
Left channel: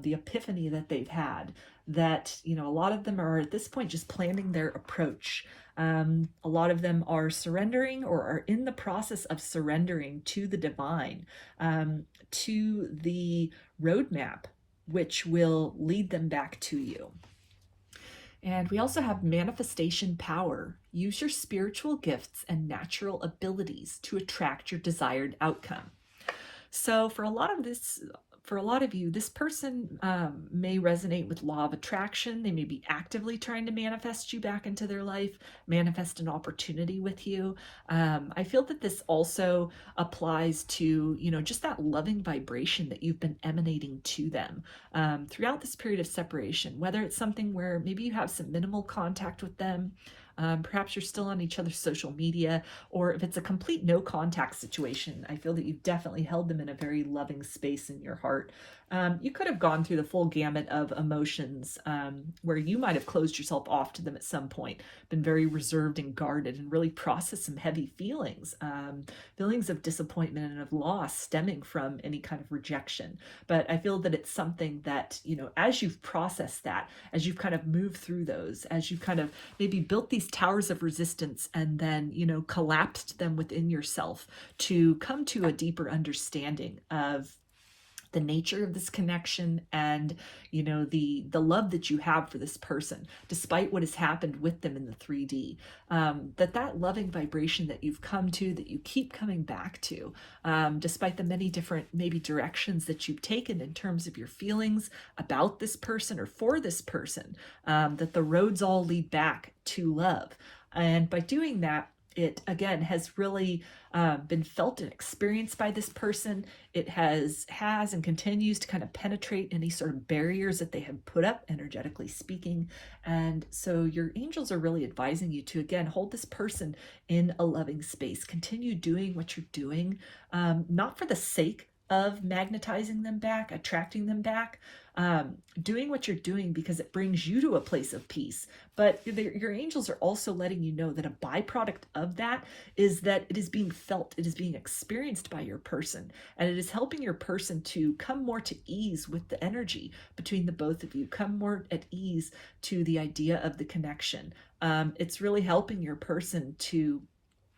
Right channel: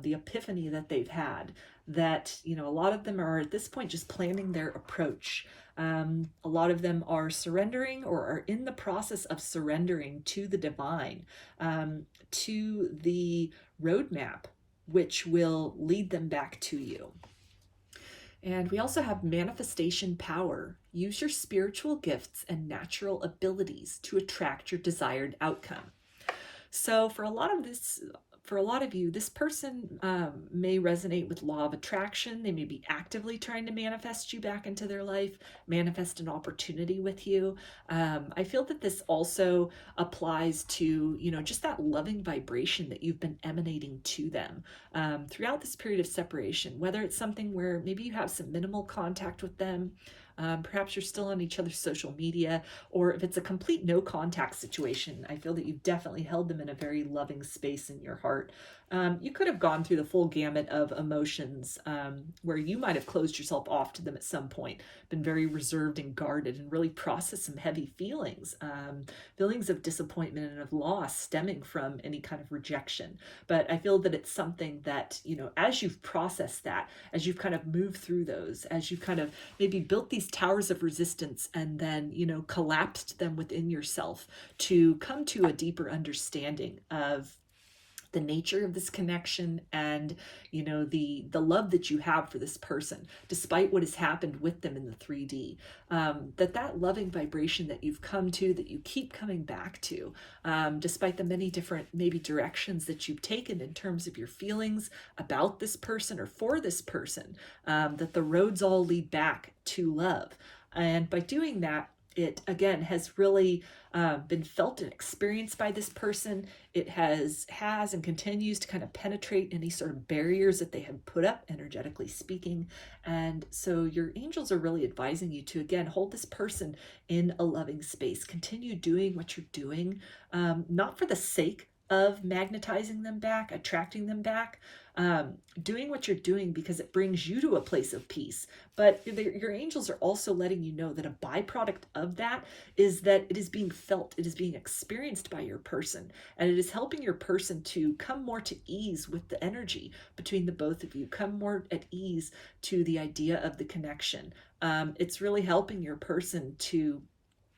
the epiphany that they've had, that, you know, a lot of them are at this point just planning their approach. A lot of them are surrendering or are in the process of surrendering to the divine, to the roadmap, which will lead them back to you. And we also have manifestation power. Use your spiritual gifts and natural abilities to attract your desired outcome. So for a lot of you, this person may resonate with law of attraction. They may be actively trying to manifest you back into their life, manifest an opportunity with you. I feel that this also applies to, you know, just that loving vibration that you've been emanating to them throughout this period of separation, whether it's something where maybe you have some minimal contact with them, perhaps you're still on each other's social media, or if it's a complete no contact situation, I feel that you've definitely held them in a very loving space in your heart. You could have gone through the full gamut of emotions, where you might have closed yourself off to them at some point, been very reserved and guarded, and really processed some heavy feelings, feelings of disappointment and of loss stemming from any kind of rejection. But I feel that it's something that, you know, as you've processed that, as you've kind of moved through those, as you've kind of maybe built these towers of resistance and then, you know, collapsed them within yourself to come to a deeper understanding of the nature of this connection and, you know, the love that you have for this person, despite what has happened with them in the 3D, that loving vibration that you've come to, that you keep coming back to, despite the many different maybe directions that you've taken in terms of your feelings about this person or for this person, that the roads all lead back to love. And by doing that, it again has really been felt and experienced by this person. It has and continues to kind of penetrate any sort of barriers that they have put up, energetically speaking. And so your angels are really advising you to, again, hold this person in a loving space. Continue doing what you're doing, not for the sake of magnetizing them back, attracting them back, doing what you're doing because it brings you to a place of peace. But your angels are also letting you know that a byproduct of that is that it is being felt, it is being experienced by your person, and it is helping your person to come more to ease with the energy between the both of you, come more at ease to the idea of the connection. It's really helping your person to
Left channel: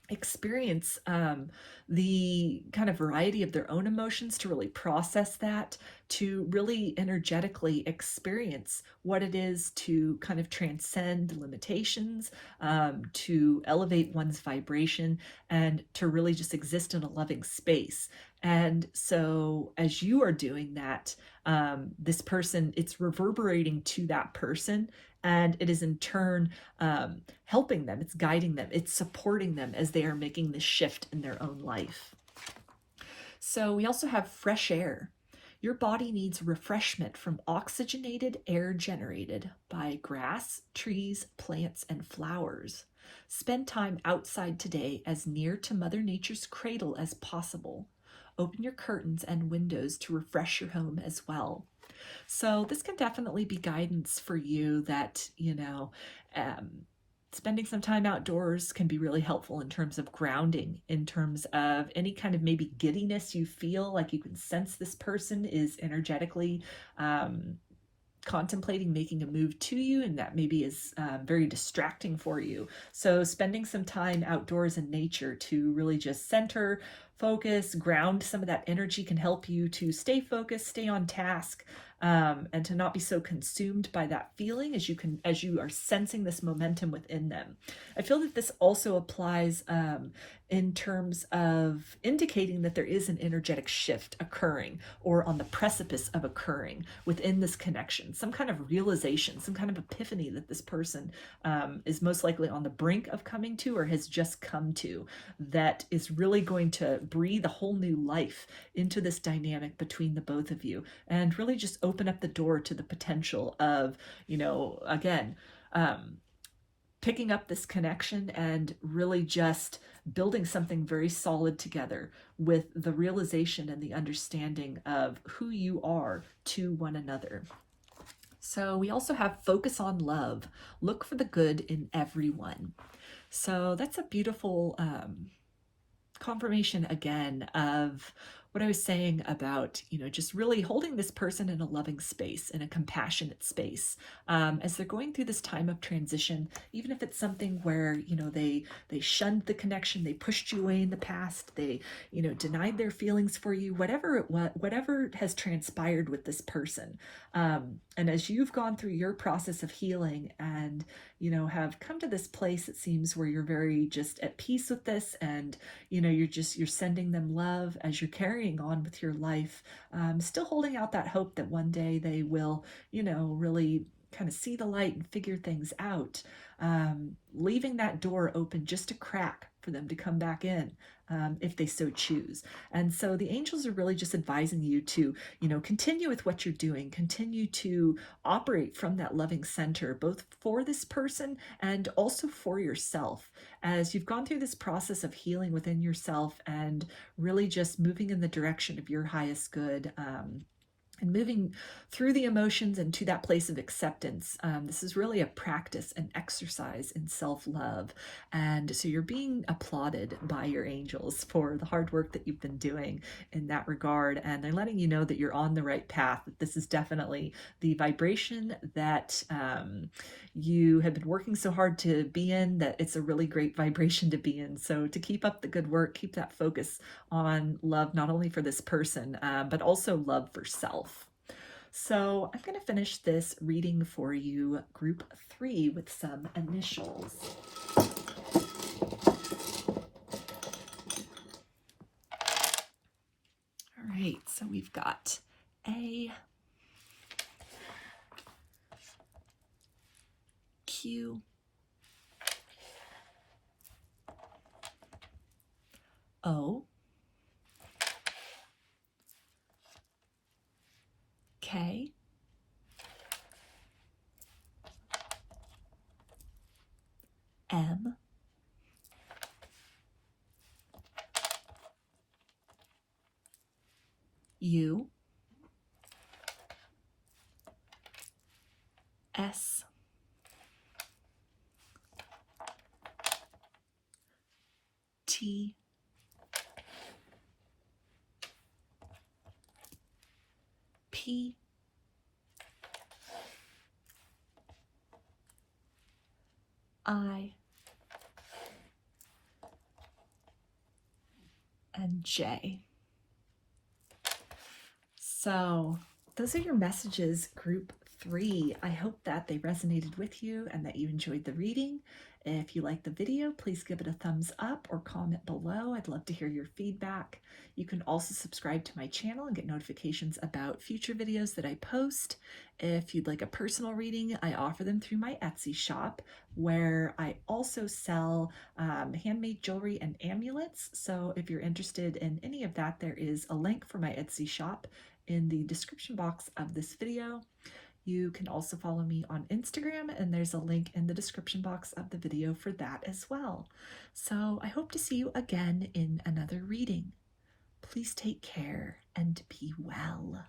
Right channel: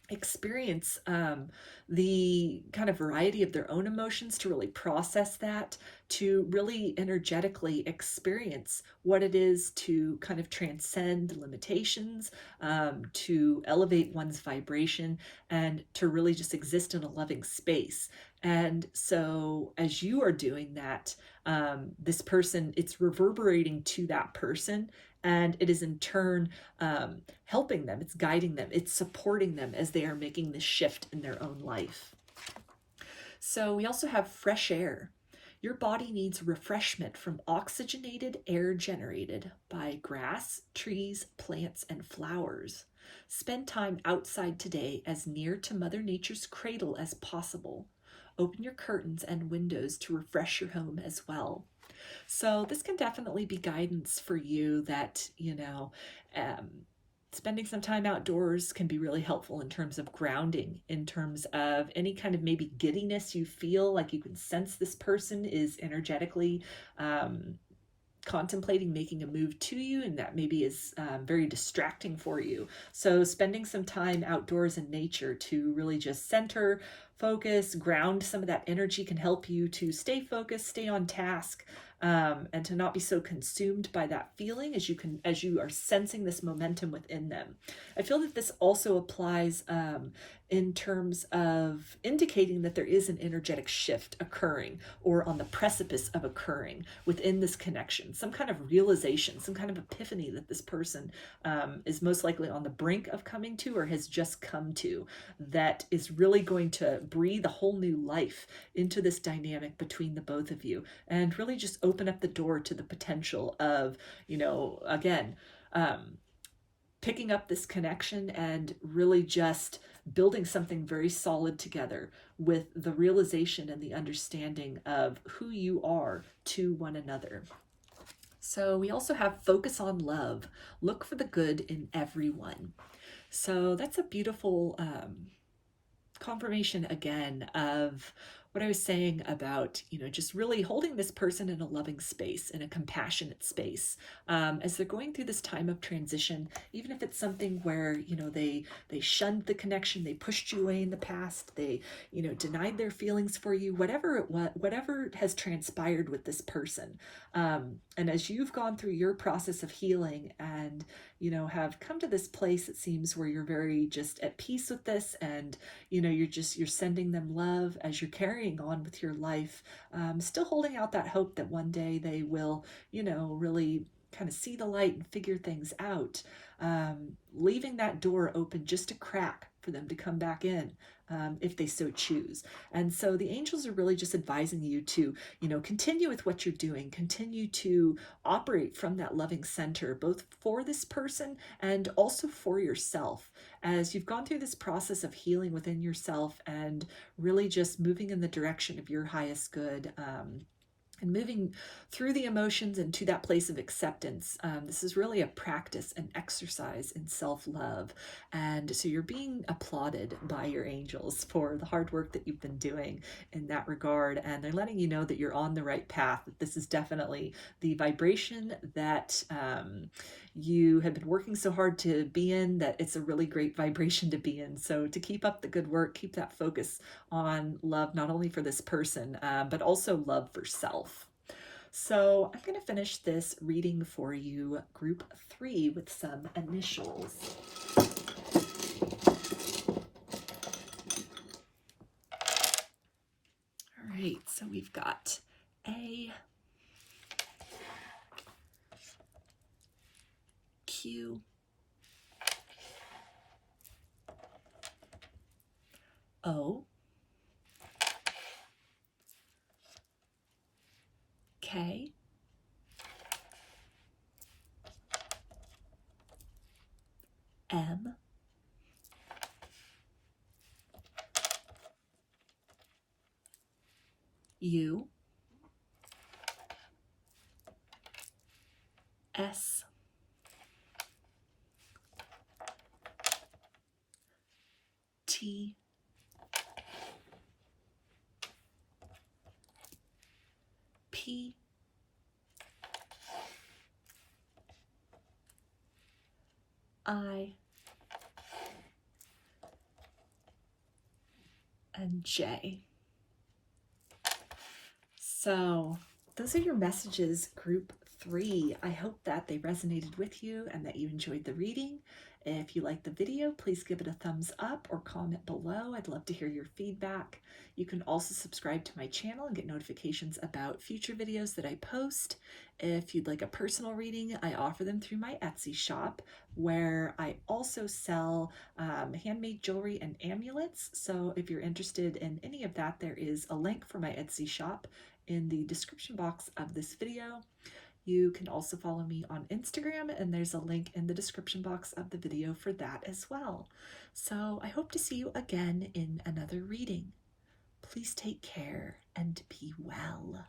experience the kind of variety of their own emotions, to really process that, to really energetically experience what it is to kind of transcend limitations, to elevate one's vibration, and to really just exist in a loving space. And so as you are doing that, this person, it's reverberating to that person, and it is in turn helping them, it's guiding them, it's supporting them as they are making this shift in their own life. So we also have fresh air. Your body needs refreshment from oxygenated air generated by grass, trees, plants, and flowers. Spend time outside today as near to Mother Nature's cradle as possible. Open your curtains and windows to refresh your home as well. So this can definitely be guidance for you that, spending some time outdoors can be really helpful in terms of grounding, in terms of any kind of maybe giddiness you feel like you can sense this person is energetically contemplating making a move to you, and that maybe is very distracting for you. So spending some time outdoors in nature to really just center, focus, ground some of that energy can help you to stay focused, stay on task, and to not be so consumed by that feeling as you are sensing this momentum within them. I feel that this also applies in terms of indicating that there is an energetic shift occurring or on the precipice of occurring within this connection, some kind of realization, some kind of epiphany that this person is most likely on the brink of coming to or has just come to, that is really going to breathe a whole new life into this dynamic between the both of you, and really just open up the door to the potential of, again, picking up this connection and really just building something very solid together with the realization and the understanding of who you are to one another. So we also have focus on love. Look for the good in everyone. So that's a beautiful confirmation again of what I was saying about, just really holding this person in a loving space, in a compassionate space, as they're going through this time of transition, even if it's something where, they shunned the connection, they pushed you away in the past, they, denied their feelings for you, whatever has transpired with this person. And as you've gone through your process of healing and, have come to this place, it seems, where you're very just at peace with this, and, you're sending them love as you're carrying on with your life, still holding out that hope that one day they will, really kind of see the light and figure things out, leaving that door open just a crack for them to come back in, if they so choose. And so the angels are really just advising you to, continue with what you're doing, continue to operate from that loving center, both for this person and also for yourself, as you've gone through this process of healing within yourself and really just moving in the direction of your highest good, and moving through the emotions and to that place of acceptance. This is really a practice, an exercise in self-love. And so you're being applauded by your angels for the hard work that you've been doing in that regard. And they're letting you know that you're on the right path, that this is definitely the vibration that you have been working so hard to be in, that it's a really great vibration to be in. So to keep up the good work, keep that focus on love, not only for this person, but also love for self. So I'm going to finish this reading for you, group 3, with some initials. All right, so we've got A, Q, O, K, M, U, S, T, P, I, and J. So those are your messages, group 3. I hope that they resonated with you and that you enjoyed the reading. If you liked the video, please give it a thumbs up or comment below. I'd love to hear your feedback. You can also subscribe to my channel and get notifications about future videos that I post. If you'd like a personal reading, I offer them through my Etsy shop, where I also sell handmade jewelry and amulets. So if you're interested in any of that, there is a link for my Etsy shop in the description box of this video. You can also follow me on Instagram, and there's a link in the description box of the video for that as well. So I hope to see you again in another reading. Please take care and be well.